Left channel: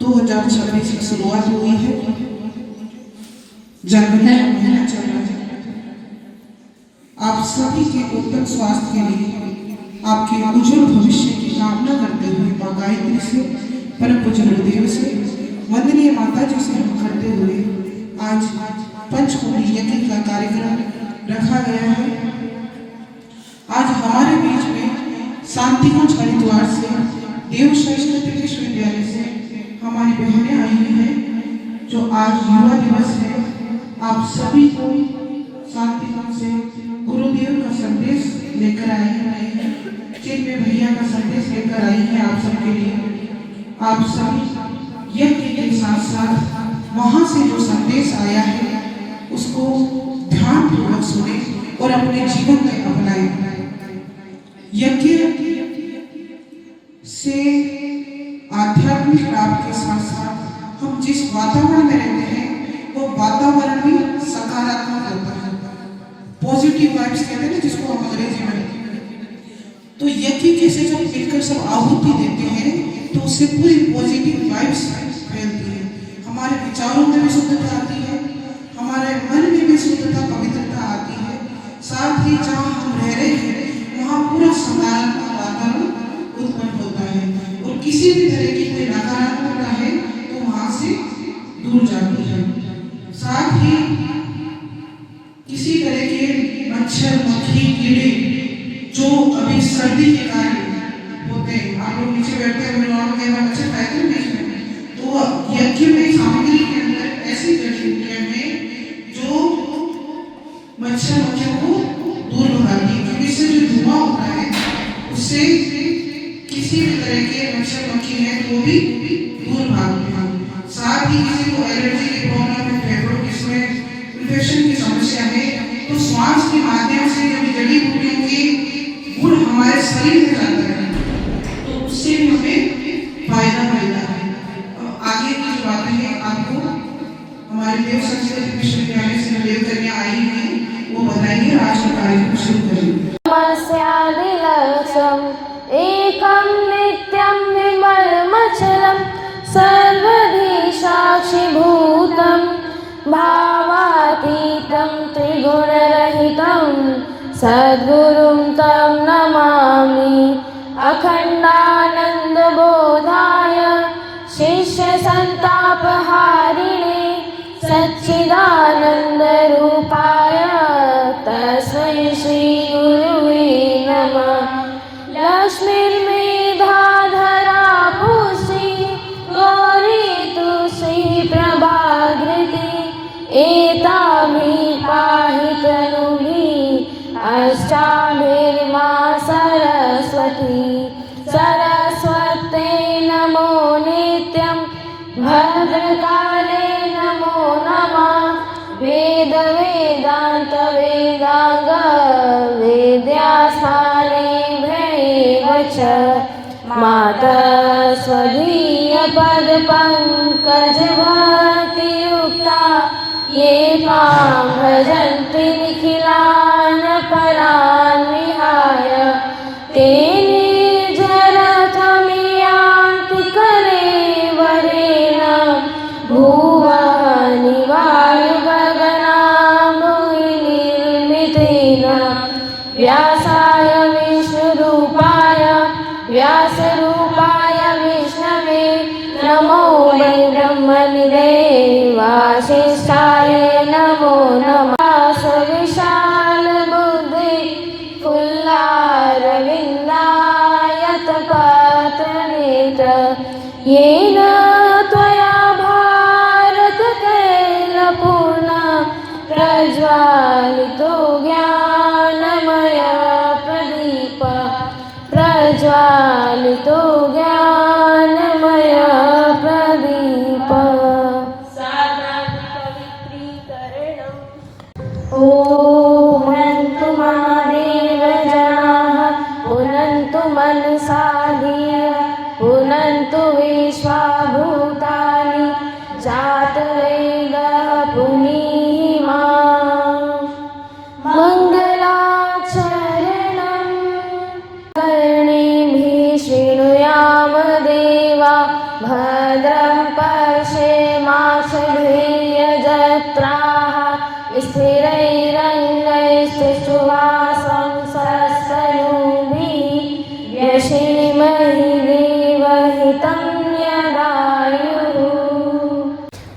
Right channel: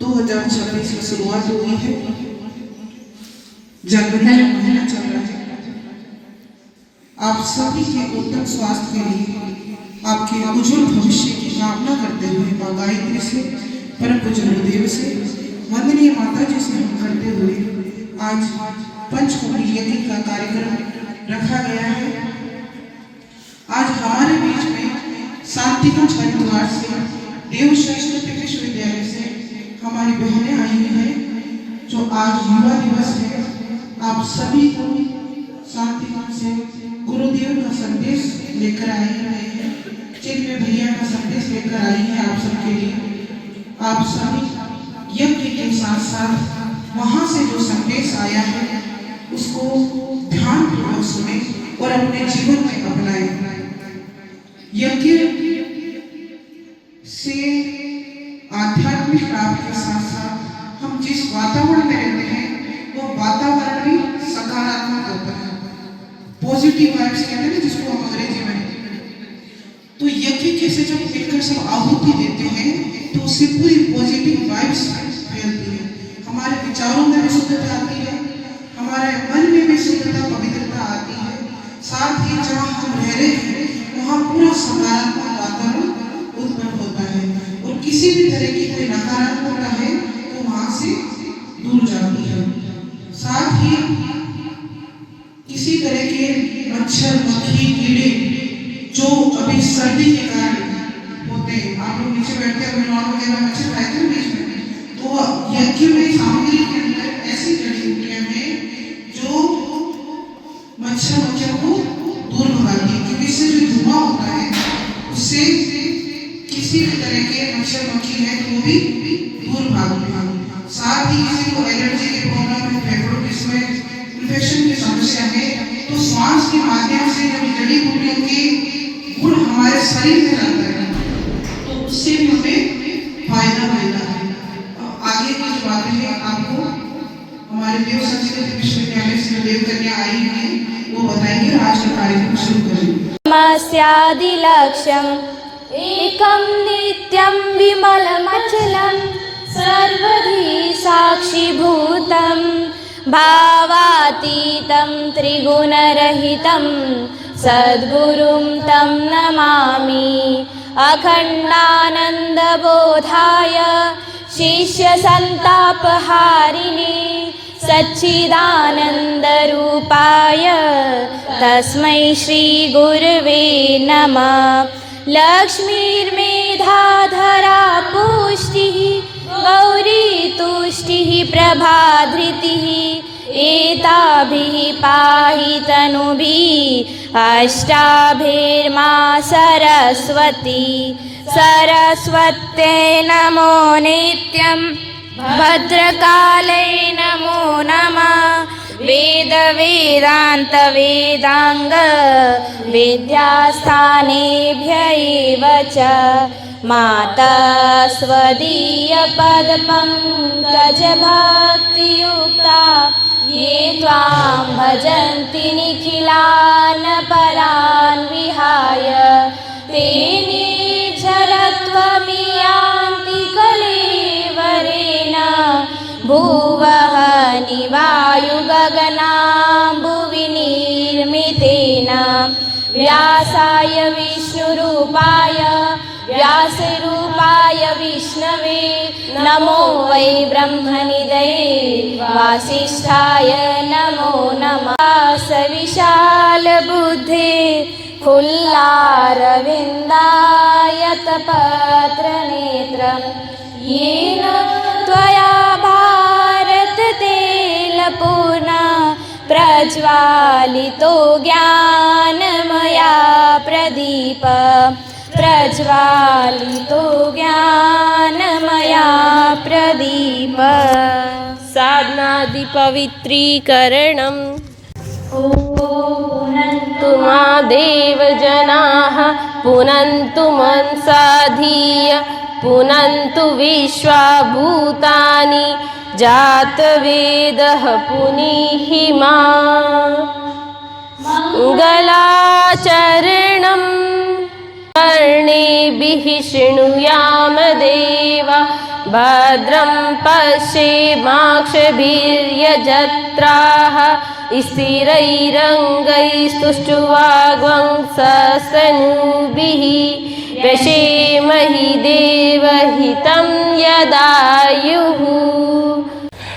2026 की शुरुआत हुई है। जनवरी का महीना चल रहा है। आप सभी के उत्तम स्वास्थ्य के लिए, आपके उज्जवल भविष्य की कामना करते हुए मां गायत्री से, परम पूज्य गुरुदेव से, वंदनीय माता जी से हम करते हुए आज पंचकोटि यज्ञ का कार्यक्रम रखा गया है। आज हमारे बीच में शांतिकुंज हरिद्वार से, देव श्रेष्ठ विश्वविद्यालय से हमारी बहनें आई हुई हैं, जो आज युवा दिवस है। आप सभी को शांतिकुंज से गुरुदेव का संदेश लेकर आई है, चिन्मय भैया का संदेश लेकर आई है आप सबके लिए। आप सभी यज्ञ के साथ साथ वहां से जो संदेश आया है उसको ध्यानपूर्वक सुने और अपने जीवन में अपनाएं। यज्ञ से आध्यात्मिक प्राप्ति के साथ साथ हम जिस वातावरण में रहते हैं वो वातावरण भी सकारात्मक होता है। पॉजिटिव वाइब्स कहते हैं जिसको हम अंग्रेजी में। तो यज्ञ के से जब मिलकर सब आहुति देते हैं तो उससे पूरी पॉजिटिव वाइब्स फैलती है। हमारे विचारों में भी शुद्धता आती है, हमारे मन में भी शुद्धता पवित्रता आती है। साथ ही जहाँ हम रह रहे हैं वहाँ पूरा सकारात्मक वातावरण उत्पन्न होता है और किसी भी तरह की कोई नकारात्मकता है तो वहाँ से दूर जाती है। साथ ही किसी तरह के मच्छर, मक्खी, कीड़े जो अभी सर्दी के कारण होते हैं, आप लोग नीचे बैठते हैं वगैरह मच्छर खाते हैं बीच में, तो यज्ञ में सामग्री के अंदर ऐसी जड़ी बूटियां हैं जो मच्छर मक्खियों को दूर भगाती है, क्योंकि इससे जो धुआं होता है उससे किसी भी तरह के मच्छर मक्खी है तो भी दूर भागते हैं। साथ ही किसी को एलर्जी की प्रॉब्लम है, फेफड़ों में इन्फेक्शन की समस्या है, तो श्वास के माध्यम से जो जड़ी बूटियों के गुण हमारे शरीर में जाता है तो उससे भी हमें फायदा मिलता है। आगे की जो बातें हैं आपको हमारे देव संस्कृत विश्वविद्यालय से देव कन्या आई हुई वो बताएंगे। आज का कार्यक्रम शुरू करेंगे। लक्ष्यम् एकं नित्यं विमलमचलं सर्वहि साक्षिभूतं भावातीतं त्रिगुणरहितं सद्गुरुं तं नमामि। अखण्डानन्दबोधाय शिष्यसन्तापहारिणे सच्चिदानन्दरूपाय तस्मै श्रीगुरुवे नमः। लक्ष्मीर्मेधा धरा पुष्टिः गौरी तुष्टिः प्रभाधृतिः एताभिः पाहि तनुभिः अष्टाभिर्मा सरस्वती। सरस्वत्यै नमो नित्यं भद्रकाले नमो नमः। वेद वेदांत वेदांग विद्यास्थानेभ्य एव च मातः स्वदीय पद पंकज भक्तियुक्ता ये त्वां भजन्ति निखिलान् परान् विहाय ते निर्झरत्वमियान्ति कलेवरेण भुवः निवायु व्यासाय विष्णुरूपाय व्यासरूपाय विष्णवे नमो वै ब्रह्मनिधये वासिष्ठाय नमो नमः। विशाल बुद्धि फुल्लारविन्दायतपत्रनेत्र येन त्वया भारततेलपूर्णः प्रज्वालितो ज्ञानमया प्रदीप प्रज्वालितो ज्ञानमया प्रदीप। साधनादि पवित्रीकरणम्। पुनन्तु महादेव जनाः पुनन्तु मनसा धिय पुनन्तु विश्वा भूतानि जातवेदः पुनीहि माम्। मंगलाचरणं कर्णेभिः शृणुयाम देवा भद्रं पश्येमाक्षभिर्यजत्राः स्थिरैरङ्गैस्तुष्टुवाग्वंसस्तनूभिः व्यशेमहि देवहितं यदायुः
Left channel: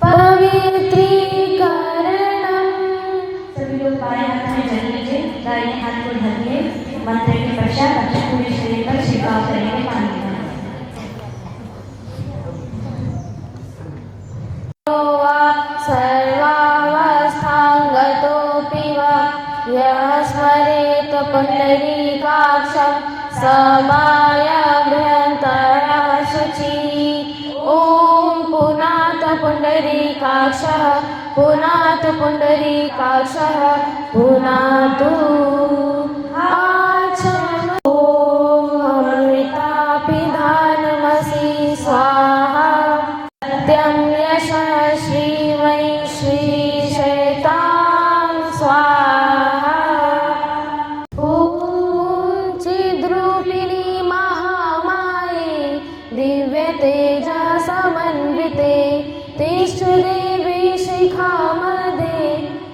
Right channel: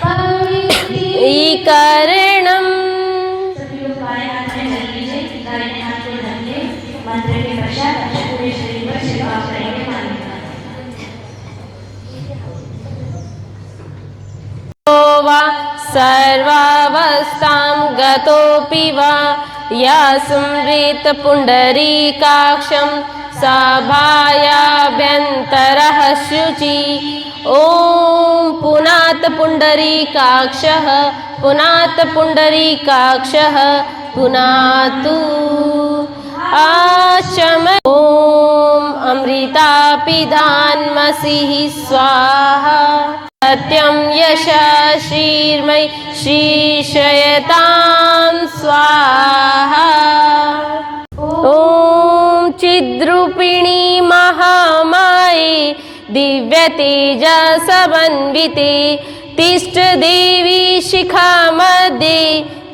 पवित्रीकरणम्। सभी लोग बाएं हाथ में जल लीजिए, दाहिने हाथ को ढकिए। मंत्र के पश्चात अपने पूरे शरीर पर छिड़काव करेंगे पानी का। सर्वावस्थां गतोऽपि वा यस्मरेत् पुण्डरीकाक्षं सभायाभ्यन्तरः शुचि। ॐ पुनात् पुण्डरीकाक्षः पुनात् पुण्डरीकाक्षः पुनातु आचम। ॐ अमृतापिधान्मसिः स्वाहा सत्यं यशः श्रीर्मयि श्रीशयतां स्वाहा। ॐ चिद्रूपिणी महामाये दिव्यतेजसमन्विते तिष्ठ देवी शिखा मध्ये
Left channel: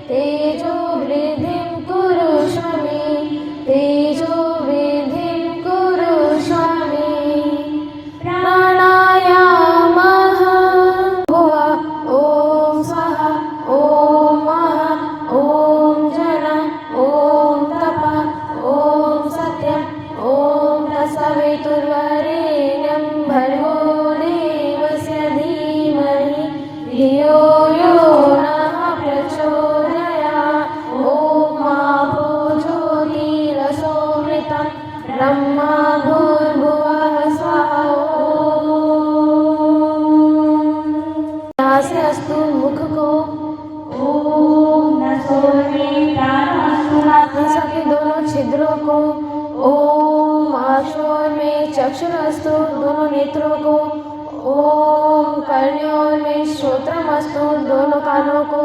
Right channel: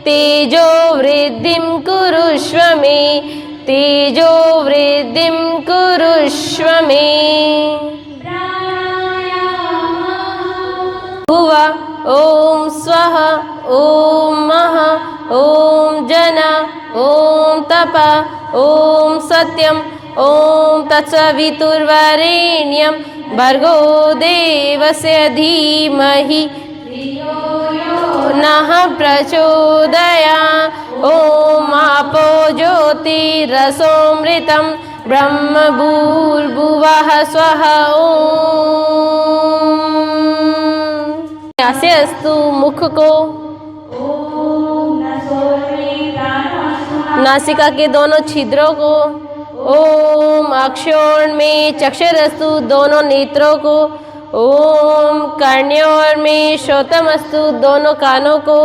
तेजो वृद्धिं कुरुष्व मे तेजो वृद्धिं कुरुष्व मे। प्राणायामः भुव ॐ स्वः ॐ मः ॐ जन ॐ तप ॐ सत्यं ॐ तत्सवितुर्वरेण्यं भर्गो देवस्य धीमहि धियो यो नः प्रचोदयात्। ॐ आपो ज्योतिरसोऽमृतं ब्रह्म भूर्भुवः स्वः। ॐ अस्तु मुख को नासिका के दोनों छिद्रों को। ओम अक्षोण में चक्षुरस्तु दोनों नेत्रों को। ओम कर्ण्योर में श्रोत्रमस्तु दोनों कानों को।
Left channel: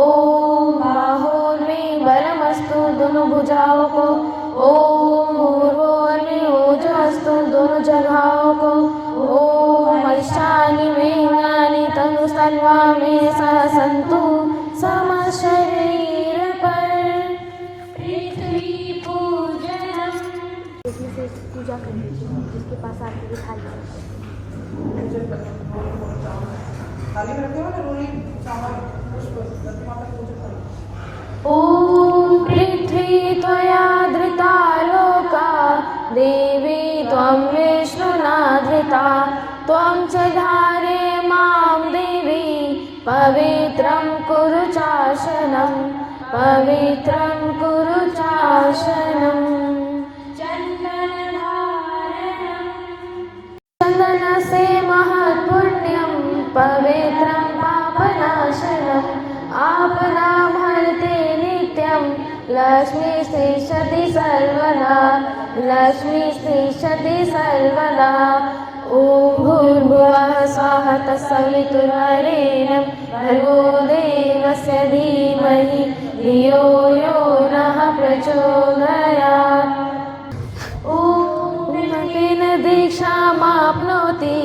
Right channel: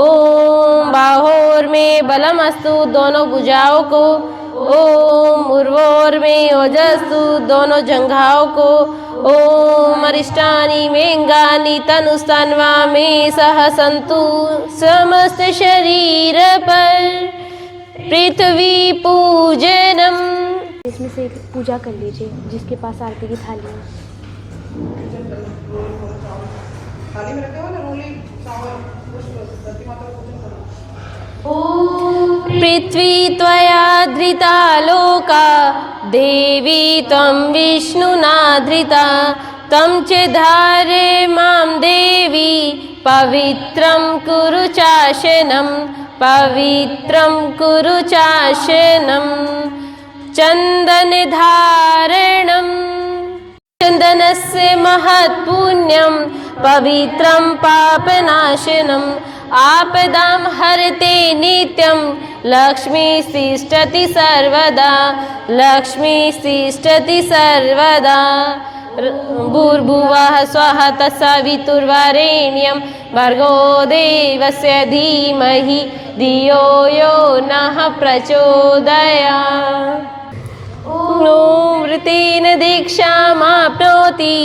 ओम बाहोर में बलमस्तु दोनों भुजाओं को। ओम उर्वोर में ओजस्तु दोनों जंघाओं को। ओम अरिष्टानि वेंगानि तनुस्तन्वा में सह संतु समस्त शरीर पर पृथ्वी पूजनम। इसमें से पूजा कर लीजिए जिसके पास आरती की थाली है। थाली में रखे हो ना रोली चावल पुष्प धरती माता को पूजन करो। ओम पृथ्वी त्वया धृता लोका देवी त्वं विष्णुना धृता त्वं च धारे मां देवी पवित्रं कुरु चाशनं पवित्रं कुरु चाशनं। चन्दनधारणं चन्दनस्य महत्पुण्यं पवित्रं पापनाशनम् आपदां हरते नित्यं लक्ष्मीस्तिष्ठति सर्वदा लक्ष्मीस्तिष्ठति सर्वदा। भूर्भुवः स्वः तत्सवितुर्वरेण्यं भर्गो देवस्य धीमहि धियो यो नः प्रचोदयात्। ॐ वृतेन दीक्षामाप्नोति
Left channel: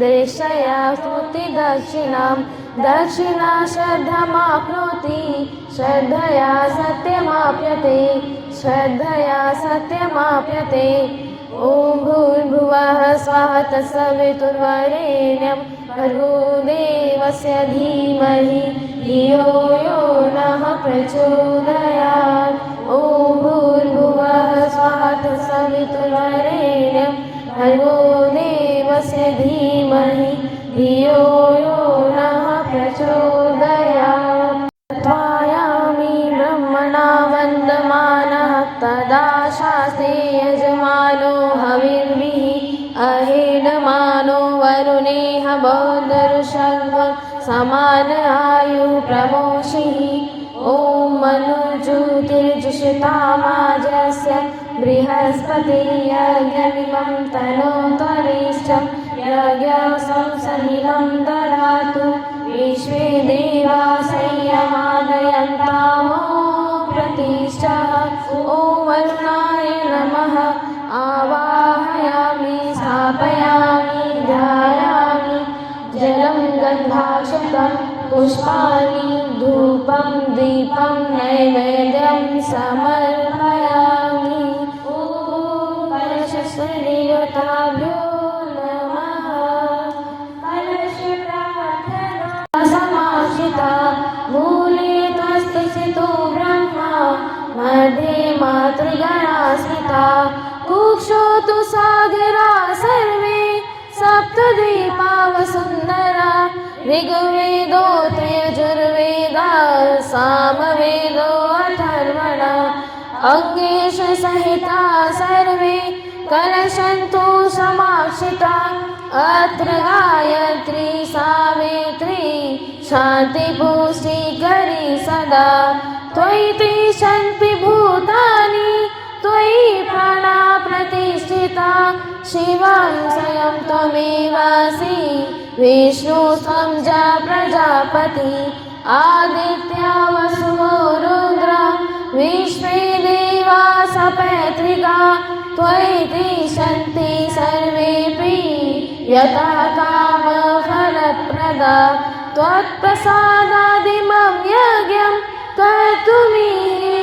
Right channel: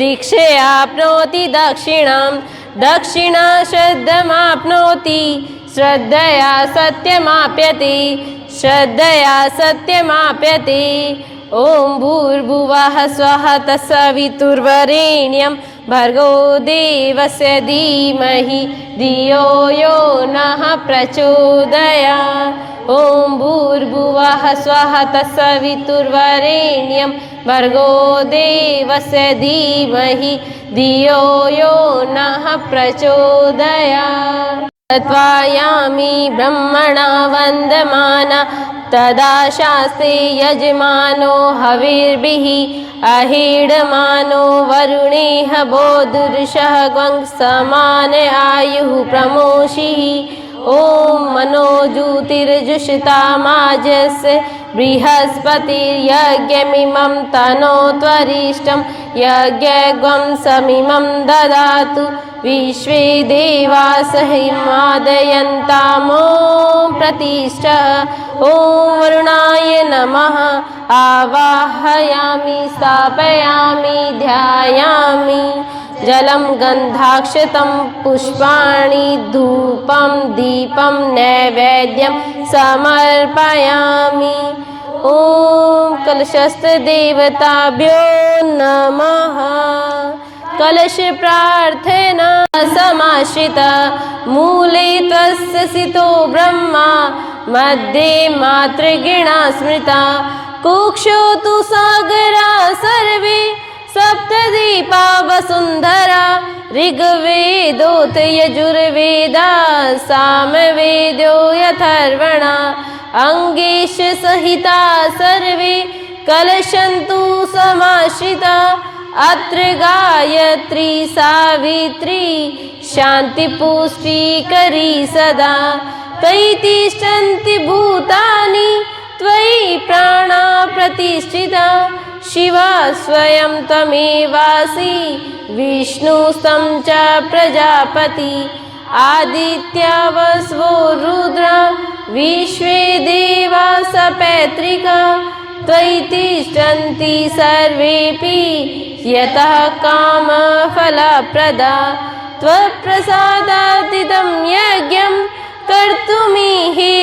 दीक्षयाप्नोति दक्षिणां दक्षिणा श्रद्धमाप्नोति श्रद्धया सत्यमाप्यते श्रद्धया सत्यमाप्यते। ॐ भूर्भुवः स्वः तत्सवितुर्वरेण्यं भर्गो देवस्य धीमहि धियो यो नः प्रचोदयात्। ॐ भूर्भुवः स्वः तत्सवितुर्वरेण्यं भर्गो देवस्य धीमहि धियो यो नः प्रचोदयात्। तद्वायामि ब्रह्मणा वन्दमाना तदा शास्त्रे यजमानो हविर्भिः अहीडमानो अरुणेह बोधुर्षः ग्वंसमान आयुः प्रमोषिः। ॐ मनोज्योतिर्जुषितामाजस्य बृहस्पतिर्यज्ञमिमं तनोत्वरिष्ठं यज्ञग्वं समिमं ददातु विश्वे देवास हिमादयन्तामो प्रतिष्ठः। ॐ वरुणाय नमः आवाहयामि स्थापयामि ध्यायामि। जलं गन्धाक्षतं पुष्पाणि धूपं दीपं नैवेद्यं समर्पयामि। ॐ कलशस्थ देवताभ्यो नमः। कलश प्रार्थना समाश्रिता मूले तस्य सितो ब्रह्मा मध्ये मातृगणा स्मृता कुक्षो तु सागरा सर्वे सप्तद्वीपा वसुन्धरा ऋग्वेदोत यजुर्वेदा सामवेदो यथर्वणा अंगेश सहिता सर्वे कलशन्तु समाश्रिता अत्र गायत्री सावित्री शान्तिपुष्टिकरी सदा त्वयि तिष्ठन्ति भूतानि त्वयि प्राणा प्रतिष्ठिता शिवा स्वयं त्वमेवासि विष्णुस्तं च प्रजापति आदित्या वसवो रुद्रा विश्वे देवा सपैत्रिका त्वयि तिष्ठन्ति सर्वेऽपि यतः कामफलप्रदा त्वत्प्रसादादिदं यज्ञं कर्तुमिहि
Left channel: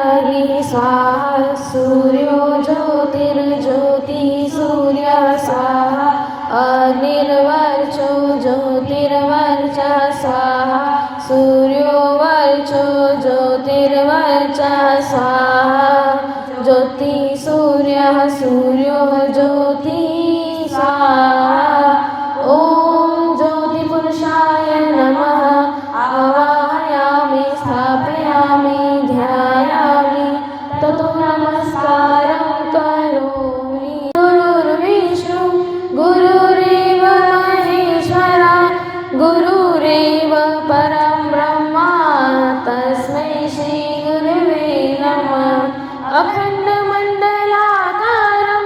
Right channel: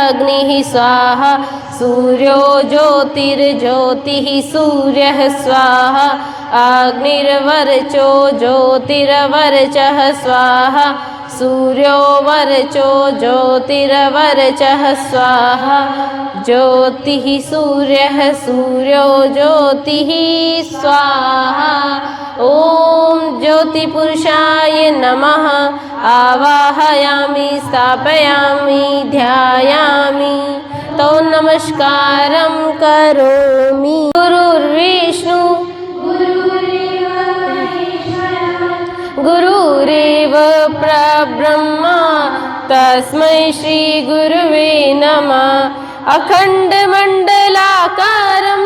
अग्निः स्वाहा सूर्यो ज्योतिर्ज्योतिः सूर्यः स्वाहा अग्निर्वर्चो ज्योतिर्वर्चः स्वाहा सूर्यो वर्चो ज्योतिर्वर्चः स्वाहा ज्योतिः सूर्यः सूर्यो ज्योतिः स्वाहा। ॐ ज्योतिपुरुषाय नमः। आवाहयामि स्थापयामि ध्यायामि तो नमस्कारं करोमि। गुरुर्विष्णु गुरुरेव महेश्वरा गुरुरेव परब्रह्मा तस्मै श्री गुरुवे नमः। अखण्डमण्डलाकारं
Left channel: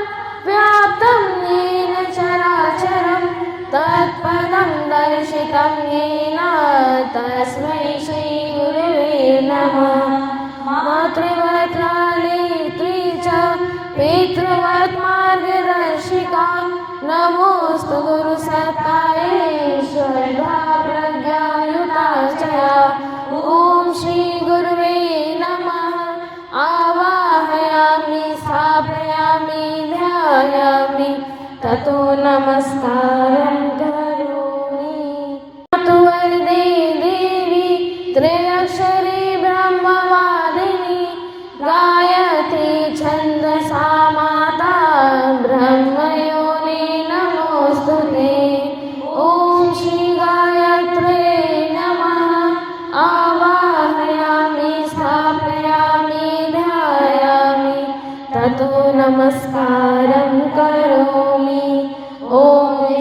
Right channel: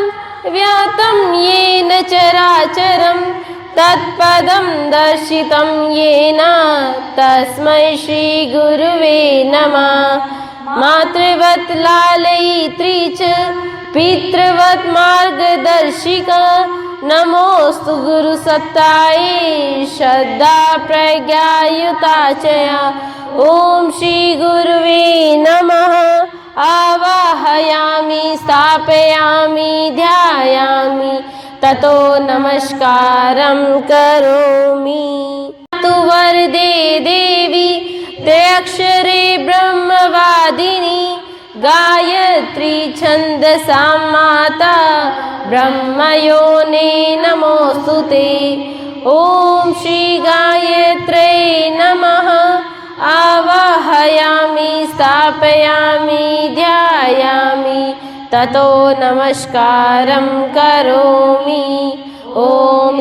व्याप्तं येन चराचरं तत्पदं दर्शितं येन तस्मै श्री गुरुवे नमः। मातृवत् लालयित्री च पितृवत् मार्गदर्शिका नमोस्तु गुरुसत्तायै श्रद्धा प्रज्ञायुता च। ॐ श्री गुरुवे नमः। आवाहयामि स्थापयामि ध्यायामि ततो नमस्कारं करोमि। तु वरदे देवी त्रयक्षरे ब्रह्मवादिनी गायत्री छन्दसां माता ब्रह्मयोने नमोऽस्तुते। ॐ श्री गायत्र्यै नमः। आवाहयामि स्थापयामि ध्यायामि ततो नमस्कारं करोमि। ॐ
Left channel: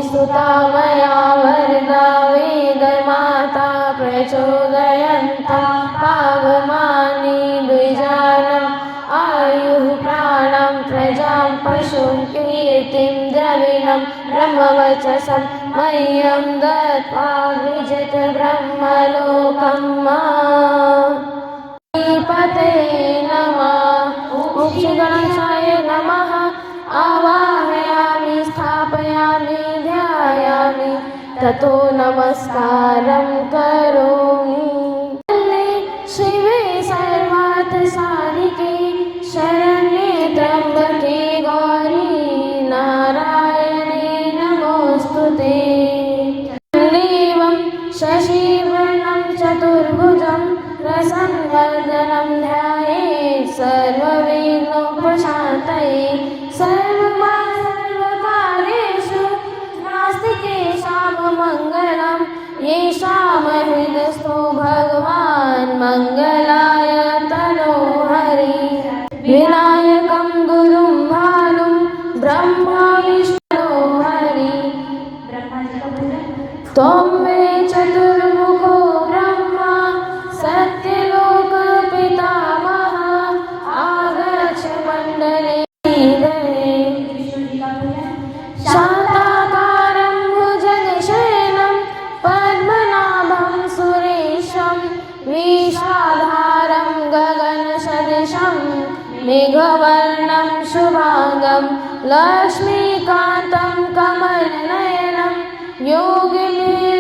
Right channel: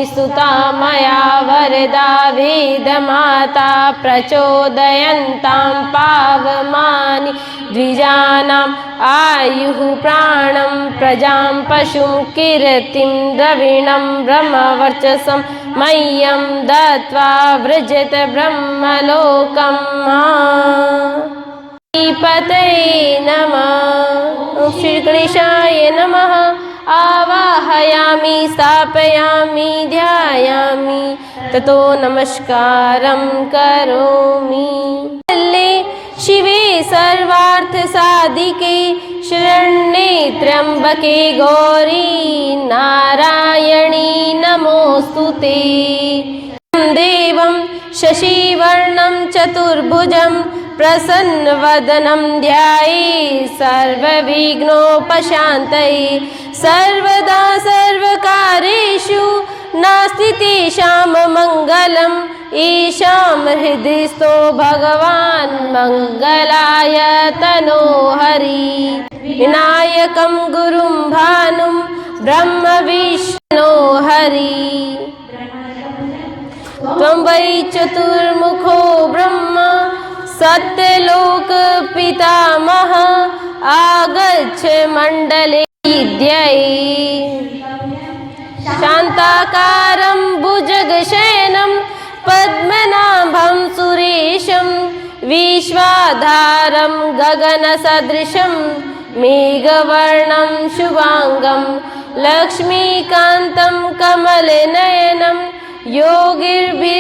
स्तुता मया वरदा वेदमाता प्रचोदयन्तां पावमानि द्विजानाम् आयुः प्राणं प्रजां पशुं कीर्तिं द्रविणं ब्रह्मवर्चसं मह्यं दत्त्वा व्रजत ब्रह्मलोकम्। पतये नमः। ॐ श्री गणेशाय नमः। आवाहयामि स्थापयामि ध्यायामि ततो नमस्कारं करोमि। शिवे सर्वार्थसाधिके शरण्ये त्र्यम्बके गौरी नारायणी नमोऽस्तुते। देवं शशिवर्णं चतुर्भुजं प्रसन्नवदनं ध्यायेत् सर्वविघ्नोपशान्तये। सर्वदा सर्वकार्येषु नास्ति तेषां मङ्गलम् येषां हृदि स्थो भगवान् मङ्गलाय तनोहरि। विनायकं गुरुं भानुं ब्रह्म विष्णो हरि। त्वं वै चतुर्मुखो ब्रह्मा सत्यलोक पितामह आगच्छ मण्डले विद्यये। शान्ताकारं भुजगशयनं पद्मनाभं सुरेशं विश्वाधारं गगनसदृशं मेघवर्णं शुभांगं लक्ष्मीकान्तं कमलनयनं योगिर्भि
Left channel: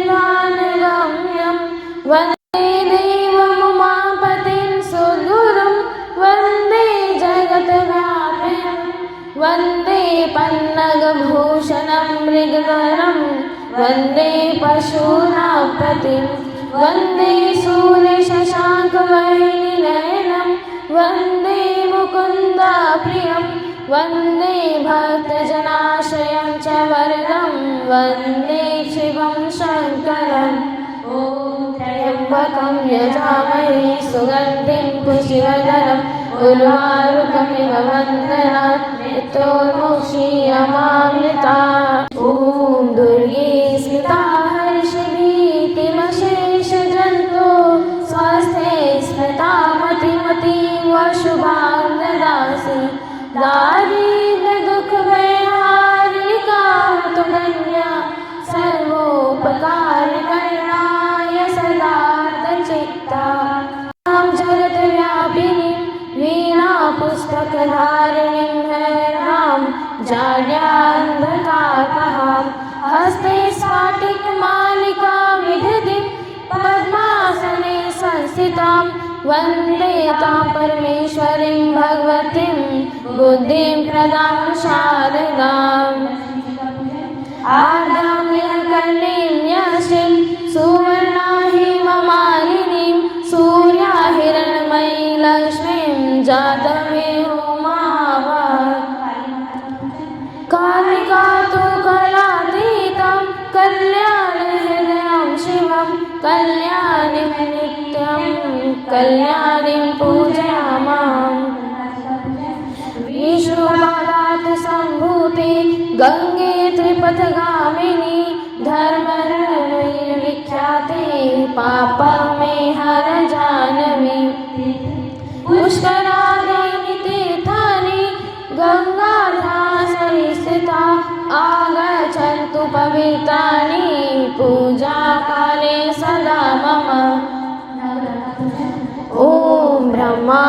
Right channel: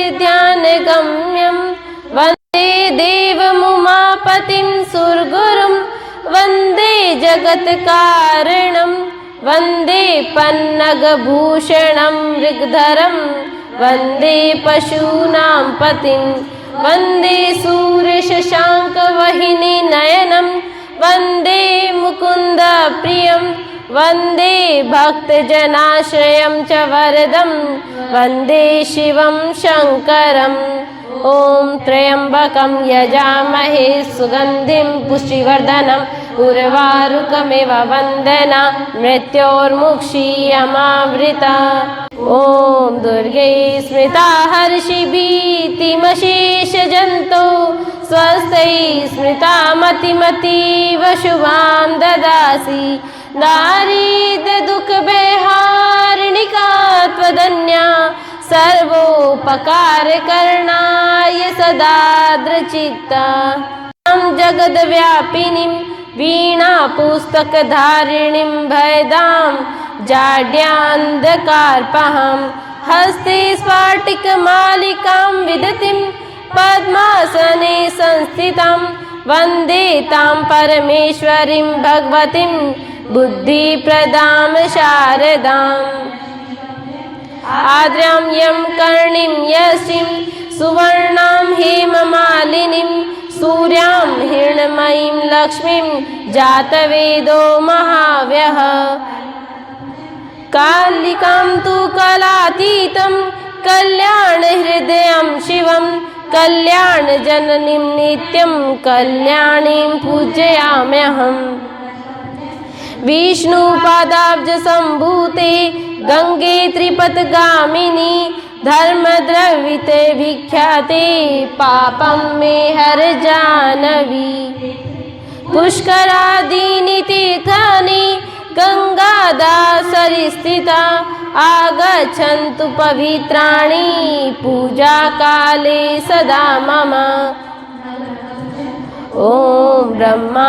पन्नगभूषणं मृगधरं वन्दे पशूनां पतिं वन्दे सूर्यशशाङ्कवाहिनी नयनं वन्दे मुकुन्दप्रियं वन्दे भक्तजनाश्रयं च वरदं वन्दे शिवं शङ्करम् ॐ त्र्यम्बकं यजामहे सुगन्धिं पुष्टिवर्धनम् उर्वारुकमिव वन्दना मृत्योर्मुक्षीयमावृता ॐ दुर्गे स्मृता हर्षिभीतिमशेषजन्तो स्वस्यै स्मृता मतिमतीव शुभां ददासि दारिद्र्यदुःखभयहारिणिका त्वदन्या सर्वोपकारकरणाय सदा दृचित्ता जगद्व्यापिनीं वीणा पुस्तकधारिणीं भयदां जाड्यान्धकारपहां हस्ते स्फाटिकमालिकां विदतिं पद्मासने संस्थितां वन्दे तां परमेश्वरीं भगवतीं बुद्धिप्रदां शारदाम् आद्यां यं कर्णीं यशीं सुवर्णां हेममालिनीं सूर्यां हिरण्मयीं लक्ष्मीं जातवेदो महाव्यः कालिकां तु कलातीतं कल्याणहृदयं शिवं कल्याणजननीं नित्यं कल्याणीं पूजयाम्यहम् विष्णुपादाब्जसम्भूते गंगे त्रिपथगामिनी धर्मद्रविते विख्याते पापं मे हर जानवी पुष्करादीनि तीर्थानि गंगादासरिस्थिता आगच्छन्तु पवित्राणि पूजाकाले सदा मम ॐ ब्रह्मा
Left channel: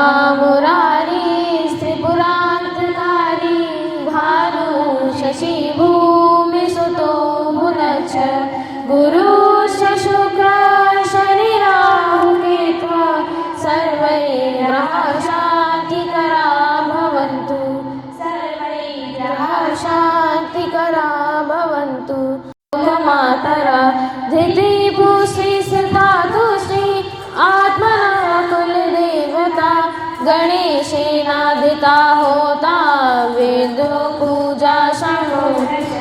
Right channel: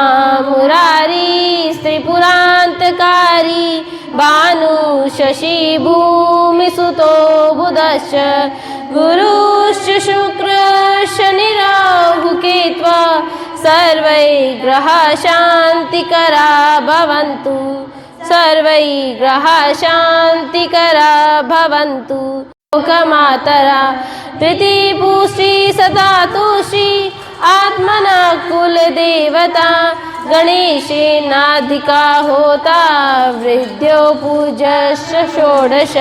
मुरारी त्रिपुरान्तकारी भानु शशि भूमिसुतो बुधश्च गुरुश्च शुक्रश्च निराहुकेत्वा सर्वै ग्रहा शान्तिकरा भवन्तु सर्वै ग्रहा शान्तिकरा भवन्तु लोकमातरा धृति भूश्री सदा तुश्री आत्मना कुलदेवता गणेशेनाधिका होता विद्यो पूजाश्च षोडश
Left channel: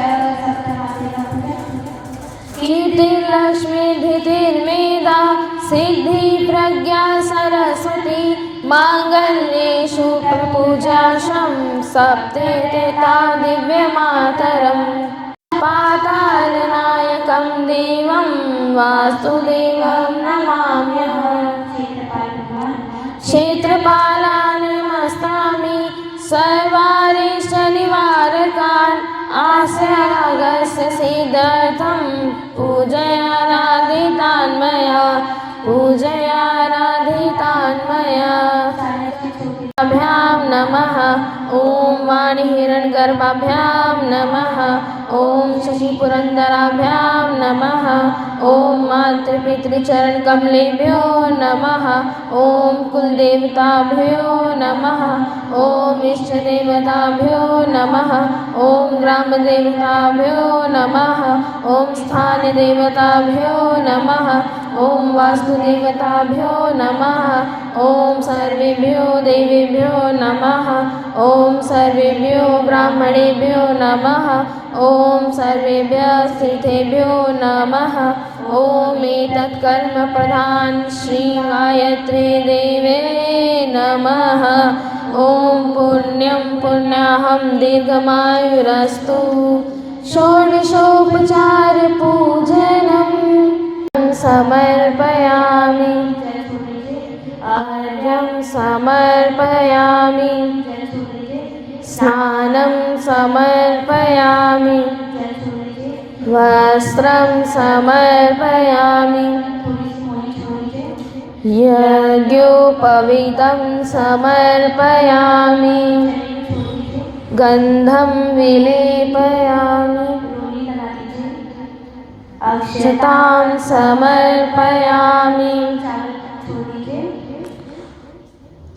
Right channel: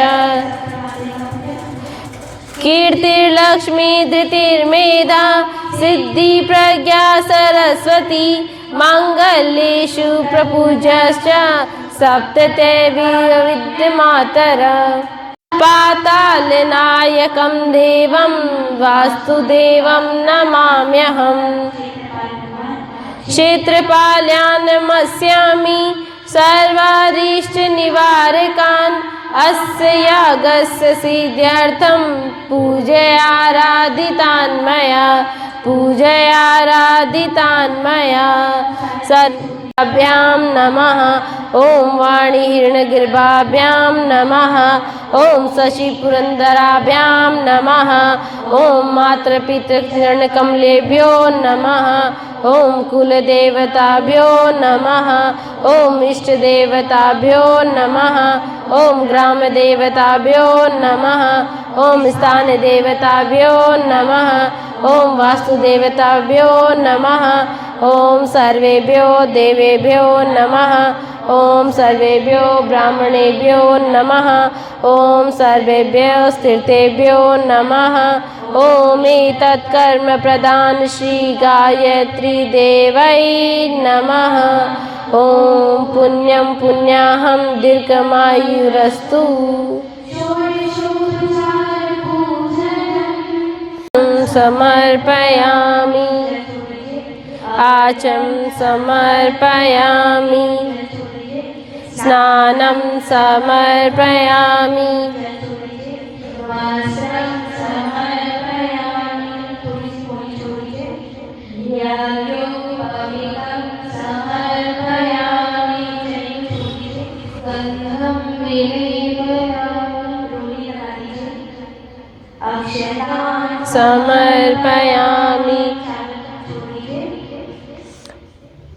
कीर्तिर्लक्ष्मी धृतिर्मेधा सिद्धि प्रज्ञा सरस्वती माङ्गल्येषु प्रपूजाश्च सप्तदेवी विद्यमातरा पातालनायकं देवं वासुदेवं नमाम्यहम् क्षेत्रपाल्यान् नमस्यामि सर्वारिष्टनिवारकान् अस्य यागस्य सिद्ध्यर्थं पूजयाराधितान् मया सत्याभ्यां नमः ॐ वाणीहिरण्यगर्भाभ्यां नमः ॐ शशिपुरन्दराभ्यां नमः ॐ मातृपितृचरणकमलेभ्यो नमः ॐ कुलदेवताभ्यो नमः ॐ इष्टदेवताभ्यो नमः ॐ ग्रामदेवताभ्यो नमः ॐ स्थानदेवताभ्यो नमः ॐ वास्तुदेवताभ्यो नमः ॐ सर्वेभ्यो देवेभ्यो नमः ॐ सर्वेभ्यो ब्राह्मणेभ्यो नमः ॐ सर्वेभ्यः स्थितेभ्यो नमः ॐ एतत्कर्मप्रदान श्री गायत्री देवै नमः ॐ पुण्यं पुण्याहं दीर्घमायुरस्तु षोडशोपचार पूजनं समर्पयामि आचं समर्पयामि स्नानं समर्पयामि वस्त्रं समर्पयामि यज्ञोपवीतं समर्पयामि गन्धं विलेपयामि अक्षतां समर्पयामि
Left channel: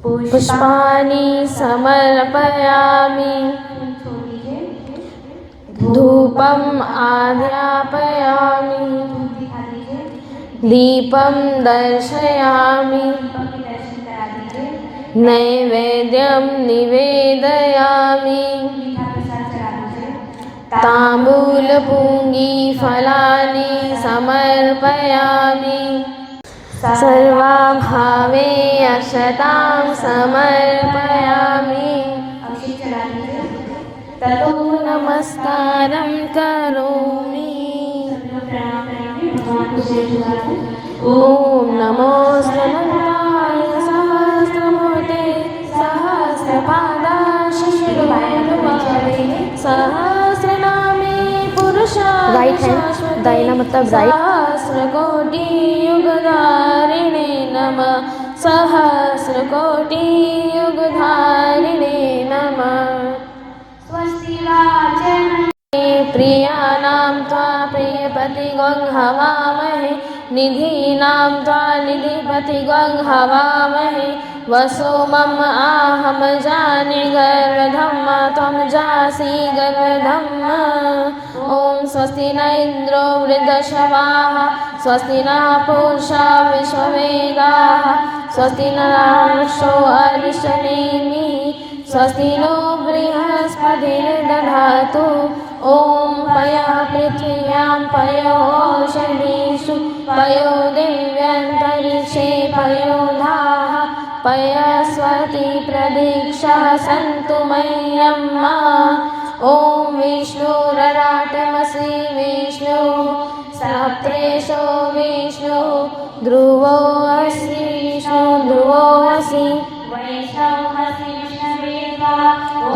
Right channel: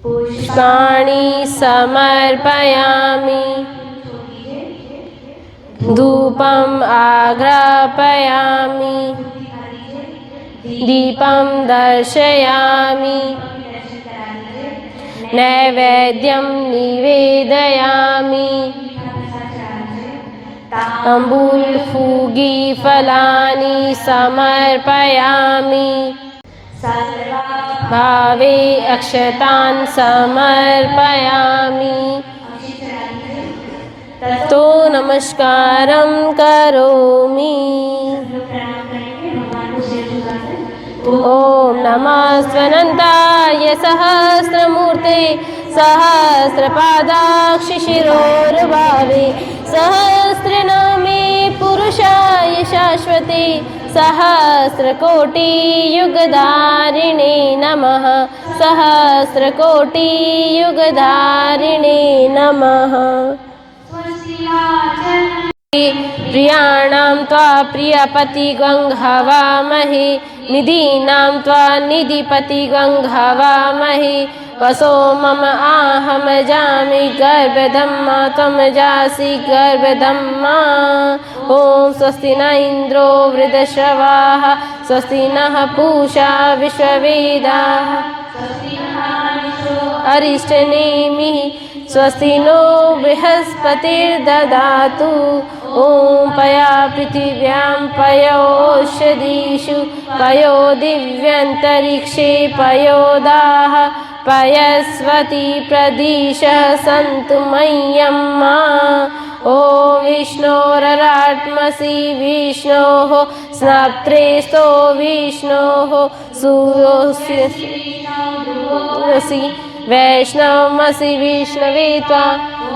पुष्पाणि समर्पयामि धूपम् आग्रापयामि दीपं दर्शयामि नैवेद्यं निवेदयामि ताम्बूलपूगीफलानि समर्पयामि सर्वाभावे अक्षतान् समर्पयामि ततो नमस्कारं करोमि। ॐ नमः स्वनन्ताय सहस्रमूर्ते सहस्रपादाक्षि शिरोर्भावे सहस्रनामे पुरुषाय शाश्वते सहस्रकोटियुगधारिणे नमः सहस्रकोटियुगधारिणे नमः। प्रियाणां त्वा प्रियपतिगङ्घवामहे निधीनां त्वा निधिपतिगङ्घवामहे वसो मम आहम जाने गर्भधम्मा त्वं जासि गर्भधम्मा। ॐ स्वस्ति न इन्द्रो वृद्धश्रवाः स्वस्ति नः पूषा विश्ववेदाः स्वस्ति नक्षत्रो अरिष्टनेमिः स्वस्ति नो बृहस्पतिर्ददातु। ॐ पया पृथिव्यां पयोषधीषु पयो दिव्यन्तरिक्षे पयोदाः पयस्वती प्रदिशः सन्तु मह्यम्मा। ॐ विष्णोररात्मसि विष्णोः स्नात्रेस्तो विष्णोः ध्रुवोऽसि वैष्णवमसि विष्णवे त्वा।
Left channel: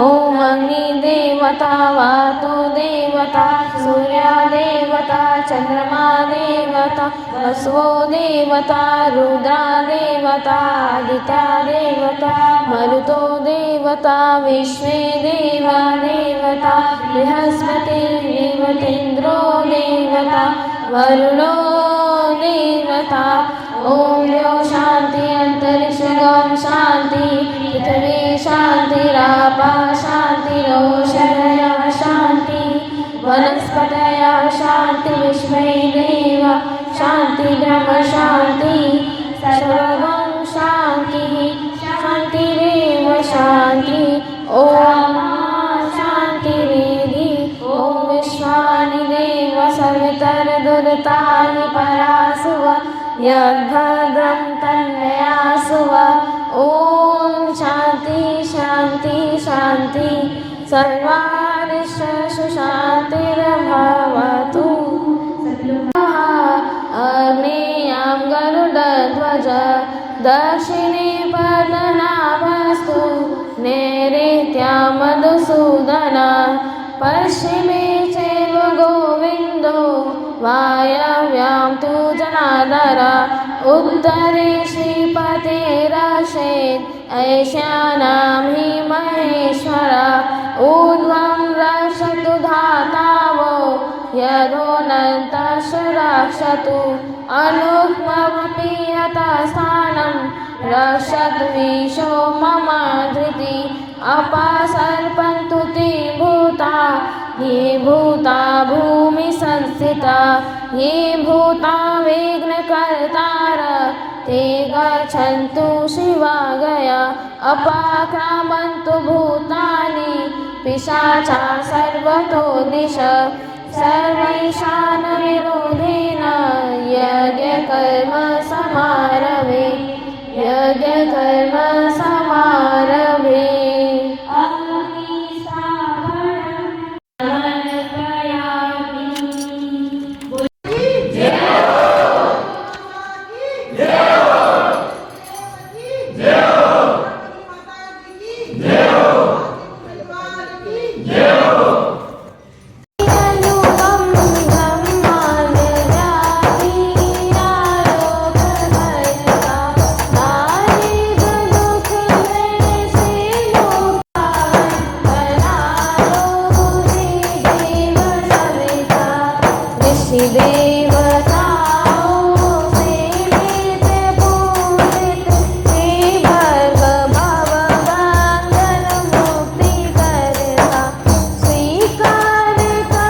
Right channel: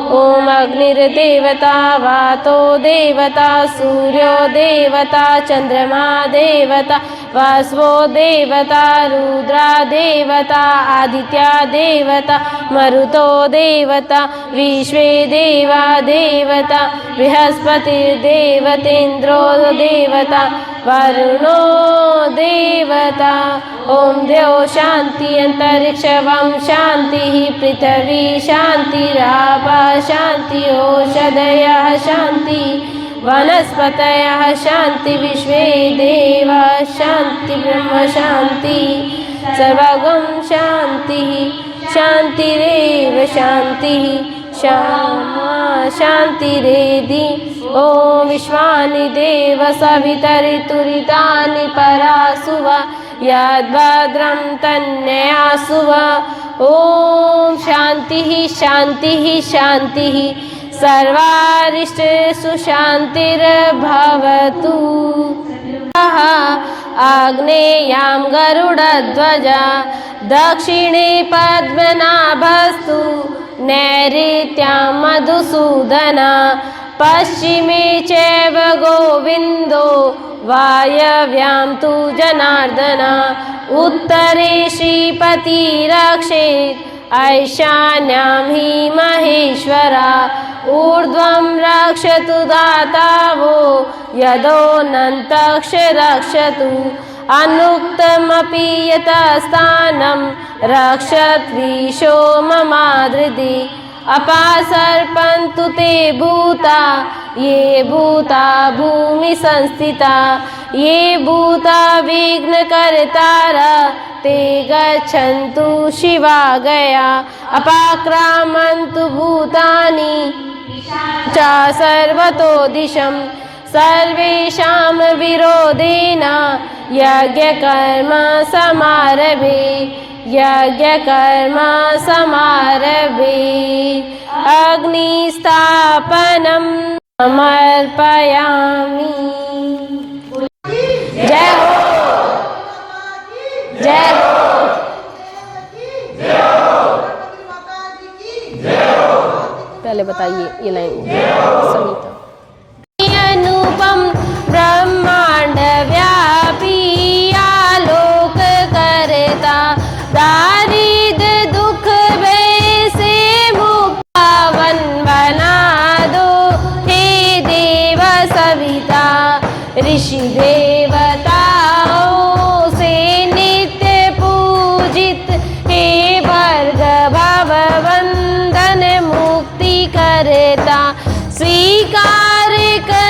ॐ अग्निर्देवता वातो देवता सूर्यो देवता चन्द्रमा देवता वसवो देवता रुद्रा देवता आदित्या देवता मरुतो देवता विश्वे देवा देवता बृहस्पतिर्देवतेन्द्रो देवता वरुणो देवता। ॐ द्यौ शान्ति अन्तरिक्षं शान्तिः पृथिवी शान्तिरापः शान्ति ओषधयः शान्ति वनस्पतयः शान्ति विश्वे देवाः शान्ति ब्रह्म शान्ति सर्वगं शान्तिः शान्तिरेव शान्तिः शान्तिरेधि। ॐ विश्वानि देव सवितरितुरितानि परासुवा यद्भद्रं तन्नयासुवा। ॐ शान्तिः शान्तिः शान्तिः सर्वारिष्टेषु शान्तिर्भवतु। आग्नेयां गरुडध्वजा दक्षिणे पद्मनाभस्तु नैऋत्यां मधुसूदना पश्चिमे चैव गोविन्दो वायव्यां तु जनार्दन उत्तरे श्रीपतिरक्षे ऐशान्यां हि महेश्वरा ऊर्ध्वं रक्षतु दातावो यदोऽनन्तश्च रक्षतु अनुक्तमपि यतस्थानं रक्षद्विषो ममादृति अपासर्पन्तु ते भूता ये भूता भूमि संस्थिता ये भूता विघ्नकर्तारः ते गच्छन्तु शिवागया अपाक्रामन्तु भूतानि पिशाचा सर्वतो दिशः सर्वेषां विरोधेन यज्ञकर्म समारभे यज्ञकर्म समारभे। अग्निस्थापनं समर्पयामि। जय जय पहले बताइए ये लाइन अनुपम ब्रह्मांड व्यापी आलोक करता दारिद्र दुख भय से मुक्तावन बना दो हे देव सविता ऋषि देवताओं से नित्य पूजित हे भर्गव वंदन मुक्ति करता स्वीकार कर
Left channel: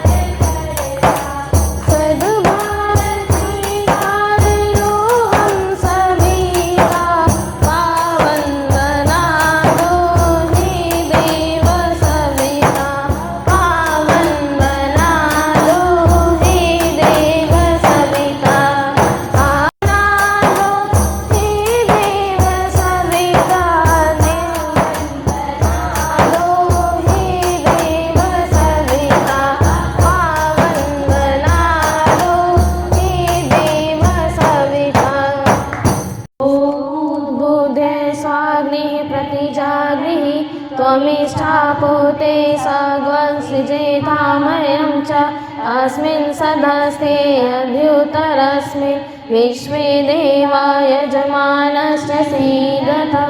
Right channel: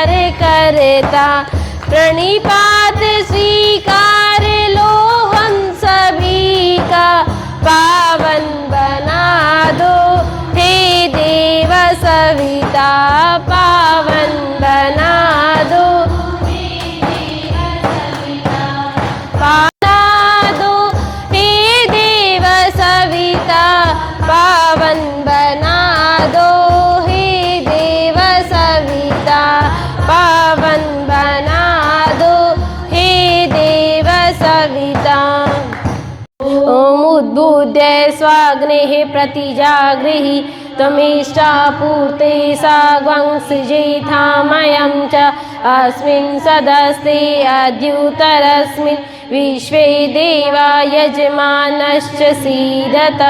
स्वीकार करता, प्रणिपात स्वीकार लो हम सभी का, पावन बना दो हे देव सविता, पावन बना दो हे देव सविता, बना दो हे देव सविता, पावन बना दो हे देव सविता, पावन बना दो हे देव सविता। ॐ उद्बुद्ध्य स्वाग्नेः प्रतिजागृहि त्वमिष्टापूर्ते साग्वं सृजेथामयं च अस्मिन् सदस्ते अद्युत्तरस्मिन् विश्वे देवा यजमानश्च सीदत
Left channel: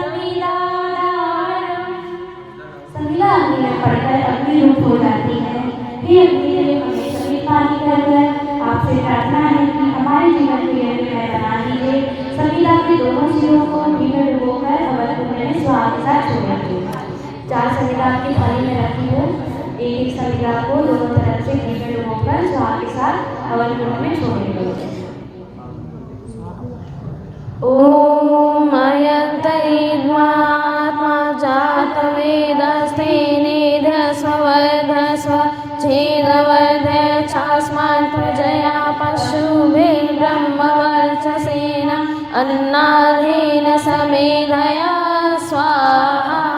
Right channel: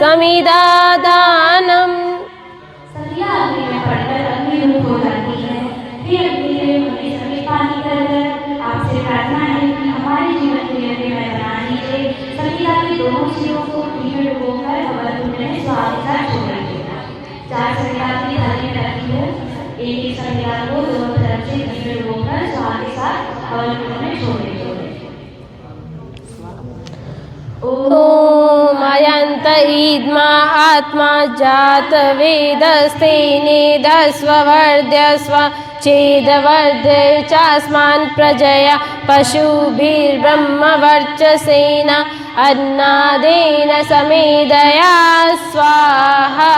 समिदादानम्। संध्या अग्नि में पड़कर अग्नि रूप हो जाती है। हे अग्नि देव, हमें सभी पानी कर आपसे प्रार्थना है कि हमारे जीवन के लिए मैं बना दीजिए। संध्या के दोनों सिरों को घी में डुबोकर हवन कुंड में स्वाहा के साथ छोड़िए। 4 संध्या की थाली में रखी हो, एक संध्या को दोनों तरफ से घी में डुबोकर स्वाहा के साथ हवन कुंड में छोड़िए। ॐ अयन्त ईद्मा आत्मा जात वेदस्ते निधस्व वर्धस्व चेदवर्धय चास्मान् प्रजया पशुभिर्ब्रह्मवर्चसेन अन्नादेन समेदया स्वाहा।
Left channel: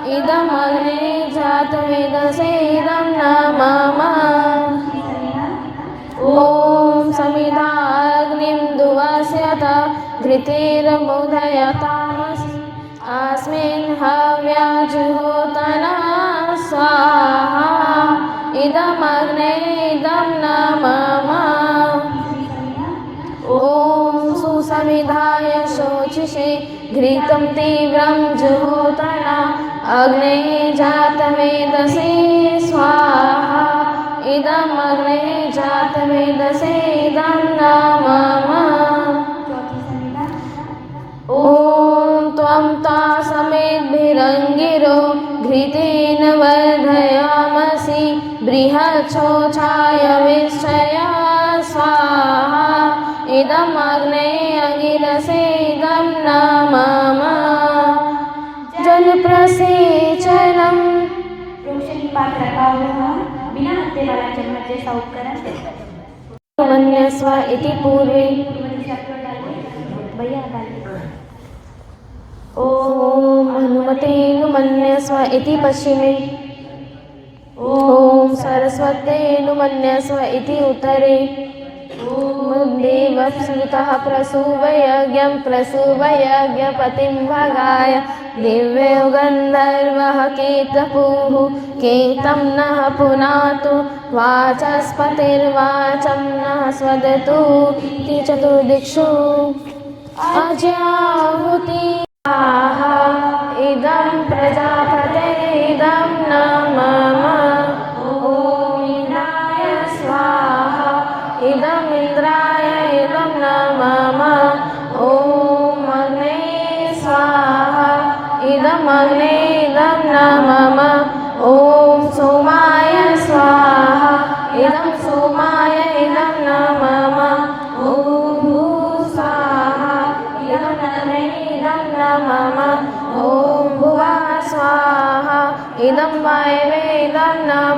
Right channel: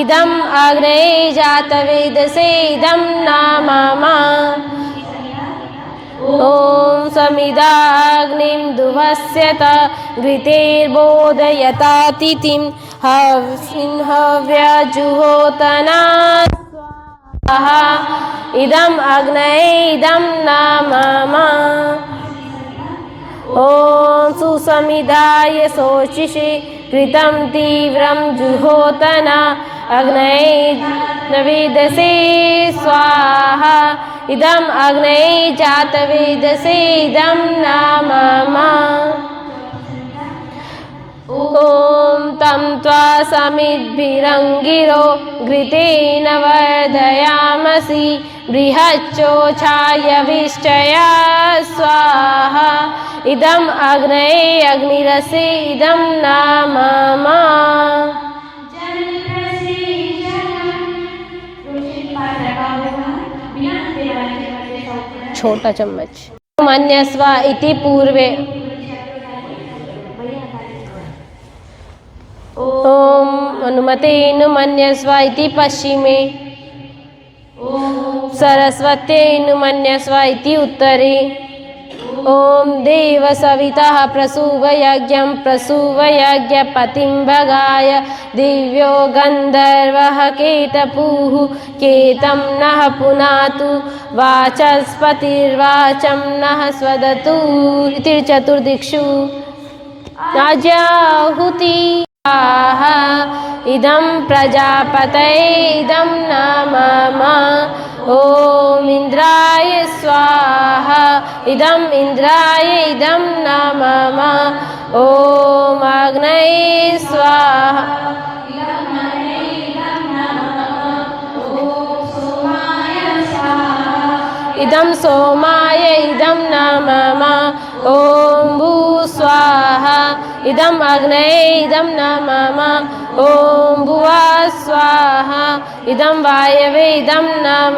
इदम् अग्नये जातवेदसे इदं नामा। ॐ समिदाग्निं दुवस्यत घृतेर्बोधयतातिथिं हविन् हव्यजुहोतना स्वाहा। इदम् अग्नये इदं नामा। ॐ सुसमिधाय शोचिषे घृतं तीव्रं जुहोतना अग्नये जातवेदसे स्वाहा। इदम् अग्नये जातवेदसे इदं नामा। ॐ तं त्वा समिद्भिरङ्गिरो घृतेन वर्धयामसि बृहच्चोषाय विश्चया स्वाहा। इदम् अग्नये अग्निरसे इदं नामा। जलप्रसेचनम्। तुलसी पात्र रखा हुआ बिना हत्ते वाला चम्मच जैसा उपकरण छोटा चम्मच। मन्यस्व इति पूर्वे। भैया डालिए। ॐ हनुमते नुमन्यस्व इति पश्चिमे। ॐ सरस्वते नुमन्यस्व इति उत्तरे। ॐ देव सवितः प्रसूवयज्ञं प्रसूवयज्ञपतिं भगाय दिव्यो गन्धर्वः केतपुः केतं नः पुनातु वाचस्पतिर्वाचं नः स्वदतु। इति चतुर्दिक्षु आज्याहुति इदं प्रजापतये इदं नामा। ॐ इन्द्राय स्वाहा इदम् इन्द्राय इदं नामा। ॐ अग्नये स्वाहा इदम् अग्नये इदं नामा। ॐ सोमाय स्वाहा इदं सोमाय इदं नामा। ॐ भूस्वाहा इदम् अग्नये इदं नामा। ॐ भुवः स्वाहा इदं वायवे इदं नामा।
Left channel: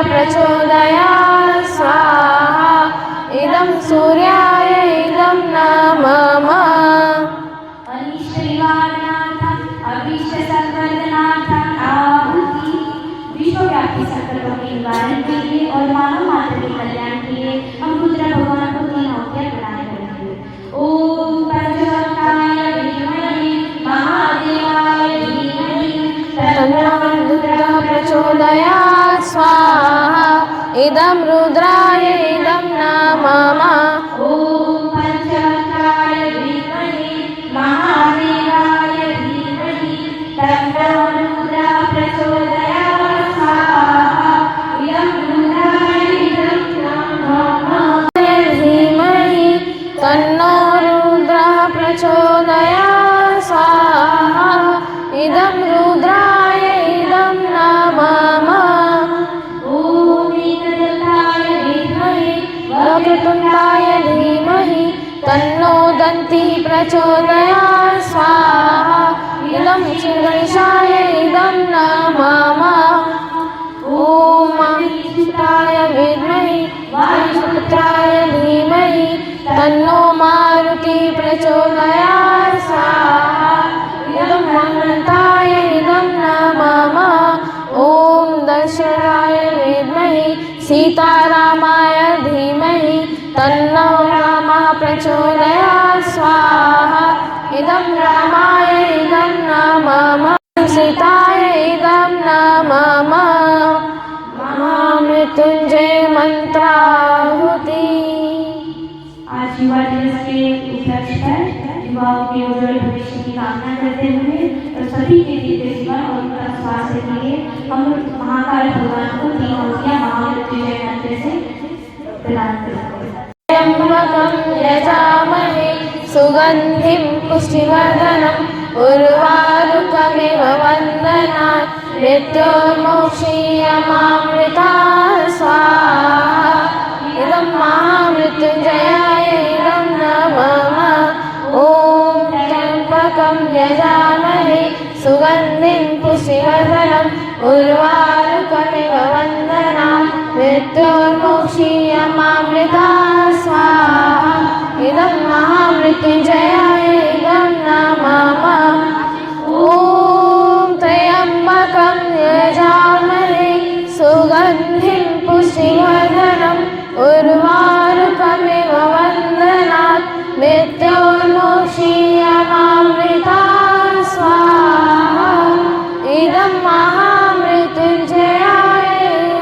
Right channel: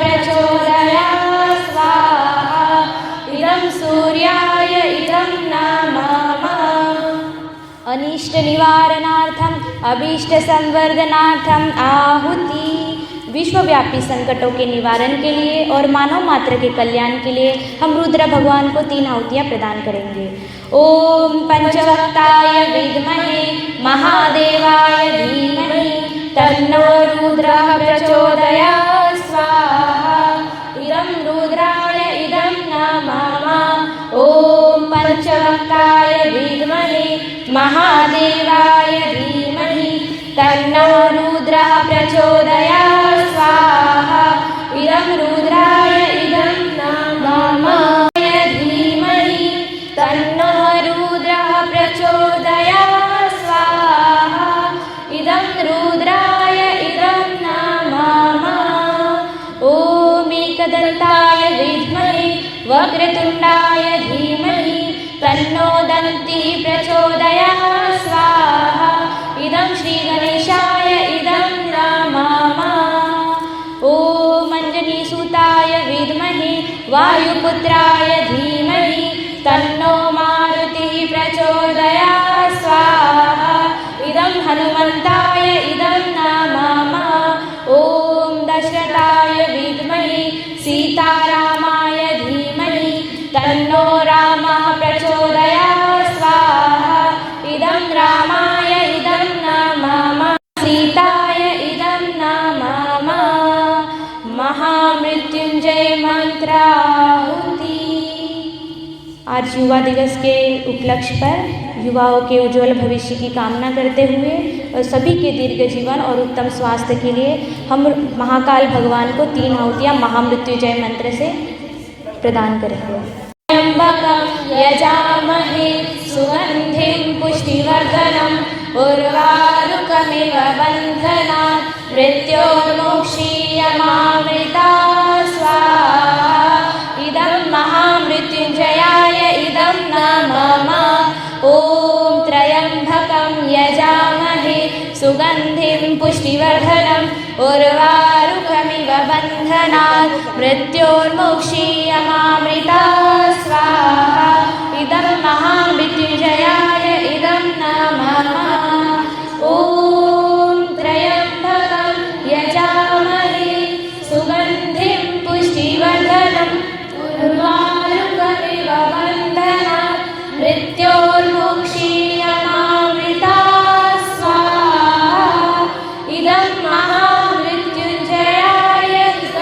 प्रचोदयात् स्वाहा इदं सूर्याय इदं नमः। अनिष्ट निवारणार्थम अभीष्ट संवर्धनार्थम आहुति। विश्वव्यापी संकटों के निवारण के लिए और मानव मात्र के कल्याण के लिए हम रुद्र भगवान को 3 आहुतियाँ प्रदान करेंगे। ओम पंचवक्ताय विद्महे महादेवाय धीमहि तन्नो रुद्रः प्रचोदयात् स्वाहा इदं रुद्राय इदं नमः। ओम पंचवक्ताय विद्महे महादेवाय धीमहि तन्नो रुद्रः प्रचोदयात् स्वाहा इदं रुद्राय इदं नमः। धीमहि तन्नो रुद्रः प्रचोदयात् स्वाहा इदं रुद्राय इदं नमः। ओम एकदन्ताय विद्महे वक्रतुण्डाय धीमहि तन्नो दन्ती प्रचोदयात् स्वाहा इदं श्रीगणेशाय इदं नमः। ओम अंजनीसुताय विद्महे वायुपुत्राय धीमहि तन्नो मारुति प्रचोदयात् स्वाहा इदं हनुमन्ताय इदं नमः। ओम दशरथाय विद्महे सीतारामाय धीमहि तन्नो रामः प्रचोदयात् स्वाहा इदं रामाय इदं नमः। सीताय इदं नमः। महामृत्युंजय मंत्राहुति। आज युवा दिवस के उपलक्ष्य पर युवाओं के उज्जवल भविष्य की कामना करते हुए और सभी के दीर्घ जीवन और उत्तम स्वास्थ्य के लिए हम महाकाल भगवान को 3 आहुतियाँ महामृत्युंजय मंत्र से प्रदान करेंगे। त्र्यंबकं यजामहे सुगन्धिं पुष्टिवर्धनम् उर्वारुकमिव वन्दनात् मृत्योर्मुक्षीयमामृतात् स्वाहा इदं महामृत्युंजयाय इदं नमः। ओम त्र्यंबकं यजामहे सुगन्धिं पुष्टिवर्धनम् उर्वारुकमिव वन्दनात् मृत्योर्मुक्षीयमामृतात् स्वाहा इदं महामृत्युंजयाय इदं नमः। ओम त्र्यंबकं यजामहे सुगन्धिं पुष्टिवर्धनम् उर्वारुकमिव वन्दनात् मृत्योर्मुक्षीयमामृतात् स्वाहा इदं महामृत्युंजयाय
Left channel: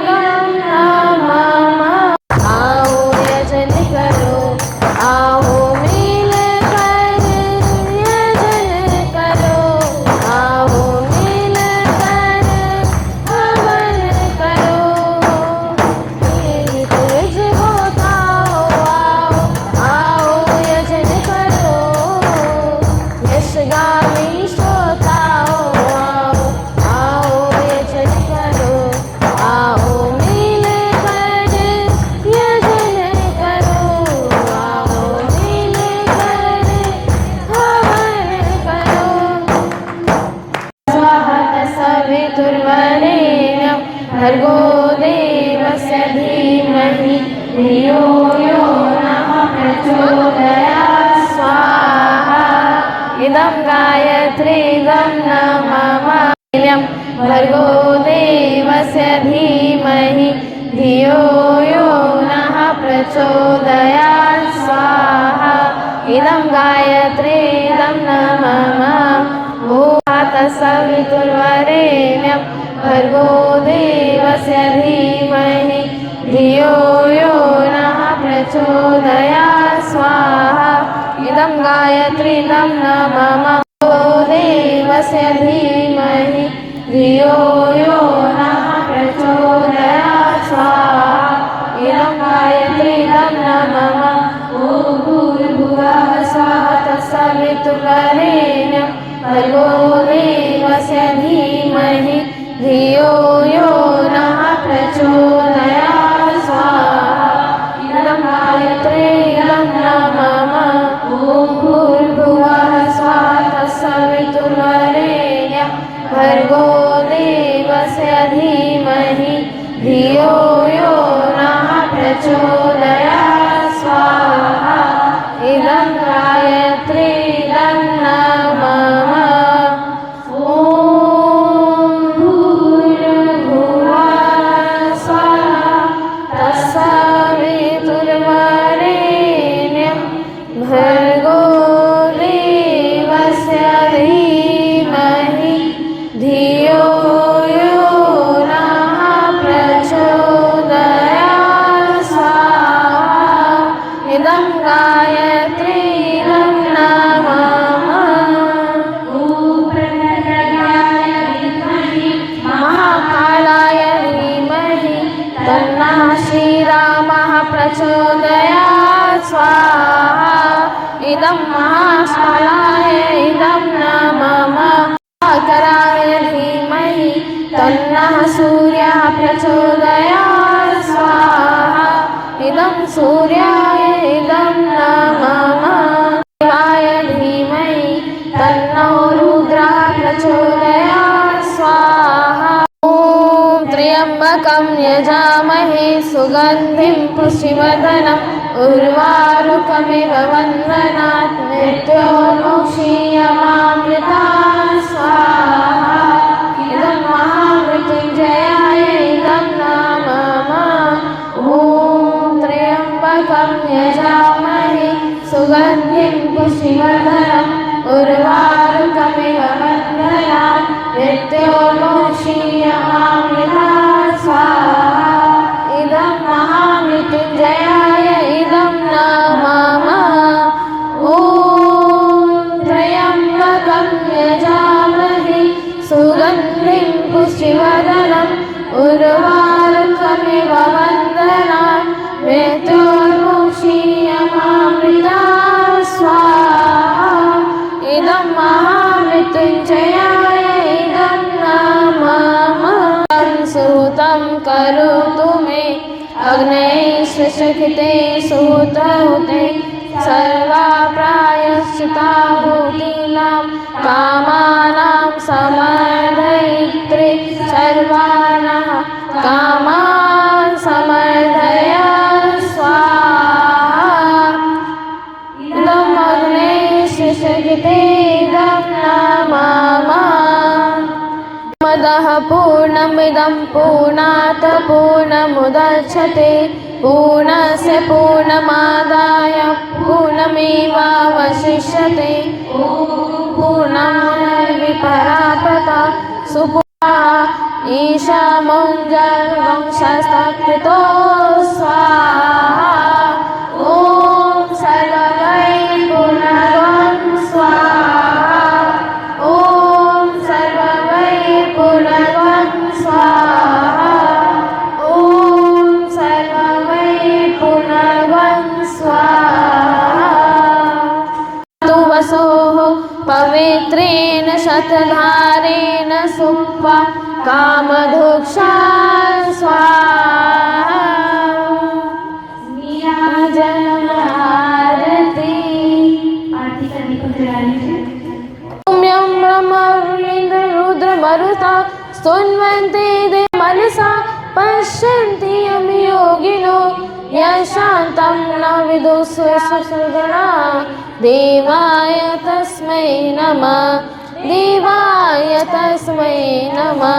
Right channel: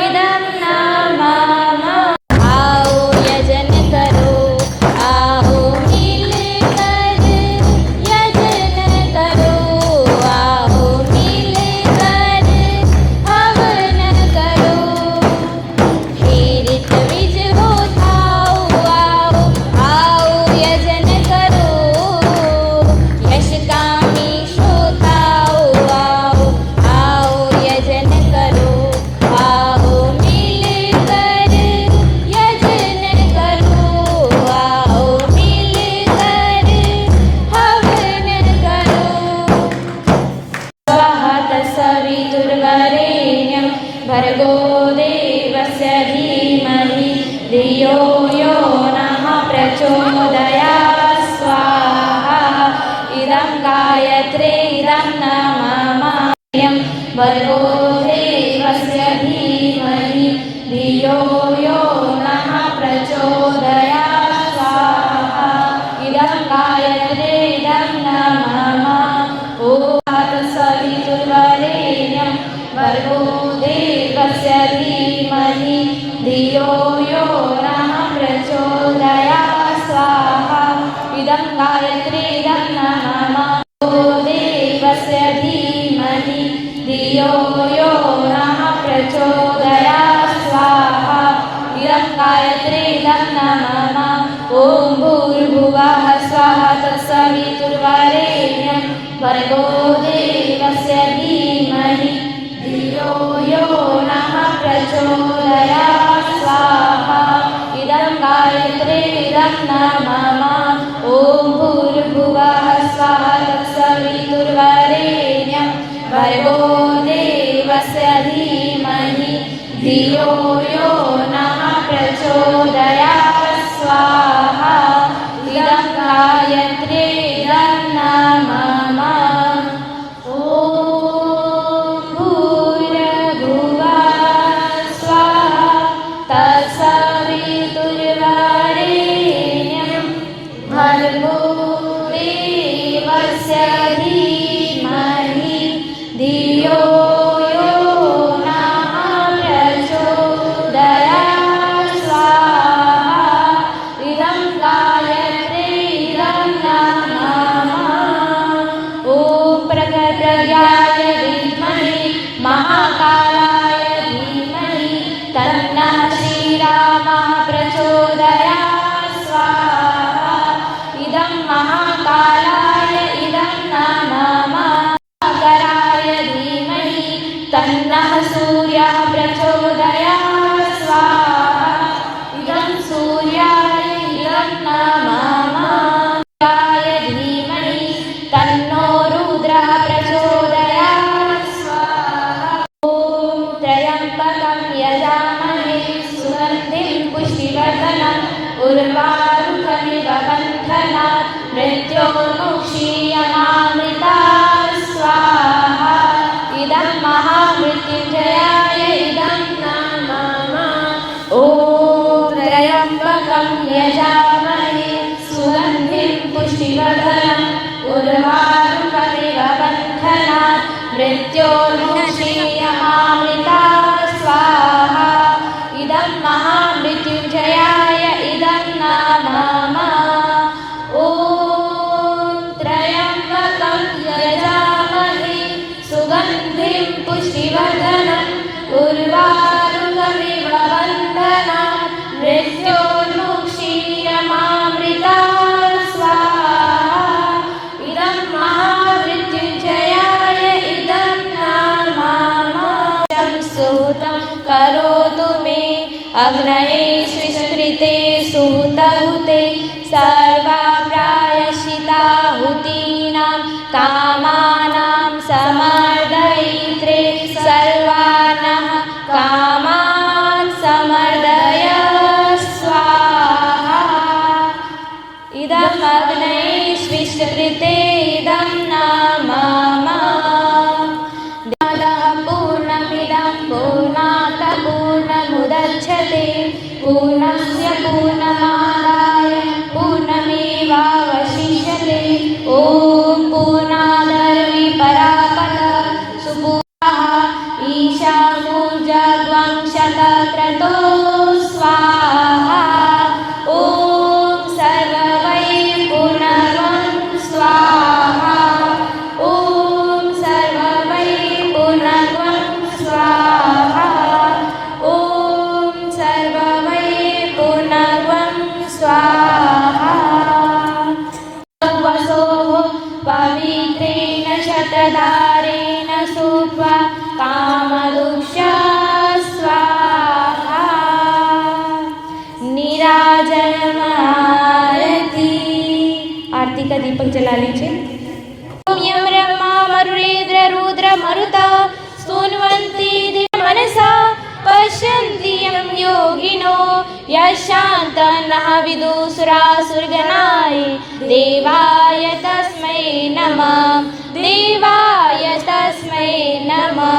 इदं नमः। आओ यजन करो आओ मिल कर यजन करो आओ मिल कर हवन करो खीर तमिज हो खाओ आओ आओ यजन करो यशगामी शो खाओ आओ आओ यजन करो आओ मिल कर यजन करो आओ मिल कर हवन करो। स्वाहा तत्सवितुर्वरेण्यं भर्गो देवस्य धीमहि धियो यो नः प्रचोदयात् स्वाहा इदं गायत्रीदं नमः। भर्गो देवस्य धीमहि धियो यो नः प्रचोदयात् स्वाहा इदं गायत्रीदं नमः। ॐ तत्सवितुर्वरेण्यं भर्गो देवस्य धीमहि धियो यो नः प्रचोदयात् स्वाहा इदं गायत्रीदं नमः। देवस्य धीमहि धियो यो नः प्रचोदयात् स्वाहा यो न प्रचोदयात् स्वाहा इदं गायत्रीदं नमः ॐ भूर्भुवः स्वाहा तत्सवितुर्वरेण्यं भर्गो देवस्य धीमहि धियो यो नः प्रचोदयात् स्वाहा इदं गायत्रीदं नमः ॐ प्रकटयाय विद्महे महाकालाय धीमहि तन्नः श्रीरामः प्रचोदयात् स्वाहा इदं महाकालाय इदं नमः सागराय धीमहि तन्नः सूर्यः प्रचोदयात् स्वाहा इदं सूर्याय इदं नमः देवाय धीमहि तन्नो रुद्रः प्रचोदयात् स्वाहा ॐ त्र्यम्बकं यजामहे सुगन्धिं पुष्टिवर्धनम् उर्वारुकमिव बन्धनात् मृत्योर्मुक्षीयमामृतात् स्वाहा इदं महामृत्युञ्जयाय इदं नमः ॐ त्र्यम्बकं यजामहे सुगन्धिं पुष्टिवर्धनम् उर्वारुकमिव बन्धनात् मृत्योर्मुक्षीयमामृतात् स्वाहा इदं महामृत्युञ्जयाय इदं नमः ॐ त्र्यम्बकं यजामहे सुगन्धिं पुष्टिवर्धनम् उर्वारुकमिव बन्धनात् मृत्योर्मुक्षीयमामृतात् स्वाहा इदं महामृत्युञ्जयाय इदं नमः सुतं करोतु मे अग्नये शुश्रुते सूतहुते सर्वा प्रायश्चित्ताहुतीनां कामानां समर्दयित्रे सर्वानः कामान् समर्दय स्वाहा इदं अग्नये शुश्रुते इदं नमः मदः पूर्णमिदं पूर्णात् पूर्णमुदच्यते पूर्णस्य पूर्णमादाय पूर्णमेवावशिष्यते ॐ पूर्णानन्दि परापदा सुपूर्णः ईशामुज्जलं शतक्रतो स्वाहा ॐ सर्ववै पुनर्वं स्वाहा ॐ सर्ववै पुनर्वं स्वाहा ॐ सर्ववै पुनर्वं स्वाहा वसोः पवित्रेण शतधारेण सुत्वा कामधुक्षा स्वाहा नीराजन आरती आरती का दीपक जला लीजिए ब्रह्मरुद्र रुद्र मरुता सुन्वन्ते मनसा पश्यन्ति यं योगिनो यशान्तं नः विदुषुरासुरगणाय देवाय तस्मै नमः देवाय तस्मै नमः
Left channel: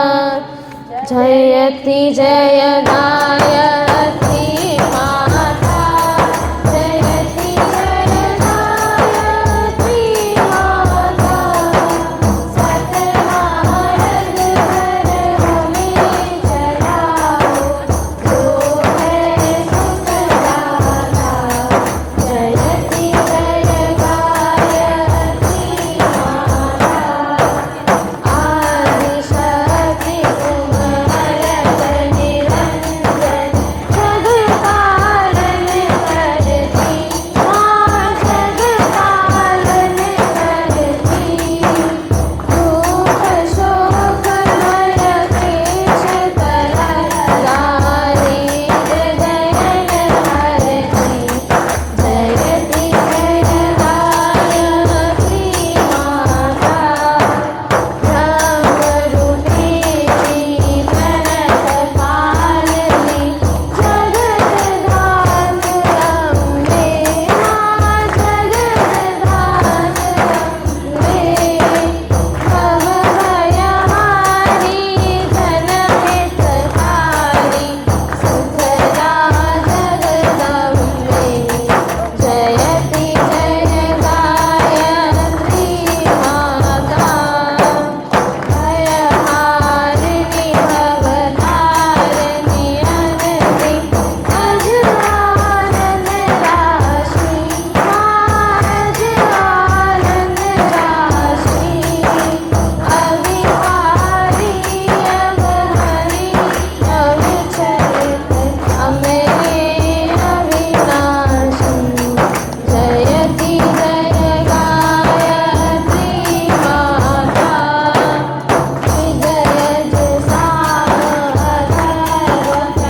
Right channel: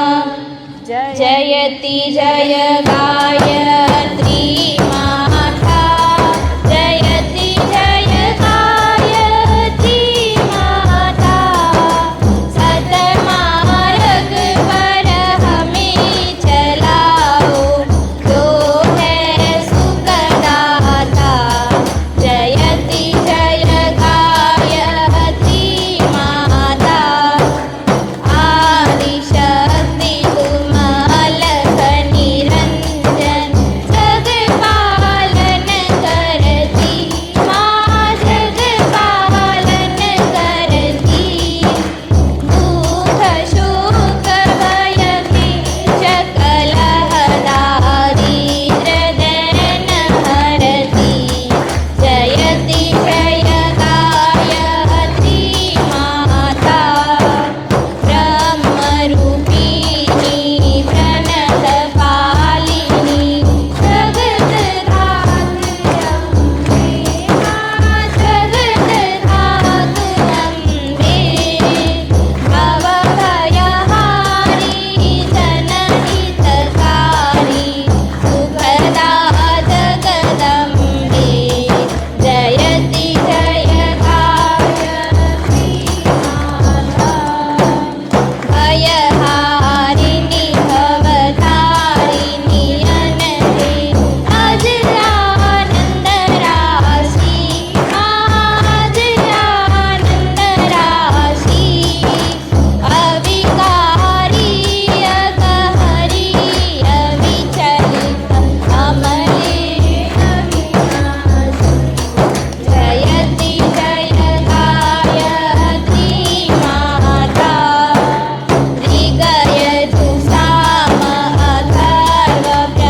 जयति जय गायत्री माता जयति जय गायत्री माता सतमार्ग पर हमें चलाओ जो है सुखदाता जयति जय गायत्री माता आदिशक्ति तुम अलग निरंतर आज आनंद राशि, आज आनंद राशि, अविकारी अगहरी अविचल अमले अविनाशी, जयति जय गायत्री माता, निगयतु सामः सर्वप्रणयति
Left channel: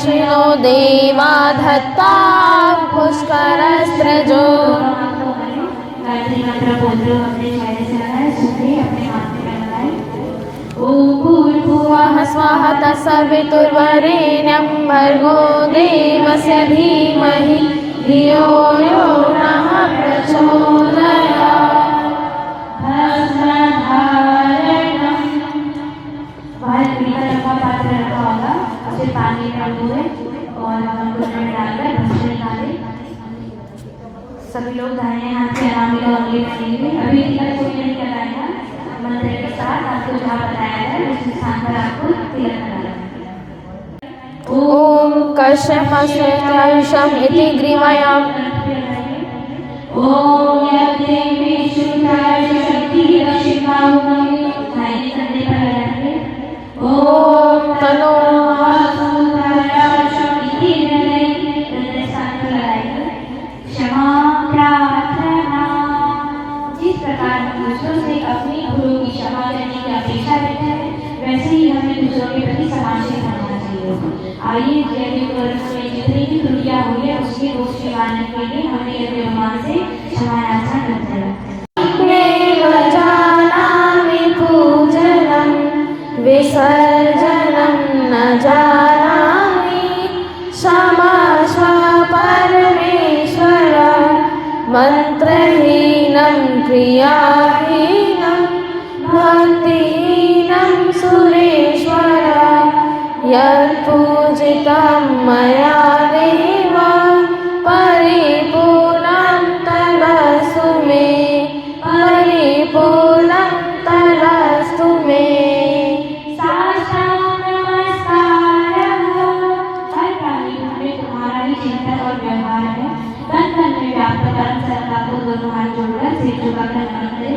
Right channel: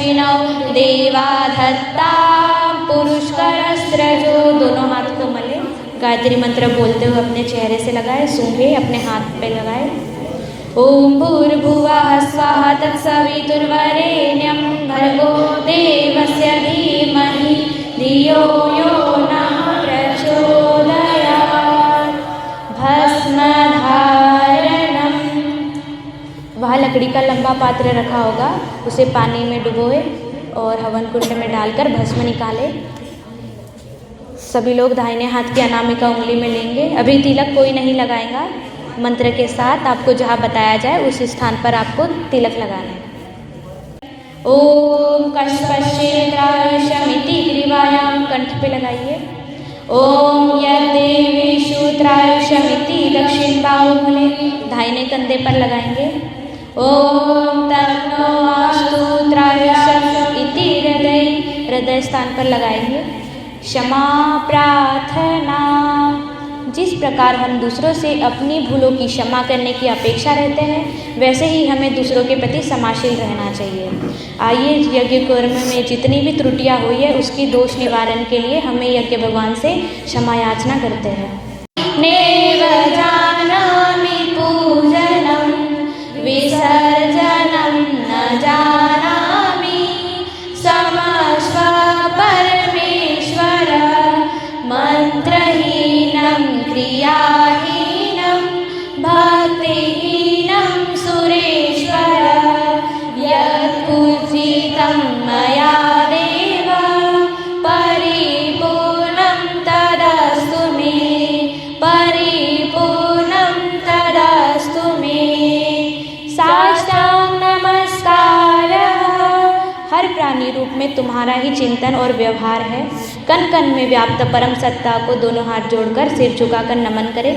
दक्षिणो देवा दत्ता पुष्करस्रजो। दोनों हाथ को मले, गायत्री मंत्र बोलते हुए अपने चेहरे से लगाए, सूंघे, अपने हाथ पे लगाए। ओम भूर्भुवः स्वः तत्सवितुर्वरेण्यं भर्गो देवस्य धीमहि धियो यो नः प्रचोदयात्। भस्मधारणम्। वहाँ लकड़ी का लंबा पात्र रखा होगा, उसे पानी में डुबोए और हवन कुंड में डालकर भस्म निकाले। सभी लोग दाहिने हाथ की अनामिका उंगली में लेंगे। अभी तिलक कोई नहीं लगाएगा। मंत्र के साथ आपको जहाँ बताया जाए उस स्थान पर आपको तिलक लगाना है। ओम कश्यपशयशम इति ग्रीवायां कंठ पे लगाइए। ओम यदेवी शूद्रायशमिति दक्षिण बाहुबली दाहिने कंधे पर लगाएंगे। ओम तनो शूद्रायशम इति हृदय स्थान पर लगाएंगे। क्षमा प्रार्थना। जिस प्रकार हम दूसरों से अपनी भूलों की क्षमा करने की अपेक्षा रहते हैं, वैसे ही हमें दूसरों के प्रति क्षमाशील रहना चाहिए। आइए यज्ञ कर्म में जितनी भी त्रुटियां हुई है उसकी दोष निवारण के लिए हमें यज्ञ भगवान से क्षमा याचना करते हैं। नेव जानामि पूजनं विसर्जनं न जानामि क्षमस्व परमेश्वर मंत्रहीनं क्रियाहीनं भक्तिहीनं सुरेश्वर यत्पूजितं मया देव परिपूर्णं तदस्तु मे परिपूर्णं तदस्तु मे। साष्टांग नमस्कारः। हर प्राणी रूप में तुम्हारा ही चिंतन और व्यवहार है। कण कण में व्याप्त परम सत्ता को दोनों हाथ जोड़कर सिर झुकाकर नमन करें।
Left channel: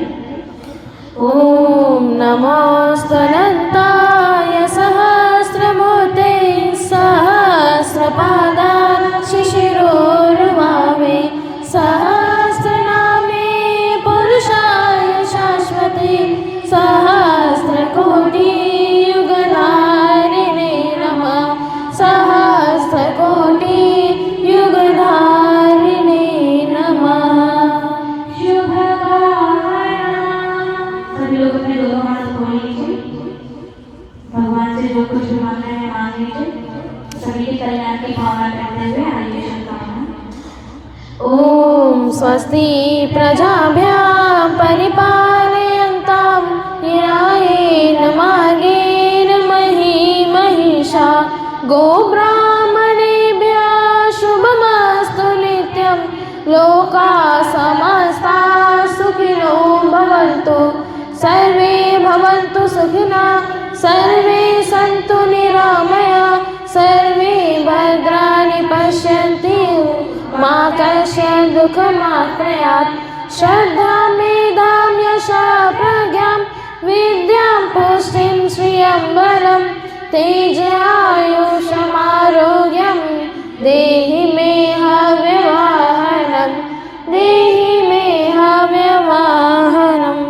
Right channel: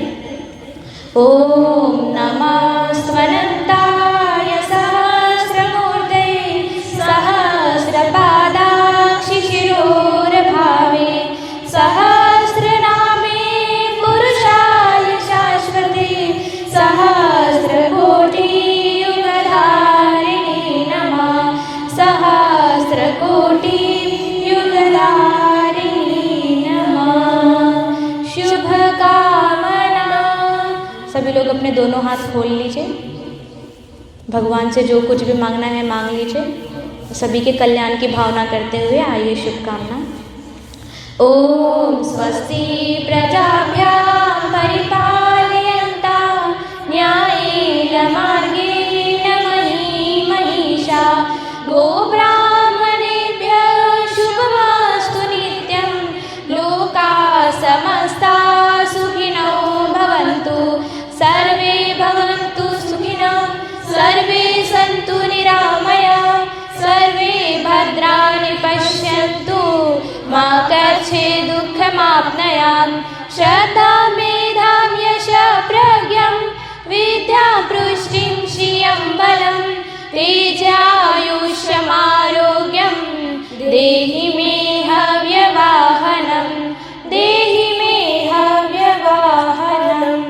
ओम नमस्त्वनन्ताय सहस्रमूर्ते सहस्रपादाक्षि शिरोर्भावे सहस्रनामे पुरुषाय शाश्वते सहस्रकोटियुगधारिणे नमः सहस्रकोटियुगधारिणे नमः। शुभकामना। सभी लोग अपने दोनों हाथ खोल लीजिए। भगवान से जो कुछ भी मांगना है मांग लीजिए। सभी के कल्याण की भावना करते हुए आइए शुभकामना। ओम स्वस्ति प्रजाभ्यां परिपालयन्तां न्यायेन मार्गेण महीं महिषा गोब्राह्मणेभ्यः शुभमस्तु नित्यं लोकाः समस्ताः सुखिनो भवन्तु सर्वे भवन्तु सुखिनः सर्वे सन्तु निरामयाः सर्वे भद्राणि पश्यन्तु मा कश्चित् दुःखमाप्नुयात्। श्रद्धा मेधां यशः प्रज्ञां विद्यां पुष्टिं श्रियं बलं तेजायुष्यमारोग्यं देहि मे हव्यवाहनं देहि मे हव्यवाहनम्।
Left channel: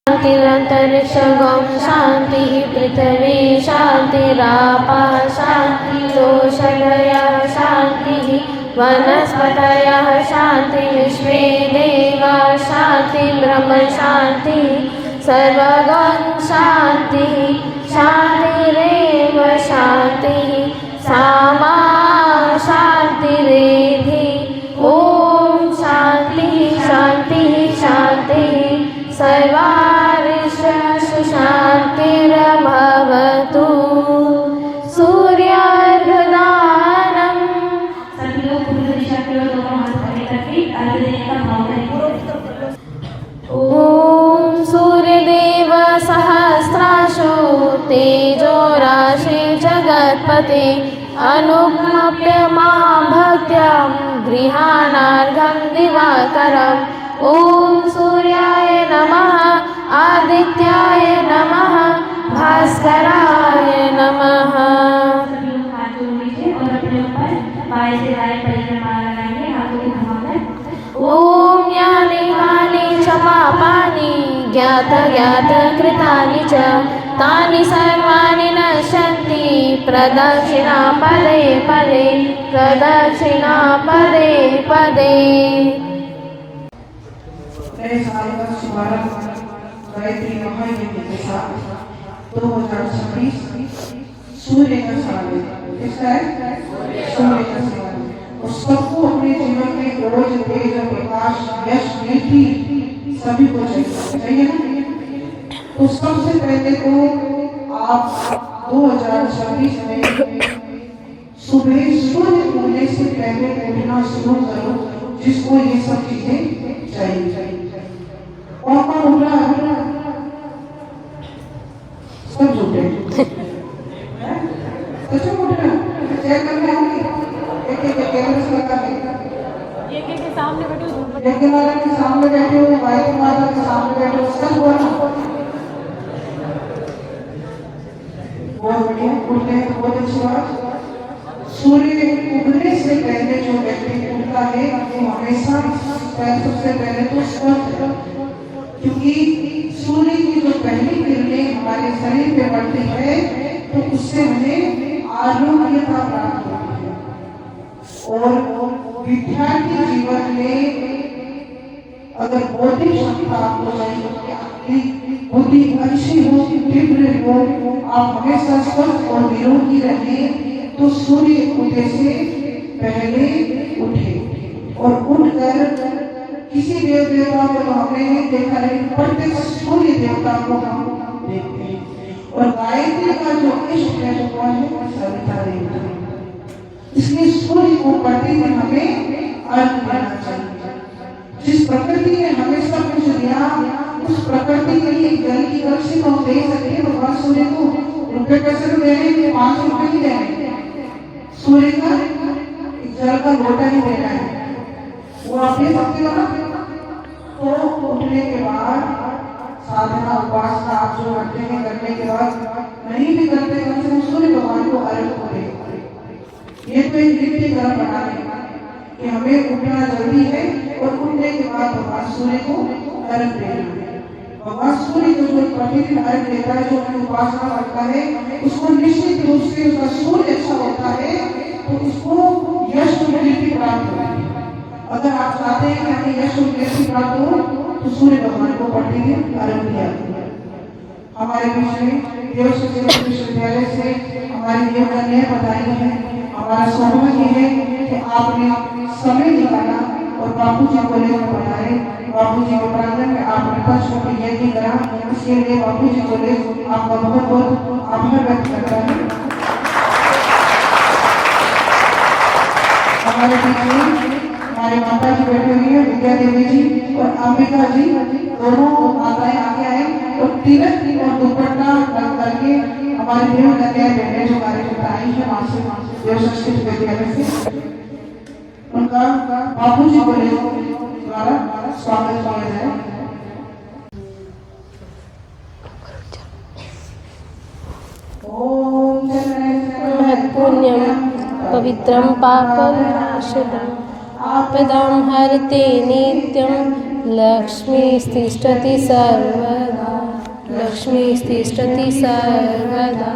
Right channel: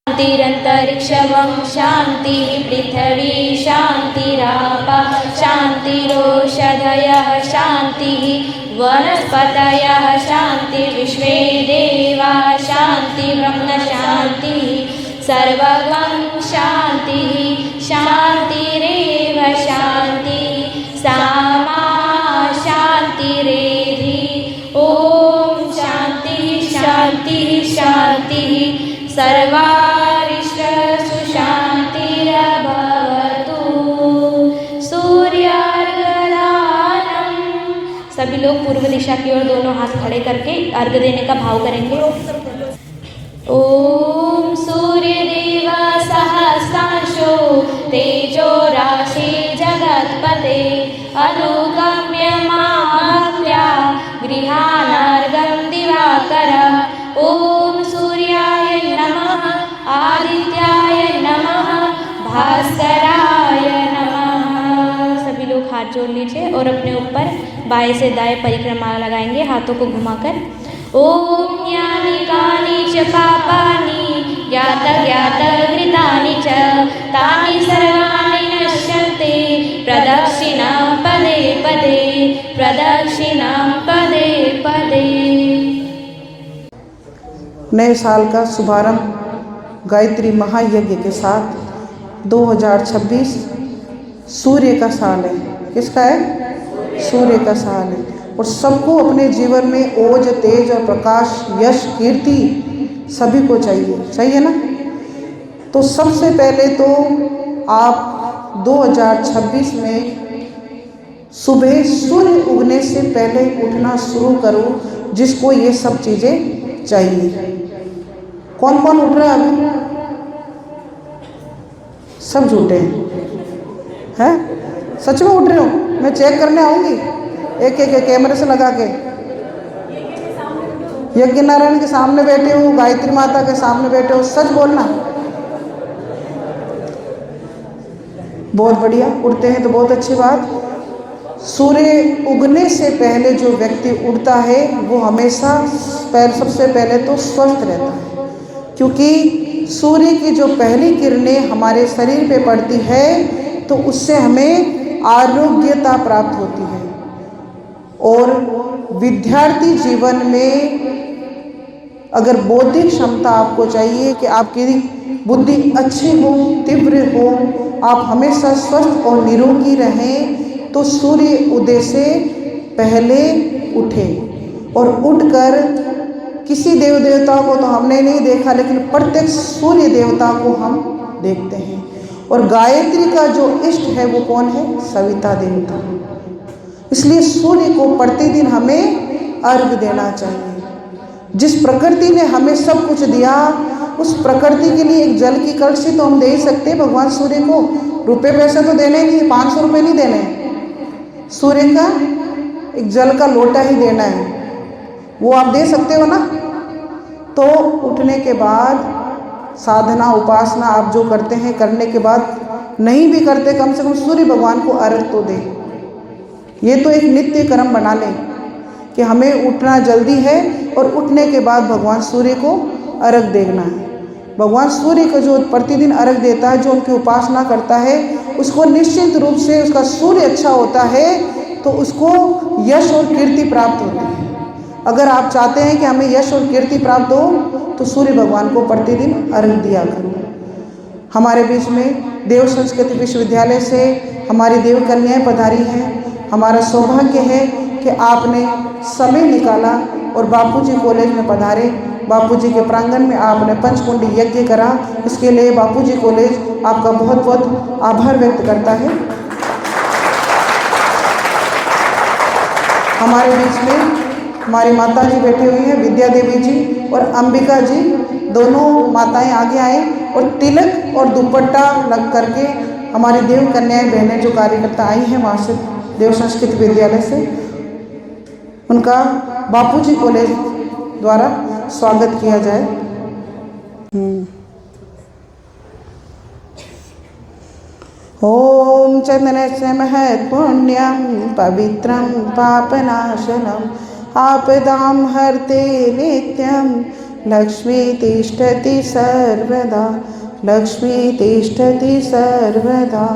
शान्तिरन्तरिक्षं शान्तिः पृथिवी शान्तिरापः शान्तिरोषधयः शान्तिः वनस्पतयः शान्ति विश्वे देवा शान्ति ब्रह्म शान्तिः सर्वगं शान्तिः शान्तिरेव शान्तिः सामा शान्तिरेधि। ॐ शान्तिः शान्तिः शान्तिः सर्वारिष्टसु शान्तिर्भवतु। सूर्यार्घदानं। सभी लोग पूर्व दिशा की ओर दोनों हाथ खड़े करके अर्घ देने का भाव करेंगे। ओम सूर्यदेव सहस्राशो तेजो राशि जगत्पते अनुगम्य मां भक्त्या गृहाणार्घं दिवाकर। ओम सूर्याय नमः आदित्याय नमः भास्कराय नमः। सभी लोग हाथ जोड़ लीजिए और अपने ऊपर बाएं से दाएं परिक्रमा लगाएंगे हाथों को घुमाकर। ओम यानि कानि च पापानि ज्ञातज्ञातकृतानि च तानि सर्वाणि नश्यन्ति प्रदक्षिणापदे नए साल का शुभारंभ गायत्री महायज्ञ के साथ 2026 सूर्य का साल है। किसका है? सूर्य का साल है। और सबको अपने जीवन में ओज, तेज और प्रकाश, यश, कीर्ति सभी को चाहिए, सही है ना? तो सबसे पहले तो आप 2026 में सुबह सूर्य उगने से पहले उठना शुरू करो, जिसको ये सब चीज़ें चाहिए। कौन कौन उठ रहा है? सब झूठे हैं? सच में उठ रहे हो? मैं चेक करने आऊँगी एक एक कैमरे से लगा के। यज्ञ नारायण के सामने बैठे हो, गायत्री माता के सामने बैठे हो, सच बोलना। बहुत बढ़िया, उठते हैं तो बहुत अच्छी बात। सूर्य उगने से पहले जो व्यक्ति उठता है वो हमेशा सबसे पहले तो स्वस्थ रहता है, क्योंकि सूर्य की जो पहली किरणें हमारे शरीर पे पड़ती है तो उससे हमें आरोग्यता प्राप्त होती है। और विद्यार्थी जीवन में अगर बौद्धिक क्षमता आपको चाहिए कि आपकी बुद्धि अच्छी हो, तीव्र हो, आप हमेशा स्वस्थ और निरोगी रहें, तो सूर्य उदय से पहले उठें। और उठकर किसी देव देवता को तो हमने नहीं देखा, लेकिन प्रत्येक सूर्य देवता को हम देखते हैं। और गायत्री का जो इष्ट है वो कौन है? सविता देवता। इसलिए सूर्य को प्रतिदिन हमें अर्घ देना चाहिए। जिस प्रकृति ने हमें सब कुछ दिया, उस प्रकृति के लिए एक जल की कलशी तो हम दे ही सकते हैं भगवान सूर्य को। रुपए पैसे तो देने नहीं है, 500 रुपये नहीं देने हैं। सूर्य का एक जल का लोटा ही देना है, वो आप दे सकते हो ना। तो उठने के बाद साधना, उपासना आप जो करते हैं, करने के बाद नहीं भी करते, कम से कम सूर्य भगवान को अर्घ तो दें। ये तो एक नित्य कर्म बना लें कि हमें उठना जल्दी है और उठने के बाद भगवान सूर्य को अर्घ देना है। भगवान सूर्य को जो प्रतिदिन अर्घ देता है, जो उनकी उपासना करता है, उसको निश्चित रूप से उसका सूर्य अच्छा होता है तो उसको यश और कीर्ति प्राप्त होती है। अगर आप चाहते हैं कि हमें यश और कीर्ति प्राप्त हो तो सूर्य भगवान को प्रतिदिन अर्घ दिया करें। हमारे बीच में देव संस्कृत विश्वविद्यालय से हमारी देव कन्याएं पधारी हैं। हमारा सौभाग्य है कि आपने समय निकाला और बापूजी कॉलेज में पधारे। बापूजी के प्रांगण में आपने पंचकुंडी यज्ञ करा। इसके लिए बापूजी कॉलेज आपका बहुत बहुत आभार व्यक्त करता है। हमारे बीच में हमारी माता जी बैठे हुए हैं, विद्या देवी जी और अंबिका जी, दोनों माताएं आगे आए और तिलक और दुपट्टा लग करके हमारी देव कन्याएं बहनें जो कार्यकर्ता आई हैं वहाँ से देव संस्कृत विद्यालय से, उनका बापूजी कॉलेज द्वारा स्वागत किया जाए। ओम चंदनस्य महत्पुण्यं पवित्रं पापनाशनम् आपदां हरते नित्यं लक्ष्मी तिष्ठति सर्वदा, लक्ष्मी तिष्ठति सर्वदा।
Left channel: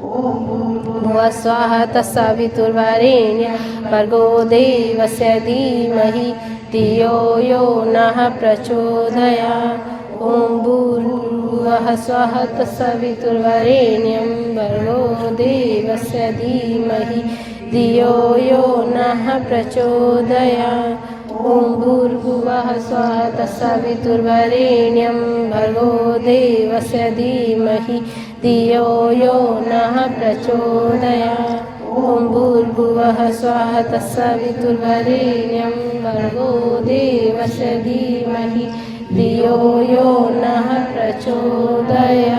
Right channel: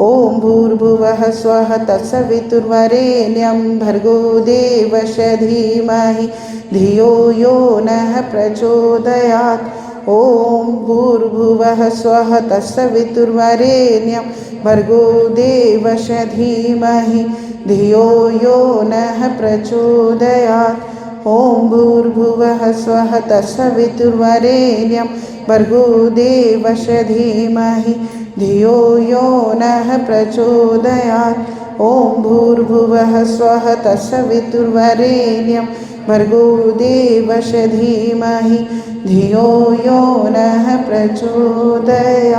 ओम भूर्भुवः स्वः तत्सवितुर्वरेण्यं भर्गो देवस्य धीमहि धियो यो नः प्रचोदयात्। ओम भूर्भुवः स्वः तत्सवितुर्वरेण्यं भर्गो देवस्य धीमहि धियो यो नः प्रचोदयात्। ओम भूर्भुवः स्वः तत्सवितुर्वरेण्यं भर्गो देवस्य धीमहि धियो यो नः प्रचोदयात्। ओम भूर्भुवः स्वः तत्सवितुर्वरेण्यं भर्गो देवस्य धीमहि धियो यो नः प्रचोदयात्।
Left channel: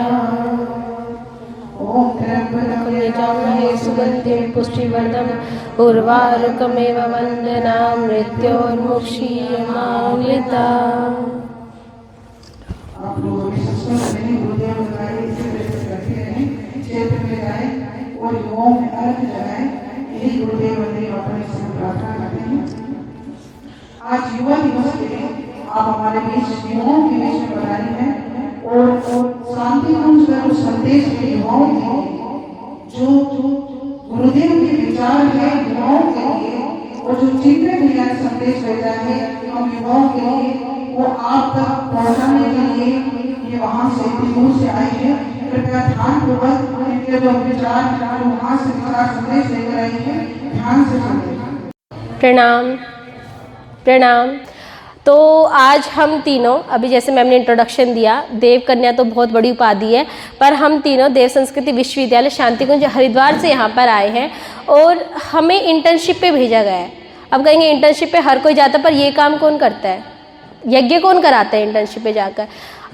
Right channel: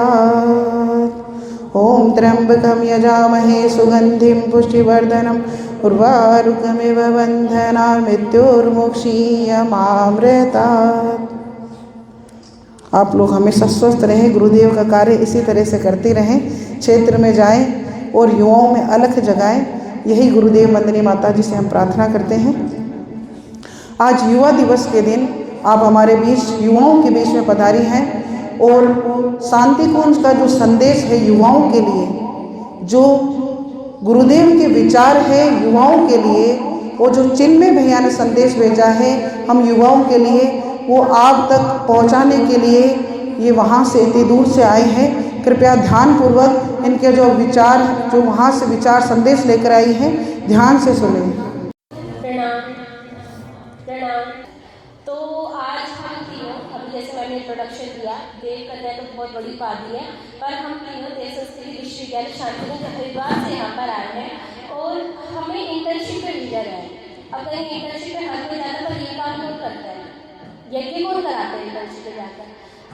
ओम त्र्यंबकं यजामहे सुगंधिं पुष्टिवर्धनम् उर्वारुकमिव वन्दनान् मृत्योर्मुक्षीयमामृतात्। आप लोग हमेशा स्वस्थ रहें, गुरुदेव का कार्य इसी तरह से करते रहें, क्षेत्र में जाएं और युवाओं में अलख जगाएं। यही गुरुदेव वंदनी माता जी से हम प्रार्थना करते हैं। आज युवा दिवस के दिन आप हमारे बीच, युवाओं के बीच में पधारी हैं और शांति कुंज का जो संदेश है युवाओं के लिए, जो गुरुदेव के विचार है युवाओं के लिए, और जो चिन्मय भैया ने संदेश भेजा है हम युवाओं के लिए, वो आप तक पहुंचाने के लिए ये वहाँ से इतनी दूर से आए हैं। कृपया ध्यानपूर्वक इनके जो विचार, जो वहाँ से विचार संदेश लेकर आई हैं, ध्यान से सुनें। प्रणाम प्रणाम। तो आज हम तीनों, अभी जैसे मैम ने इंट्रोडक्शन दिया, देव कन्या तो बहुत बड़ी उपाधि है, पर हम तीनों देव संस्कृति विश्वविद्यालय शांतिकुंज हरिद्वार से यहाँ पर आए हैं और हमें इंटर्नशिप पे भेजा गया है। अब कहेंगे इंटर्नशिप पे हर कोई जाता है, पर ये काम कौन करता है? यज्ञ कौन कराता है इंटर्नशिप पे जाकर?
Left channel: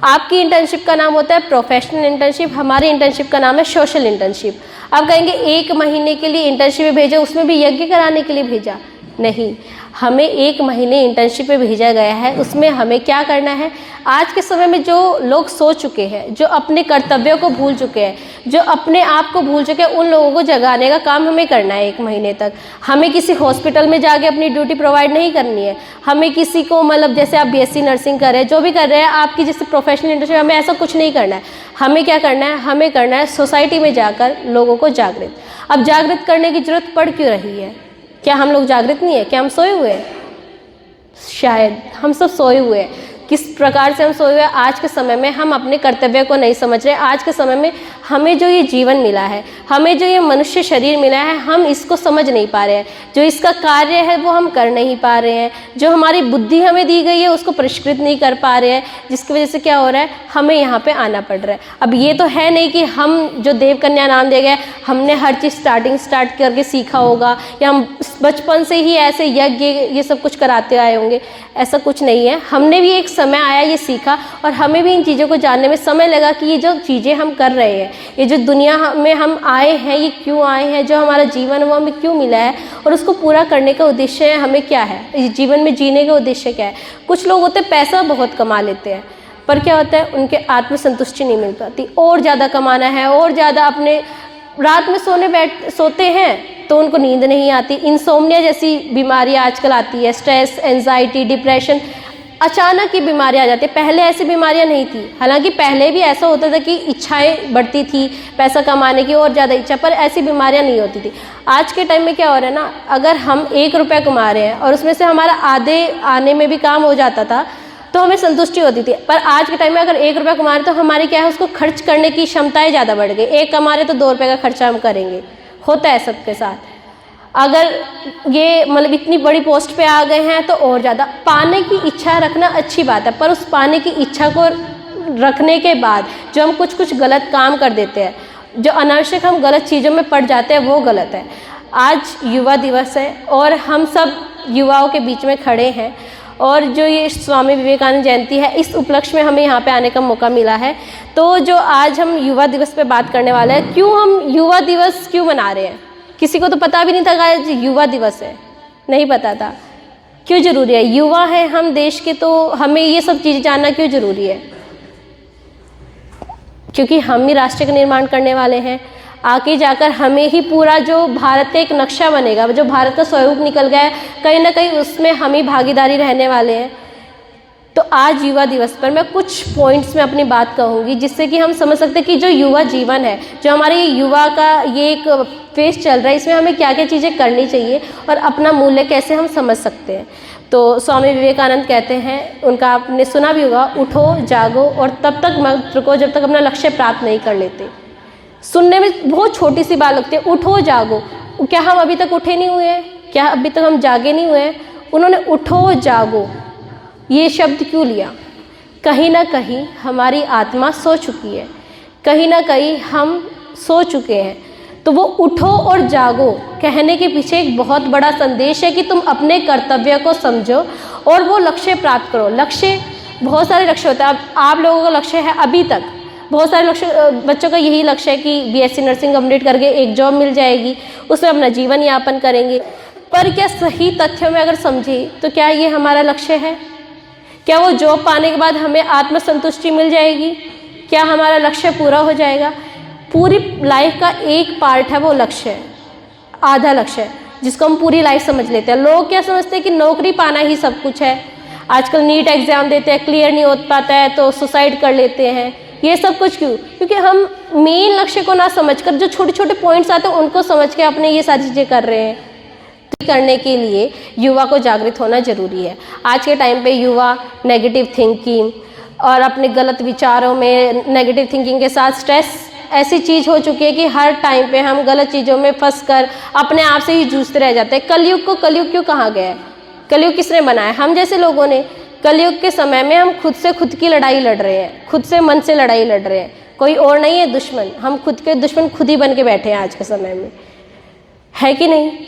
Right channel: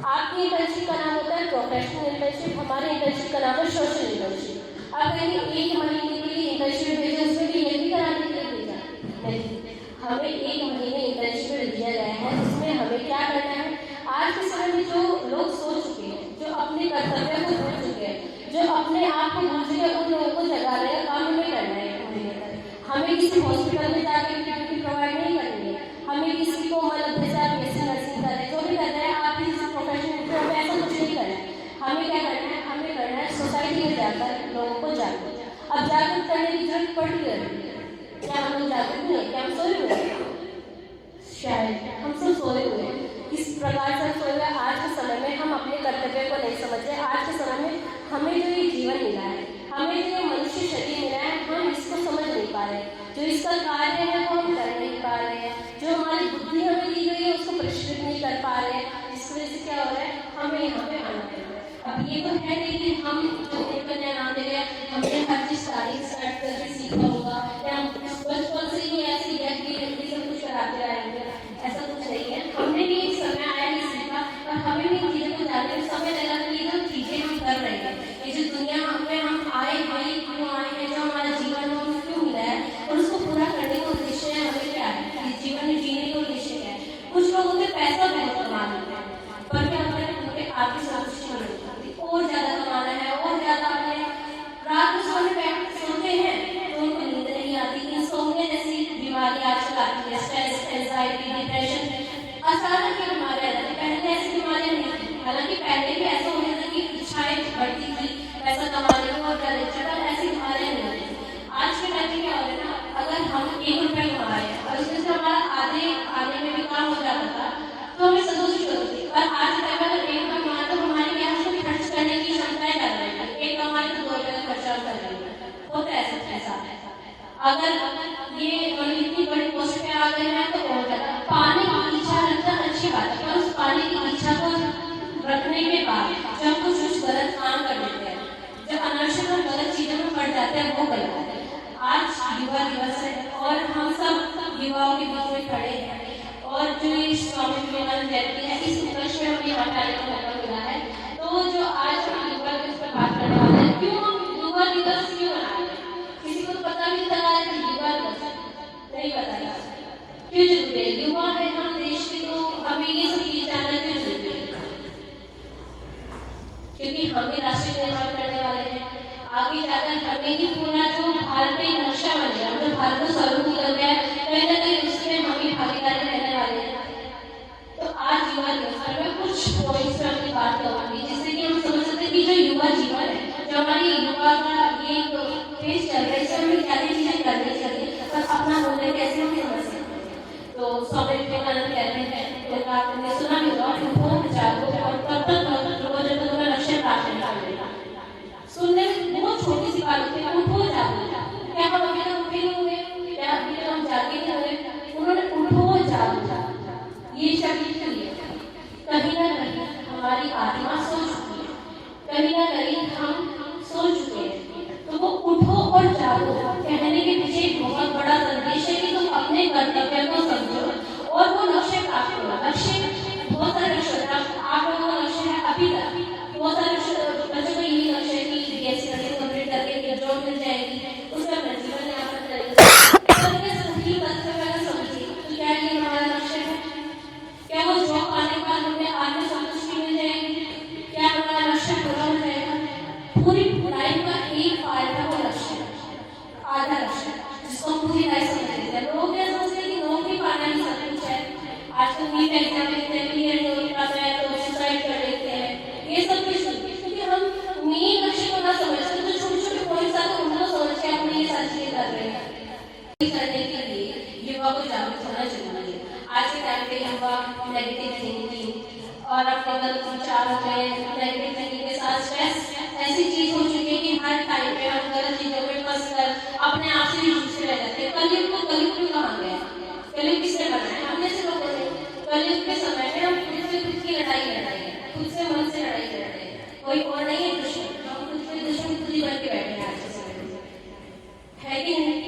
आपकी इंटर्नशिप का नाम होता है प्रोफेशनल इंटर्नशिप, हमारी इंटर्नशिप का नाम है सोशल इंटर्नशिप। आप कहेंगे 1 महीने के लिए इंटर्नशिप में भेजा, उसमें भी यज्ञ कराने के लिए भेजा? नहीं, हमें 1 महीने इंटर्नशिप पे भेजा गया है। उसमें हमें क्या करना है? आज के समय में जो लोग सो चुके हैं, जो अपने कर्तव्यों को भूल चुके हैं, जो अपने आप को भूल चुके हैं, उन लोगों को जगाने का काम हमें करना है 1 महीने तक। हमें किसी हॉस्पिटल में जाके अपनी ड्यूटी प्रोवाइड नहीं करनी है। हमें किसी को, मतलब जैसे आप बीएससी नर्सिंग कर रहे हैं, जो भी कर रहे हैं, आपकी जैसे प्रोफेशनल इंटर्नशिप, हमें ऐसा कुछ नहीं करना है। हमें क्या करना है? हमें करना है सोसाइटी में जाकर लोगों को जागृत। अब जागृत करने की जरूरत पड़ क्यों रही है? क्या हम लोग जागृत नहीं है? क्या हम सोए हुए हैं? शायद हम सब सोए हुए हैं। किस प्रकार से हम सोए हुए हैं? आज के समय में हम अपने कर्तव्य को नहीं समझ रहे। आज के समय में हमें जो ये जीवन मिला है, हमें जो ये मनुष्य शरीर मिला है, हम इसको समझ नहीं पा रहे हैं। जो इसका कार्य है वो हम कर नहीं पा रहे हैं। जो हमारी बुद्धि हमें दी गई है उसको परिष्कृत नहीं कर पा रहे हैं, जिसकी वजह से क्या हो रहा है? हमें यहाँ पे आना पड़ रहा है। अब ये तो है नहीं कि हम जो देव कन्या नाम दे गए, हमने हर चीज़ स्टार्ट करके सीखा होगा, या हम बचपन से ही ऐसे यज्ञ ये सब कुछ कराते आए होंगे। ऐसा कुछ नहीं है। हमने भी एक समय आया ये सीखा, और हमें भी इन चीज़ों को जानने में समय लगा कि ये जो चीज़ें हम कर रहे हैं, ये जो दुनिया में हम आए हैं, ये क्यों आए हैं, जो हमारा जीवन है वो हमें क्यों मिला है, और उसको पूरा करने का उद्देश्य है हमें क्या है, इस जीवन में जीने का उद्देश्य क्या है। कुछ लोग होते हैं पैसा बहुत कमा लेते हैं, पर क्या होता है? उनके आत्मसंतुष्टि नहीं मिल पाती। और ज़्यादा कमाना है, और ज़्यादा अपने रात में सोते हैं तो उनको नींद नहीं आती। इंसोम्निया जैसी बीमारियाँ आजकल आती है, स्ट्रेस, एंजाइटी, डिप्रेशन, अचानक ये बीमारियाँ आ जाती है। पहले ऐसी बीमारियाँ नहीं थी। हालांकि पहले भी ऐसा होता था कि इच्छाएं बढ़ती थी, पैसा कमाने की और ज़्यादा इच्छा, पर ऐसी बीमारियाँ नहीं होती थी। आज के टाइम में क्या हो रहा है ना, अगर हम 1 रुपया कमा रहे हैं और उसमें से हमारा आधे आने में भी काम हो जाता था तो हमें संतुष्टि होती थी। पर आज के टाइम में अगर 1 रुपया कमा रहे तो हमारी क्या है, उसको खर्च करने की क्षमताएँ ज़्यादा बढ़ गई। 1 कमा रहे तो 2 रुपये का खर्चा हम करेंगे। होता है सबके साथ। अगर ये मतलब इतनी बड़ी पोस्ट पे आ गए हैं तो और ज़्यादा पाने की इच्छा रखना अच्छी बात है, पर उस पाने की इच्छा को रखने के बाद जो हम कुछ गलत काम कर देते हैं, जो अनावश्यक हम गलत चीज़ों में पड़ जाते हैं, वो गलत है। आज युवा दिवस है और हम सब युवाओं के बीच में खड़े हैं, और जो ये स्वामी विवेकानंद जयंती है, इस उपलक्ष्य में हमें यहाँ पे आने का मौका मिला है। तो जो आज हम युवा दिवस पे बात करने वाले हैं, क्यों हम युवा दिवस क्यों मना रहे हैं? किसी को तो पता भी नहीं था कि आज युवा दिवस है, नहीं पता था। क्यों ज़रूरी है? युवा है हम देश के, तो हमें ये सब चीज़ें जानना क्यों ज़रूरी है? क्योंकि हम ही राष्ट्र का निर्माण करने वाले हैं। आगे जाकर हमें ही पूरा जो भारत का एक नक्शा बनेगा, जो भारत का स्वरूप निकल गया है, कहीं ना कहीं उसमें हम ही भागीदारी रहने वाले हैं। तो आज युवा दिवस पर मैं कुछ पॉइंट्स में अपनी बात कहूँगी, जिससे कि हम समझ सकते हैं कि जो युवा जीवन है, जो हमारे युवा का ये एक फेज चल रहा है, इसमें हमें क्या क्या चीज़ें करनी चाहिए और अपना मूल्य कैसे हम समझ सकते हैं। तो स्वामी विवेकानंद कहते हैं, उनका आपने सुना भी होगा, उठो जागो और तब तक मत रुको जब तक अपना लक्ष्य प्राप्त नहीं कर लेते। सुनने में बहुत छोटी सी बात लगती है, उठो जागो। क्या हम अभी तक उठे नहीं हुए हैं? क्या अभी तक हम जागे नहीं हुए हैं? उन्होंने उठो जागो ये शब्द क्यों लिया? कहीं ना कहीं हमारी आत्मा सो चुकी है, कहीं ना कहीं हम सो चुके हैं। तो वो उठो और जागो कहने के पीछे एक बहुत बड़ा संदेश है कि तुम अपने कर्तव्य को समझो और वो लक्ष्य प्राप्त करो। लक्ष्य, बहुत सारे लक्ष्य होते हैं। आप लोगों का लक्ष्य है, अभी तक बहुत सारे लक्ष्य, बच्चों का यही लक्ष्य है कि बीएससी नर्सिंग कंप्लीट करके एक जॉब मिल जाएगी, उसमें अपना जीवन यापन करेंगे। पर क्या सही तथ्यों में अगर समझे तो क्या ये हमारा लक्ष्य है? क्या वो जॉब पाने के बाद हमें आत्मसंतुष्टि मिल जाएगी? क्या हमारा लक्ष्य पूरा हो जाएगा? पूरी लाइफ का एक पार्ट है वो लक्ष्य है, आधा लक्ष्य है, जिसको हम पूरी लाइफ समझ लेते हैं। लोग क्या समझते हैं कि नौकरी पाना ही सब कुछ है। आजकल नीट एग्जाम देते हैं, क्लियर नहीं हो पाता है तो सुसाइड कर लेते हैं। ये सब कुछ क्यों? क्योंकि हम मेन लक्ष्य को ना समझकर जो छोटे छोटे पॉइंट्स आते हैं उनको समझ के अपने ये सारी चीज़ें कर रहे हैं। करने के लिए युवा को जागृत होना जरूरी है। आज के टाइम पे युवा नेगेटिव थिंकिंग और अपने गलत विचारों में, नेगेटिव थिंकिंग के साथ स्ट्रेस ऐसी चीज़ हो चुकी है कि हर टाइम पे हम गलत चीज़ों में फंस कर अपने आप से ही जूझते रह जाते हैं। कलयुग क्यों कहा गया है? कलयुग किसने बनाया? हम जैसे लोगों ने। कलयुग के समय में हम खुद से खुद की लड़ाई लड़ रहे हैं, खुद से मन से लड़ाई लड़ रहे हैं, कोई और नहीं है दुश्मन। हम खुद के दुश्मन खुद ही बन के बैठे हैं आज के समय में, है कि नहीं?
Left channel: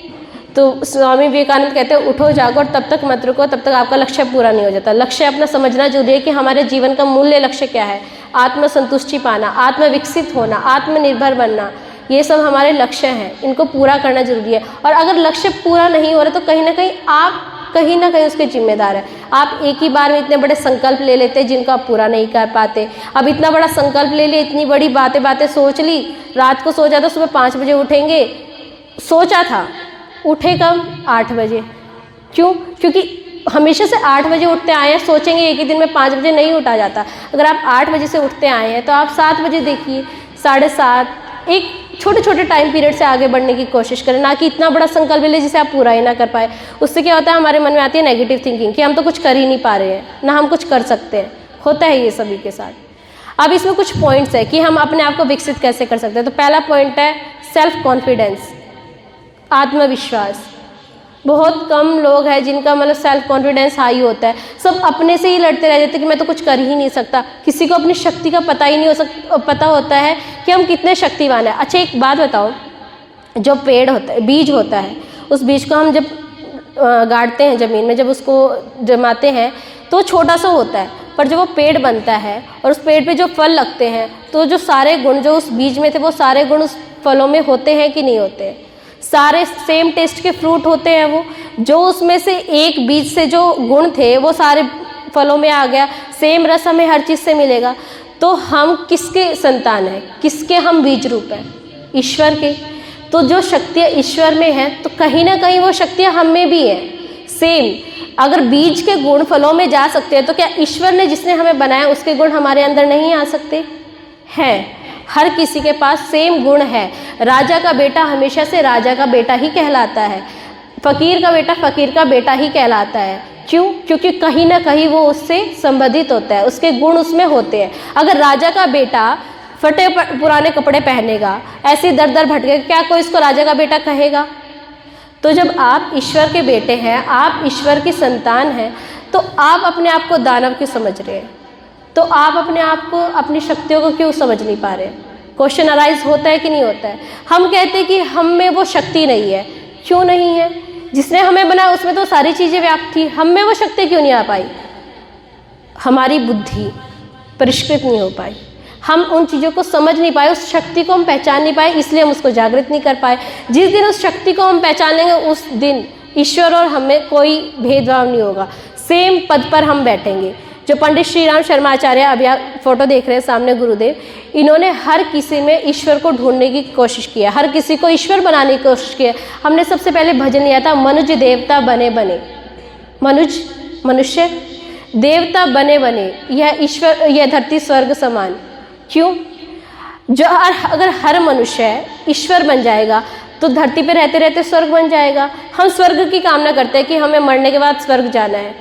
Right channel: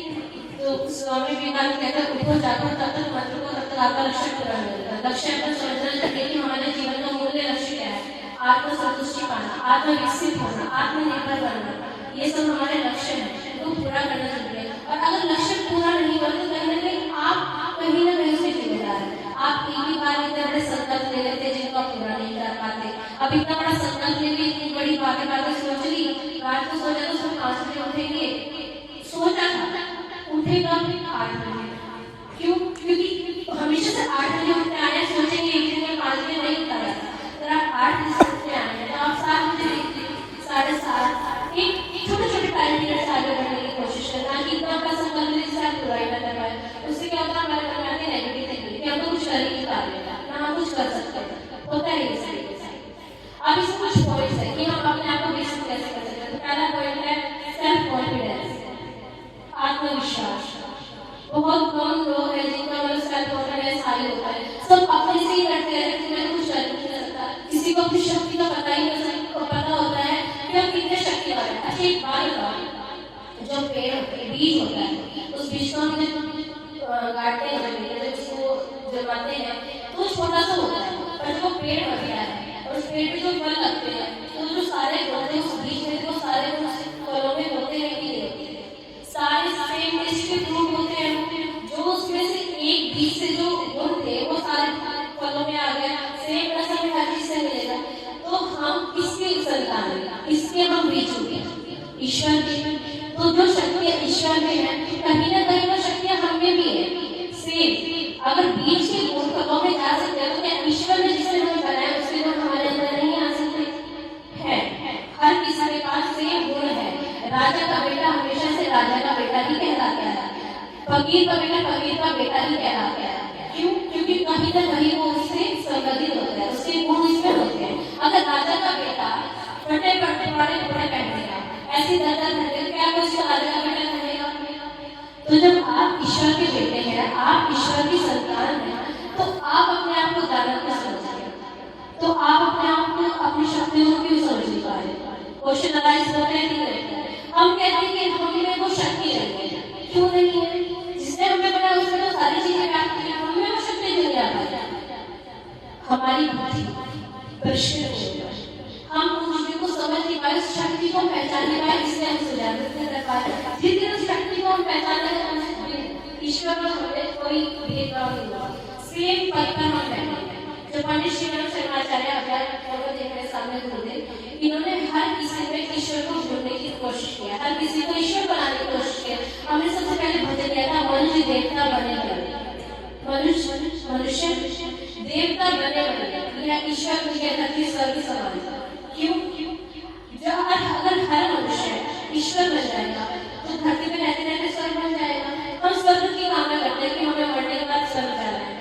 तो स्वामी विवेकानंद कहते हैं उठो जागो और तब तक मत रुको, तब तक आपका लक्ष्य पूरा नहीं हो जाता। लक्ष्य अपना समझना जरूरी है कि हमारे जीवन का मूल्य लक्ष्य क्या है। आत्मसंतुष्टि पाना, आत्म विकसित होना, आत्मनिर्भर बनना, ये सब हमारे लक्ष्य हैं, इनको पूरा करना जरूरी है। और अगर लक्ष्य पूरा नहीं हो रहा तो कहीं ना कहीं उसके जिम्मेदार है। आप एक ही बार में इतने बड़े संकल्प ले लेते हैं जिनको आप पूरा नहीं कर पाते। अब इतना बड़ा संकल्प ले लिए, इतनी बड़ी बातें सोच ली, रात को सो जाता, सुबह 5 बजे उठेंगे, सोचा था, उठे कब? 8 बजे। क्यों? क्योंकि हमेशा से 8 बजे उठते आए हैं, सोचेंगे एक ही दिन में 5 बजे नहीं उठा जाता। अगर आप 8 बजे से उठते आए हैं तो आप 7 बजे देखिए, 7:30, एक छोटे टाइम पीरियड से आगे बढ़ने की कोशिश करें, ना कि इतना बड़ा संकल्प ले जिसे आप पूरा ही ना कर पाए। उससे क्या होता है, हमारे मन में आती है नेगेटिव थिंकिंग कि हम तो कुछ कर ही नहीं पा रहे हैं, ना हम कुछ कर सकते हैं। होता है ये सभी के साथ। अब इसमें कुछ पॉइंट्स है कि हम अपने आप को विकसित कैसे कर सकते हैं। तो पहला पॉइंट है सेल्फ कॉन्फिडेंस, आत्मविश्वास। बहुत कम लोग हैं जिनका मतलब सेल्फ कॉन्फिडेंस हाई होता है। सब अपने से ही लड़ते रह जाते हैं कि मैं तो कुछ कर ही नहीं सकता। किसी को अपनी शक्ति का पता ही नहीं पता होता है कि हम कितने शक्तिवान हैं। अच्छा एक बात बताओ, जो पेड़ होता है, बीज होता है, उस बीज को हम जब गाड़ते हैं ज़मीन में, जब उसको जमाते हैं तो छोटा सा होता है, पर जब वो पेड़ बनता है और उस पेड़ पे जो फल लगते हैं तो जो सारे गुण जो उस बीज में थे वो सारे गुण उस फलों में होते हैं कि नहीं होते? सारे सेम टेस्ट के फ्रूट होते हैं वो, जो उसमें से एक बीज से जो गुण थे वो सारे फलों में आ गया, सेम रस हमें हर चीज़ से मिलेगा। तो हम किसके संतान हैं, किसके हम बीज रूप हैं? ईश्वर के। तो जो शक्तियाँ ईश्वर में हैं तो कहीं ना कहीं वो शक्तियाँ हम में भी हैं सेम। अगर बीज के गुण फलों में जा सकते हैं तो क्या ईश्वर ने जिसने हमें बनाया उसके गुण हमारे अंदर नहीं आ सकते? हैं। हर किसी के पास सेम गुण है। राजा का बेटा हमेशा से राजा का बेटा ही कहलाता है, फकीर का बेटा फकीर का बेटा ही कहलाता है। क्यों? क्योंकि कहीं ना कहीं वो उससे संबंधित होता है, उसके गुण उसमें होते हैं। अगर राजा का बेटा फटे पुराने कपड़े पहनेगा, ऐसे दर दर भटके, क्या कोई इसको राजा का बेटा कहेगा? तो जब आप ईश्वर के बेटे हैं, आप ईश्वर की संतान हैं, तो आप अपने आप को दानव क्यों समझ रहे हैं? तो आप अपने आप को, अपनी शक्तियों को क्यों समझ नहीं पा रहे? क्वेश्चन अराइज होता है कि नहीं होता है? हम कहते हैं कि हम में वो शक्ति नहीं है। क्यों नहीं है? जिसने हमें बनाया उसमें तो सारी चीज़ें व्याप्त थी, हम में वो शक्ति क्यों नहीं आ पाई? हमारी बुद्धि परिष्कृत नहीं हो पाई, हम उन चीज़ों को समझ नहीं पाए, उस शक्ति को हम पहचान नहीं पाए, इसलिए हम उसको जागृत नहीं कर पाए। जिस दिन उस शक्ति को हम पहचान लेंगे उस दिन ईश्वर और हमें कोई भेदभाव नहीं होगा, सेम पद पर हम बैठेंगे। जो पंडित श्री राम शर्मा आचार्य, अभी आप फोटो देख रहे हैं सामने, गुरुदेव, इन्होंने हर किसी में ईश्वर को ढूंढने की कोशिश किया, हर किसी को ईश्वर बनाने की कोशिश की। हमने सबसे पहले भजन लिया था, मनुज देवता बने बने, मनुज मनुष्य, देवता बने बने, यह ईश्वर, यह धरती स्वर्ग समान। क्यों? जो अगर हर मनुष्य ईश्वर बन जाएगा तो धरती पे रहते रहते स्वर्ग बन जाएगा। हम स्वर्ग की कामना करते हैं कि हमें मरने के बाद स्वर्ग जाना है,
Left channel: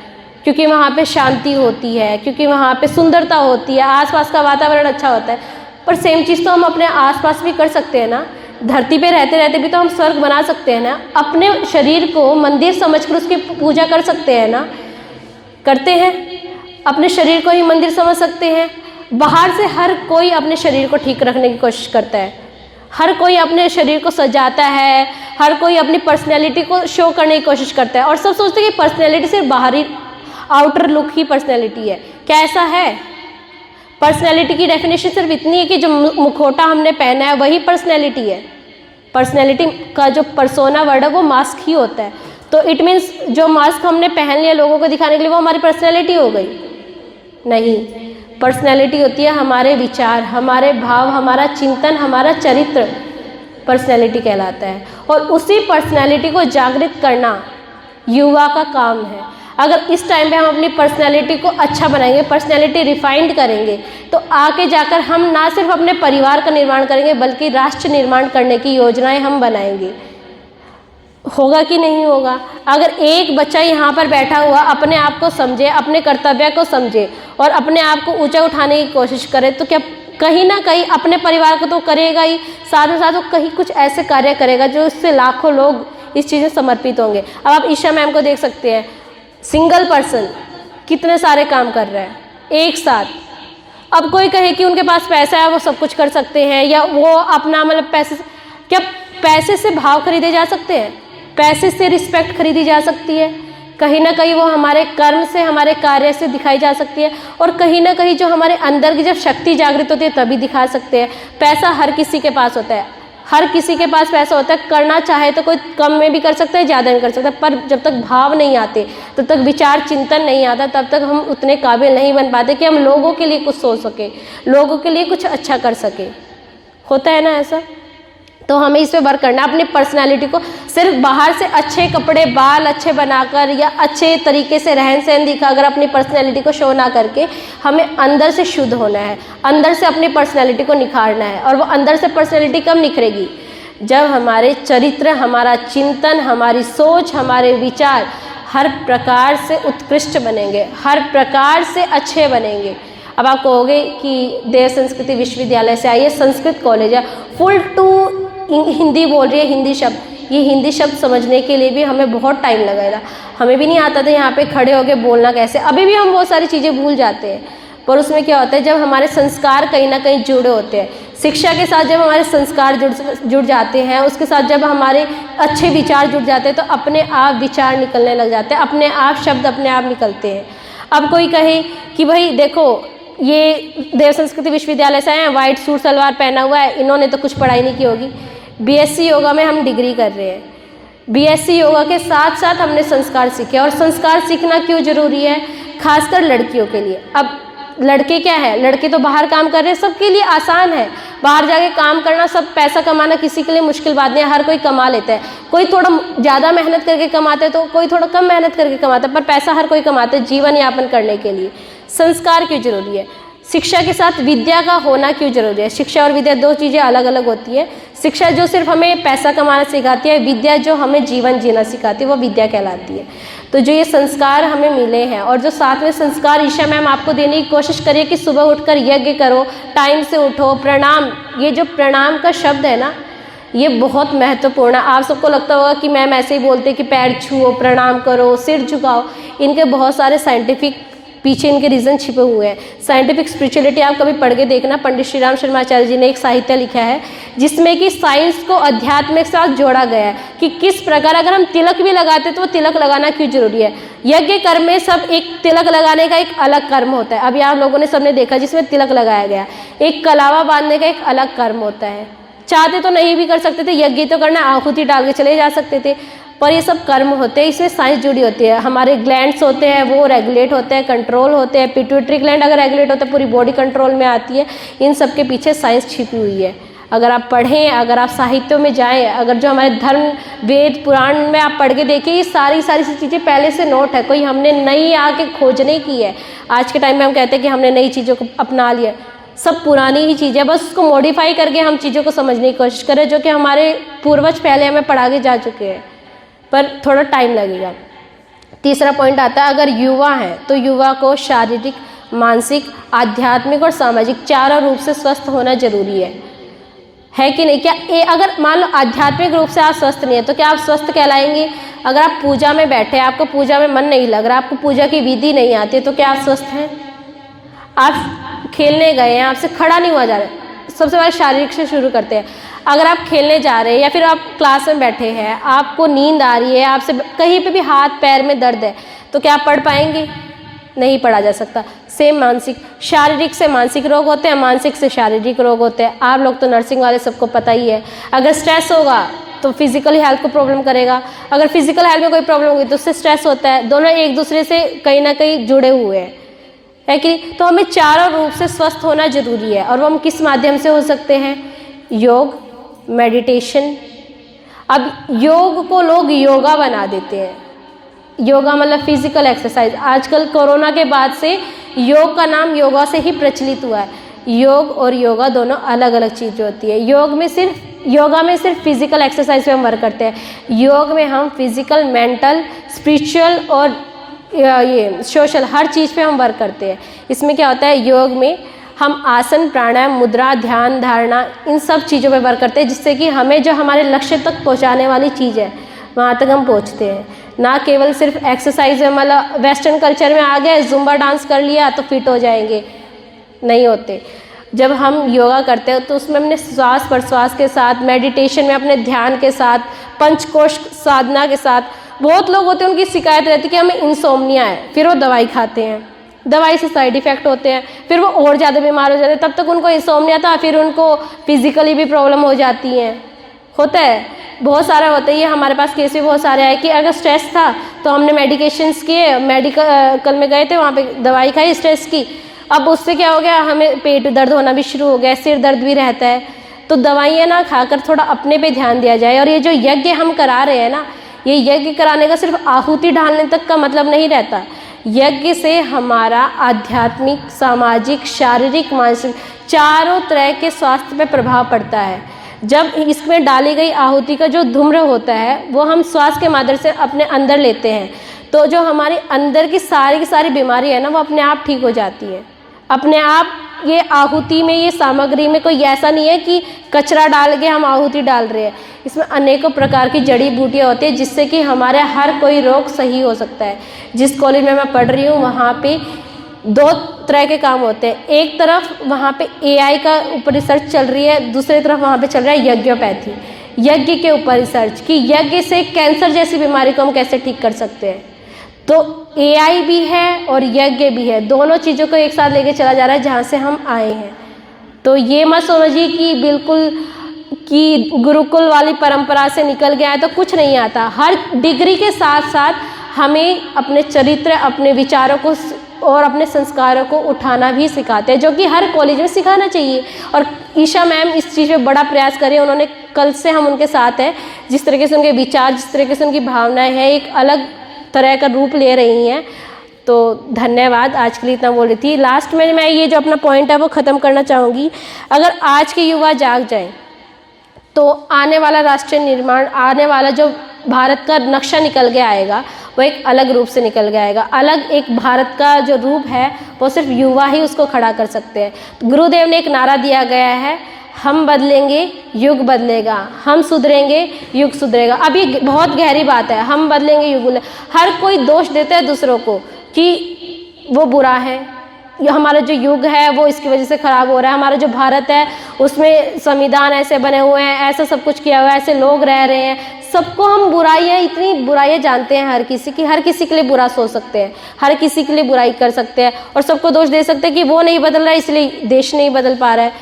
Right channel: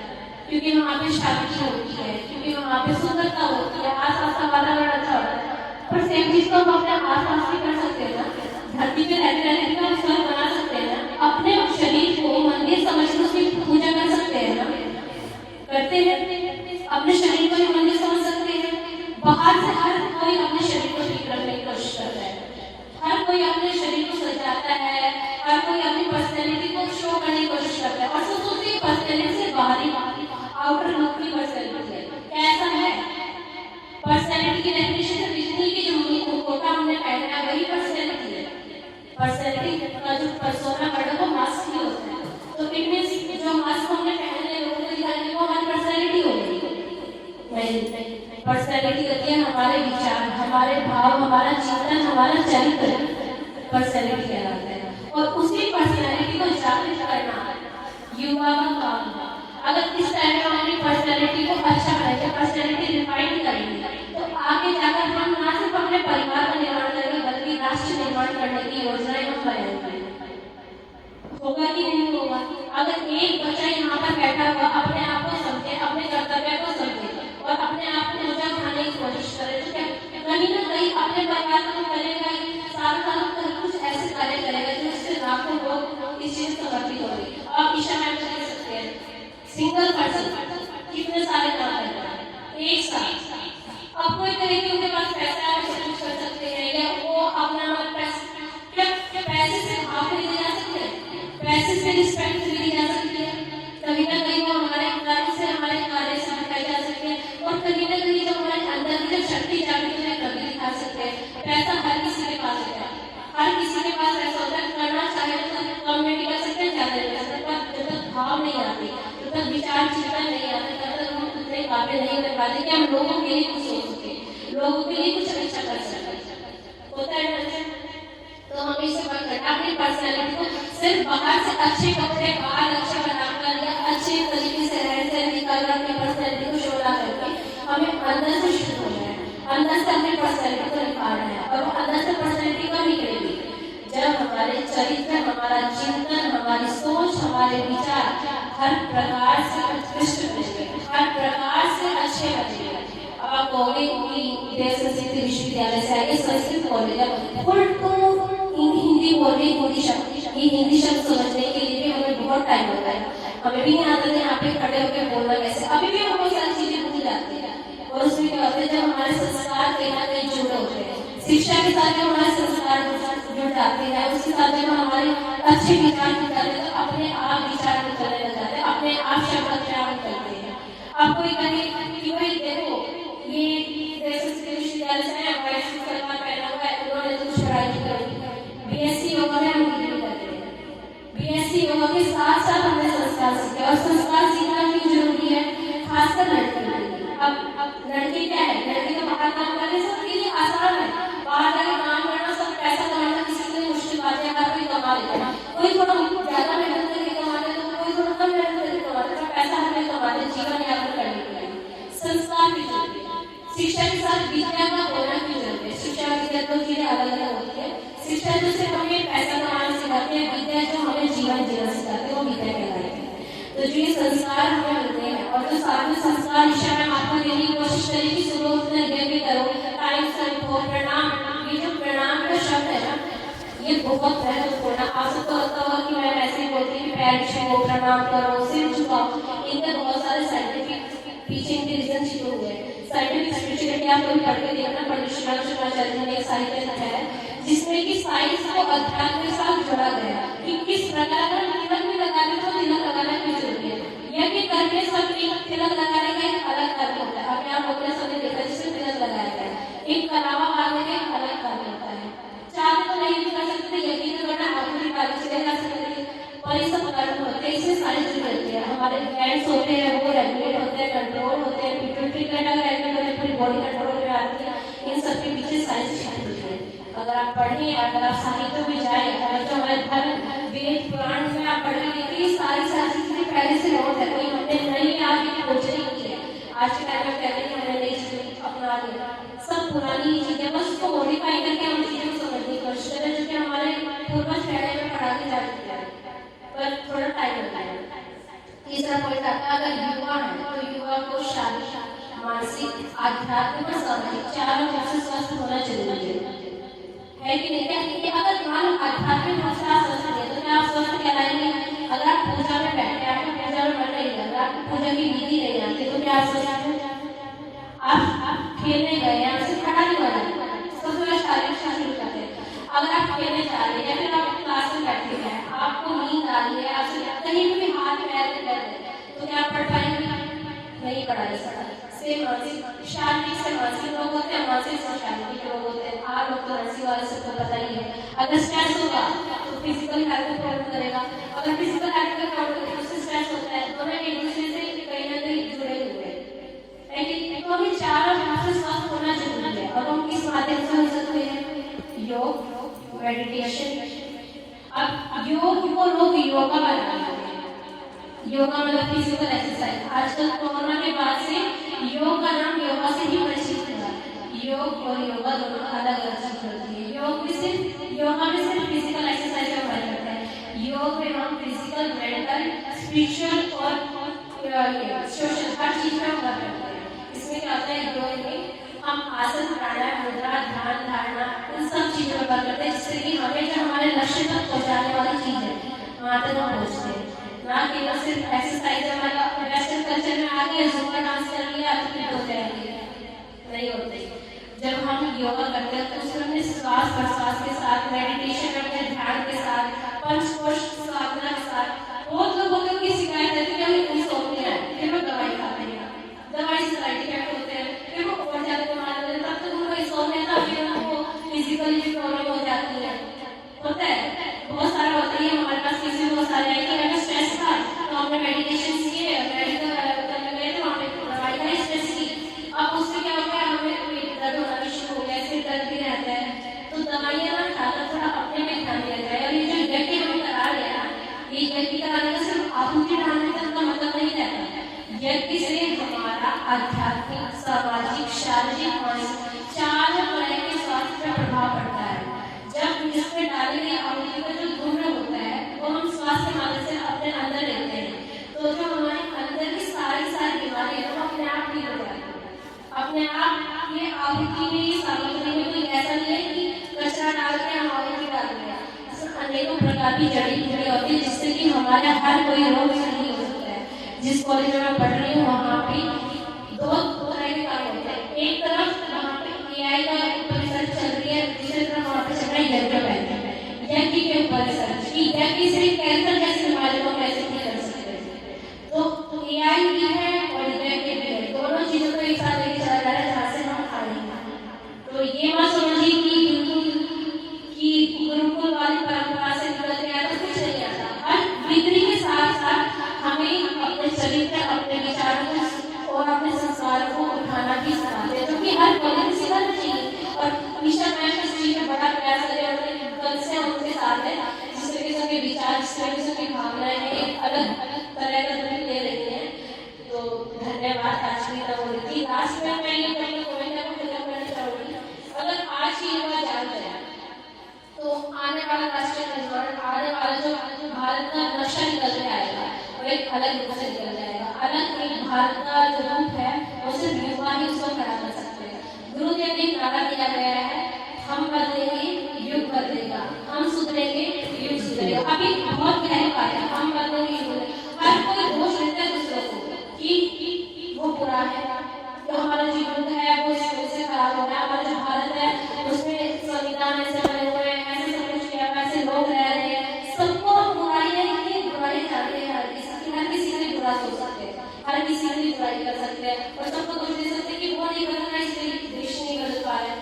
क्योंकि वहाँ पे शांति होती है, क्योंकि वहाँ पे सुंदरता होती है, आसपास का वातावरण अच्छा होता है। पर सेम चीज़ तो हम अपने आसपास भी कर सकते हैं ना। धरती पे रहते रहते भी तो हम स्वर्ग बना सकते हैं ना। अपने शरीर को मंदिर समझकर उसकी पूजा कर सकते हैं ना, करते हैं। अपने शरीर को ही मंदिर समझ सकते हैं। बाहर से हर कोई अपने शरीर को ठीक रखने की कोशिश करता है, हर कोई अपने शरीर को सजाता है, हर कोई अपनी पर्सनैलिटी को शो करने की कोशिश करता है, और सब सोचते हैं कि पर्सनैलिटी सिर्फ बाहरी आउटर लुक ही पर्सनैलिटी है। क्या ऐसा है? पर्सनैलिटी की डेफिनेशन सिर्फ इतनी है कि जो मुखौटा हमने पहना है वही पर्सनैलिटी है। पर्सनैलिटी का जो पर्सोना वर्ड है वो मास्क ही होता है। तो इट मीन्स जो मास्क हमने पहन लिया लोगों को दिखाने के लिए वो हमारी पर्सनैलिटी हो गई? नहीं, पर्सनैलिटी होती है हमारे विचार, हमारे भाव, हमारा चिंतन, हमारा चरित्र, पर्सनैलिटी कहलाता है। और उसी पर्सनैलिटी को जागृत करना युवा का काम है। अगर इस टाइम पे हम अपनी पर्सनैलिटी को अच्छा बनाएंगे, पर्सनैलिटी रिफाइंड करेंगे, तो आगे जाकर हम ना सिर्फ अपने परिवार का निर्माण करेंगे बल्कि राष्ट्र निर्माण करने की योजनाएं हम बनाएंगे। होगा कि नहीं होगा? अगर एक बच्चा यहाँ पर बैठा हुआ अपने आप को समझे, अपने कर्तव्य को समझे और अपने आप को ऊंचा उठाने की कोशिश करे, तो क्या कहीं ना कहीं अपने परिवार को तो करेगा ही, साथ ही साथ वो कहीं कुछ ऐसे कार्य करेगा जो इससे लाखों लोग इस चीज़ में समर्पित होंगे। अब आप ईशा मैम को देख सकते हैं, सिंगल पर्सन कितने सारे काम कर रहे हैं एक साथ। अब कोई कहे कि उनके पास पैसा है वो सब कुछ कर सकते हैं, या वो अपना मतलब क्या पैसे से भाव खरीदे जा सकते हैं? पैसे से रिस्पेक्ट खरीदी जा सकती है? कहीं ना कहीं वो हमारे कर्म से, हमारे कार्य से दिखाई जा सकती है, और कहीं ना कहीं जो हमारे अंदर की जब शक्ति जागृत होती है तभी दिखा सकते हैं। पैसा हर किसी के पास होता है, हर किसी के पास पैसा होता है, करना चाहे तो कोई कम में भी कर सकता है, ज़्यादा में कर सकता है, पर जब तक भाव नहीं आते, तब तक विचार चिंतन नहीं आता, तब तक हम उतने काबिल नहीं बन पाते कि हम लोगों के लिए कुछ सोच सके, लोगों के लिए कुछ अच्छा कर सके। होता है ना ऐसा? तो हमें इस पे वर्क करना है, अपनी पर्सनालिटी को सिर्फ बाहर से अच्छे कपड़े, बाल अच्छे बनाकर या अच्छे तरीके से रहन सहन दिखाकर अपनी पर्सनालिटी को शो ना करके हमें अंदर से शुद्ध होना है, अंदर से अपनी पर्सनालिटी को निखारना है। और वो अंदर से पर्सनालिटी कब निखरेगी? जब हमारे चरित्र, हमारा चिंतन, हमारी सोच, हमारे विचार हर प्रकार से उत्कृष्ट बनेंगे, हर प्रकार से अच्छे बनेंगे। अब आप कहोगे कि देव संस्कृति विश्वविद्यालय से आई है, संस्कृत कॉलेज है, फुल टू हिंदी बोल रही है, हिंदी शब्द। ये हिंदी शब्द समझने के लिए भी हमें बहुत टाइम लगेगा। हमें भी नहीं आता था यहाँ पे खड़े होके बोलना कैसे, अभी भी हम बहुत सारी चीज़ें भूल जाते हैं। पर उसमें क्या होता है, जब हमारे संस्कार कहीं ना कहीं जुड़े होते हैं, शिक्षा के साथ जब हमारे संस्कार जुड़ जाते हैं, उसके साथ जब हमारे अच्छे विचार जुड़ जाते हैं, तो अपने आप विचार निकलने लग जाते हैं, अपने आप शब्द अपने आप निकलते हैं। अब कोई कहे कि भाई देखो ये देव संस्कृति विश्वविद्यालय से आए हैं, वाइट सूट सलवार पहना हुआ है, इन्होंने तो कुछ पढ़ाई नहीं की होगी। बीएससी योगा में हम डिग्री कर रहे हैं, बीएससी योगा के साथ साथ हमने संस्कार सीखे। और संस्कार सीखना क्यों जरूरी है? खासकर लड़कियों के लिए। अब लड़के क्या है, लड़के तो बाहर काम कर रहे हैं, सबके लिए आसान है बाहर जाके काम करना, सब पैसा कमाना किसी के लिए मुश्किल बात नहीं है, हर कोई कमा लेता है। कोई थोड़ा ज़्यादा मेहनत करके कमाते हैं तो कोई थोड़ा कम मेहनत करके कमाता है, पर पैसा हर कोई कमाता है जीवन यापन करने के लिए। संस्कार क्यों जरूरी है? शिक्षा के साथ विद्या का होना क्यों जरूरी है? शिक्षा और विद्या दो चीज़ें अलग अलग होती है। शिक्षा जो सिर्फ हमें पैसा कमाना सिखाती है, विद्या जो हमें जीवन जीना सिखाती है, वो विद्या कहलाती है। तो जो ये संस्कार हमें मिले हैं, और जो साथ में संस्कार ईशा मैम आपको देने की कोशिश करिए कि सुबह उठकर यज्ञ करो, टाइम से उठो, प्रणाम, ये जो प्रणाम का शब्द है ना, ये बहुत महत्वपूर्ण है। आप सबको लगता होगा कि मैम ऐसे ही बोलते कि पैर छुओ, प्रणाम करो, सिर झुकाओ, इनके बहुत सारे साइंटिफिक पीछे इनके रीज़न छिपे हुए हैं। साइंटिफिक स्पिरिचुअलिटी आप कभी पढ़ के देखना, पंडित श्री राम शर्माचार्य जी ने एक साहित्य लिखा है जिसमें कि साइंस को अध्यात्म के साथ जोड़ा गया है कि किस प्रकार अगर हम तिलक भी लगाते तो वो तिलक लगाना क्यों जरूरी है। यज्ञ कर्म में सब एक तिलक लगाने का एक अलग कर्म होता है, अभी आप लोगों ने सबने देखा जिसमें तिलक लगाया गया। एक कलावा बांधने का एक अलग कर्म होता है, चाहते तो नहीं भी कर सकते थे, यज्ञ तो करना, आहुति डाल के चले जा सकते थे, पर ये सब कर्म होते हैं, इसमें साइंस जुड़ी होती है। हमारे ग्लैंड्स होते हैं वो रेगुलेट होते हैं, कंट्रोल होते हैं। पिट्यूटरी ग्लैंड अगर रेगुलेट होता है पूरी बॉडी कंट्रोल में आती है। इन सब के पीछे साइंस छिपी हुई है। अगर आप पढ़ें, अगर आप साहित्यों में जाएं, अगर जो हमारे धर्म वेद पुराण में आप पढ़ के देखिए, ये सारी चीज़ें पहले से नोट है, कोई हमने नई आके खोज नहीं की है। आज के टाइम में हम कहते हैं कि हमने नई चीज़ों को अपना लिया, सब पुरानी ही चीज़ है, बस उसको मॉडिफाई करके हम चीज़ों को समझने की कोशिश करें, जो कि हमारे पूर्वज पहले हमें पढ़ा के जा चुके हैं, पर थोड़ा टाइम लगेगा। तीसरा पॉइंट आता है, अगर युवा है तो युवा को शारीरिक, मानसिक, आध्यात्मिक और सामाजिक चारों रूप से स्वस्थ होना जरूरी है कि नहीं? क्या अगर मान लो आध्यात्मिक रूप से आप स्वस्थ नहीं है तो क्या आप स्वस्थ कहलाएंगे? अगर आप पूजा में बैठे, आपको पूजा में मन नहीं लग रहा, आपको पूजा की विधि नहीं आती, तो क्या आप स्वस्थ हैं? आप खेलने गए हैं, आपसे खड़ा नहीं हुआ जा रहा, सबसे पहले शारीरिक से शुरू करते हैं। अगर आप खेलने जा रहे हैं या फिर आप क्लास में बैठे हैं, आपको नींद आ रही है, आपसे कहीं पे भी हाथ पैर में दर्द है, तो क्या आप पढ़ पाएंगे? नहीं पढ़ा जा सकता। सेम मानसिक, शारीरिक से मानसिक रोग होते हैं, मानसिक से शारीरिक रोग होते हैं। आप लोग तो नर्सिंग वाले सबको पता ही है, अगर स्ट्रेस होगा तो फिजिकल हेल्थ को प्रॉब्लम करेगा, अगर फिजिकल हेल्थ में कोई प्रॉब्लम होगी तो उससे स्ट्रेस होता है। दोनों एक दूसरे से कहीं ना कहीं जुड़े हुए हैं, है कि? तो हमें चारों रूप से स्वस्थ होना जरूरी है, और वो हम किस माध्यम से हो सकते हैं? योग, मेडिटेशन। अब योग को लोग योगा बना देते हैं, योगा मतलब फिजिकल एक्सरसाइज। आजकल कोरोना के बाद से योग का नाम योगा से ही प्रचलित हुआ है। योग और योगा दोनों अलग अलग चीज़ होती है। योगा में सिर्फ फिजिकल एक्सरसाइज पे हम वर्क करते हैं। योग में हम फिजिकल, मेंटल, स्पिरिचुअल और ये सोशल हर चीज़ पे हम वर्क करते हैं। इसमें क्या होता है, योग में हम आसन, प्राणायाम, मुद्रा, ध्यान, धारणा, इन सब चीज़ों पे वर्क करते हैं, जिससे कि हमें जो हमारे लक्ष्य तक पहुंचाने वाली चीज़ है वहाँ तक हम पहुँचते हैं। ना केवल सिर्फ एक्सरसाइज है, मतलब वेस्टर्न कल्चर में आ गए, जुम्बा डांस कर लिया तो फिट हो जाएंगे, नहीं होते। जब हम योगा करते हैं तो उसमें अपने श्वास प्रश्वास के साथ, मेडिटेशन में अपने ध्यान के साथ, पंचकोश साधना के साथ, बहुत लोग होते हैं उनकी शिकायत रहती है कि हमें इंसोम्निया है, फिर वो दवाई खाते हैं, दवाई से साइड इफ़ेक्ट होते हैं, फिर वो और ज़्यादा बीमार हो जाते हैं। तब तक उनको इंसोम्निया था, फिर उनको फिजिकली भी प्रॉब्लम हो जाती हैं, होता है, बहुत सारा होता है। ये हमारे पास केस भी बहुत सारे आए कि अगर स्ट्रेस था तो हमने मेडिकेशंस किए, मेडिकल में गए थे, वहाँ पे दवाई खाई स्ट्रेस की, अब उससे क्या हो गया, हमें पेट दर्द होना भी शुरू हो गया, सिर दर्द भी रहता है। तो दवाइयाँ ना खाकर थोड़ा अपने पे ध्यान दिया जाए। और ये जो यज्ञ हम करा रहे हैं ना, ये यज्ञ कराने का सिर्फ आहुति डालने तक का मतलब नहीं रहता। यज्ञ से हमारा आध्यात्मिक, सामाजिक, शारीरिक, मानसिक चारों तरह के स्वास्थ्य पे प्रभाव पड़ता है। जब इसमें डाली गई आहुति का जो धूम्र होता है वो हम श्वास के माध्यम से अपने अंदर लेते हैं, तो जो हमारे अंदर की सारी बीमारी है ना, वो अपने आप ठीक हो जाती है अपने आप। ये आहुति में, ये सामग्री में कोई ऐसा नहीं है कि कचरा डाल के हम आहुति डाल रहे हैं। इसमें अनेकों प्रकार की जड़ी बूटियाँ होती है, जिससे कि हमारे हर कोई रोग सही हो सकता है। जिस कॉलेज में मैं पढ़ रही हूँ वहाँ पे 2 तरह के काम होते हैं। एक तरफ वहाँ पे AI का ऊपर रिसर्च चल रही है, दूसरी तरफ वहाँ पे चल रहा है यज्ञोपैथी, यज्ञ के ऊपर रिसर्च कि यज्ञ से कैंसर जैसी बीमारी को हम कैसे ठीक कर सकते हैं। तो AI भी है और यज्ञ भी है, दोनों चीज़ों को एक साथ लेके चला जा रहा है जहाँ से हम आए हैं। तो ये मत समझिए कि बिल्कुल कि गुरुकुल वाली परंपरा से निकल गया है तो कुछ नहीं आता। हर डिग्री के साथ साथ हमें अपने चरित्र, अपने विचारों को और अपने संस्कारों को उठाना भी सिखाते हैं, जो कि हर कॉलेज में सिखाना चाहिए। और ईशा मैम इस चीज़ में बड़ा प्रयास करें, उन्होंने कल से हम उनके साथ हैं। जिस तरीके से उनके विचार, जिस तरीके से उनकी भावनाएं हैं, एक अलग तरह का रूप ले रही हैं। तो धन्यवाद, आज के लिए इतना बोल रही थी। लास्ट में मैं ये जो अपना पॉइंट है वो ख़त्म करना चाहूँगी। अगर आज के युवा जाग जाएं तो आने वाला राष्ट्रीय निर्माण, आने वाला जो भारत का नक्शा निकल के आएगा वो एक अलग रूप से निकल के आएगा। अलग एक भारत का जो रूप है वो सिर्फ युवा ही उसको खड़ा कर सकते हैं। गुरुदेव ने एक नारा दिया गया है, हम बदलेंगे युग बदलेगा, हम सुधरेंगे युग सुधरेगा। अब ये बहुत गहरी बात है, हम बदलेंगे युग बदलेगा। हर कोई दोष देता है दूसरों को कि वो बुरा है, ये हमारा जो युग है वो इसकी वजह से ख़राब हो रहा है, हमारा जो भारत है उसमें संविधान ऐसे बने हुए हैं, ऐसा सब कुछ किया हुआ है, ऐसे लोग रह रहे हैं। सबको हम बुराइयाँ, इतनी बुराइयाँ जानते हैं हर किसी की, हर किसी के लिए बुरा सोच सकते हैं, हर किसी के लिए बुराई कर सकते हैं और सबको दोष दे सकते हैं कि वो नहीं बदल रहा है इसलिए देश नहीं बदल पा रहा है।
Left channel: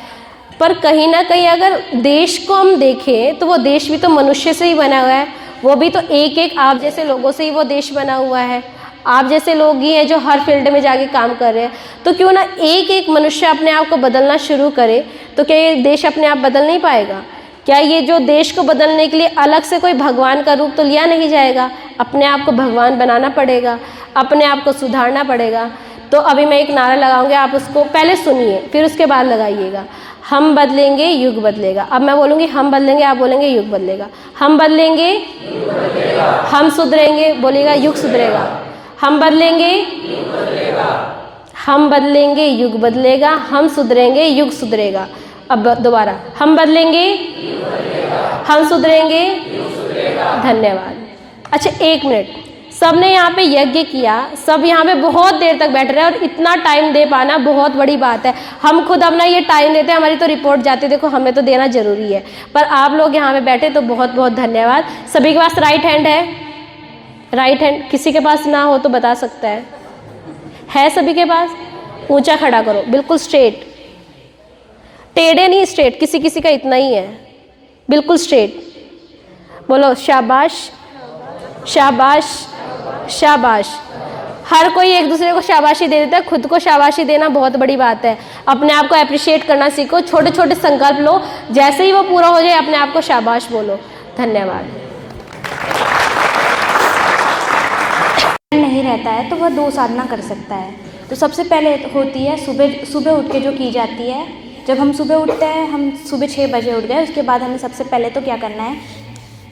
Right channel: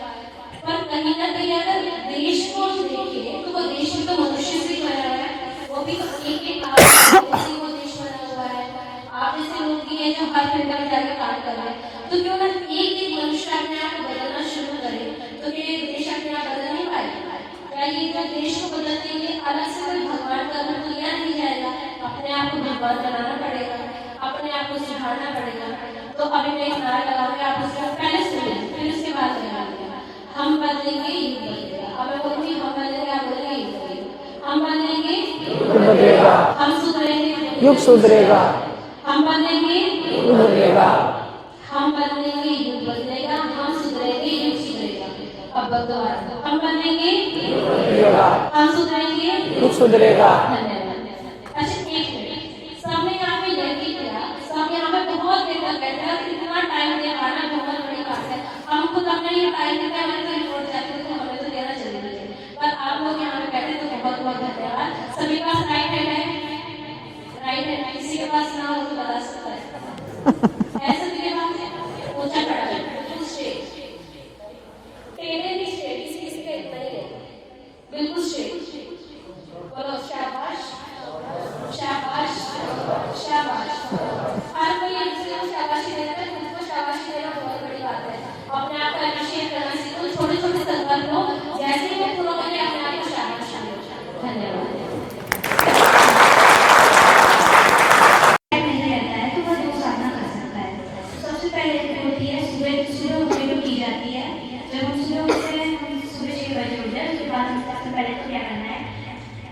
पर कहीं ना कहीं अगर देश को हम देखें तो वो देश भी तो मनुष्य से ही बना हुआ है, वो भी तो एक आप जैसे लोगों से ही वो देश बना हुआ है। आप जैसे लोग ही हैं जो हर फील्ड में जाके काम कर रहे हैं। तो क्यों ना एक मनुष्य अपने आप को बदलना शुरू करे, तो क्या ये देश अपने आप बदल नहीं पाएगा? क्या ये जो देश को बदलने के लिए अलग से कोई भगवान का रूप तो लिया नहीं जाएगा? अपने आप को भगवान बनाना पड़ेगा, अपने आप को सुधारना पड़ेगा। तो अभी मैं एक नारा लगाऊंगी, आप उसको पहले सुनिए फिर उसके बाद लगाइएगा। हम बदलेंगे युग बदलेगा। अब मैं बोलूँगी हम बदलेंगे, आप बोलेंगे युग बदलेगा। हम बदलेंगे युग बदलेगा, हम सुधरेंगे, बोलिएगा युग सुधरेगा। हम बदलेंगे युग बदलेगा, हम बदलेंगे युग बदलेगा, हम सुधरेंगे युग सुधरेगा। अब दोबारा, हम बदलेंगे युग बदलेगा, हम सुधरेंगे युग सुधरेगा। धन्यवाद। अच्छा 1 मिनट, सबने यहाँ पे यज्ञ किया, सब यहाँ पे बहुत देर तक बैठ रहे हैं और इतना टाइम दे पाना बहुत बड़ी बात है। हम खुद अपना ये टाइम देते हैं, हमारी तो रिपोर्ट जाती है, देखो हमें तो देना जरूरी है, पर आप लोग यहाँ पे बैठे तो बहुत बहुत धन्यवाद। सभी के पास राइट हैंड है? राइट हैंड किसी के पास ना हो तो बता सकता है सभी के पास? ऊंचा खड़ा करो, बिल्कुल स्ट्रेट, टेढ़े नहीं, स्ट्रेट। किसी किसी का इतना ही है, बिल्कुल स्ट्रेट। बोलो शाबाश, शाबाश, शाबाश। हर कोई एक दूसरे को शाबाशी दे देता है, खुद को शाबाशी देना बहुत बड़ी बात है। अपने आप को अप्रिशिएट करना सीखो, छोटे छोटे संकल्प लो, जैसे ही वो पूरा हो जाए अपने आप को शाबाश बोलो। धन्यवाद। नहीं रहता है तो वह 2 साधना कर सकता है। तो सबसे पहले होती है सुबह उठ के जो की जाती है। जब हम सुबह उठते हैं, हम सुबह 6 बजे उठ गए, उसके बाद हमें सबसे पहले तो क्या करना है,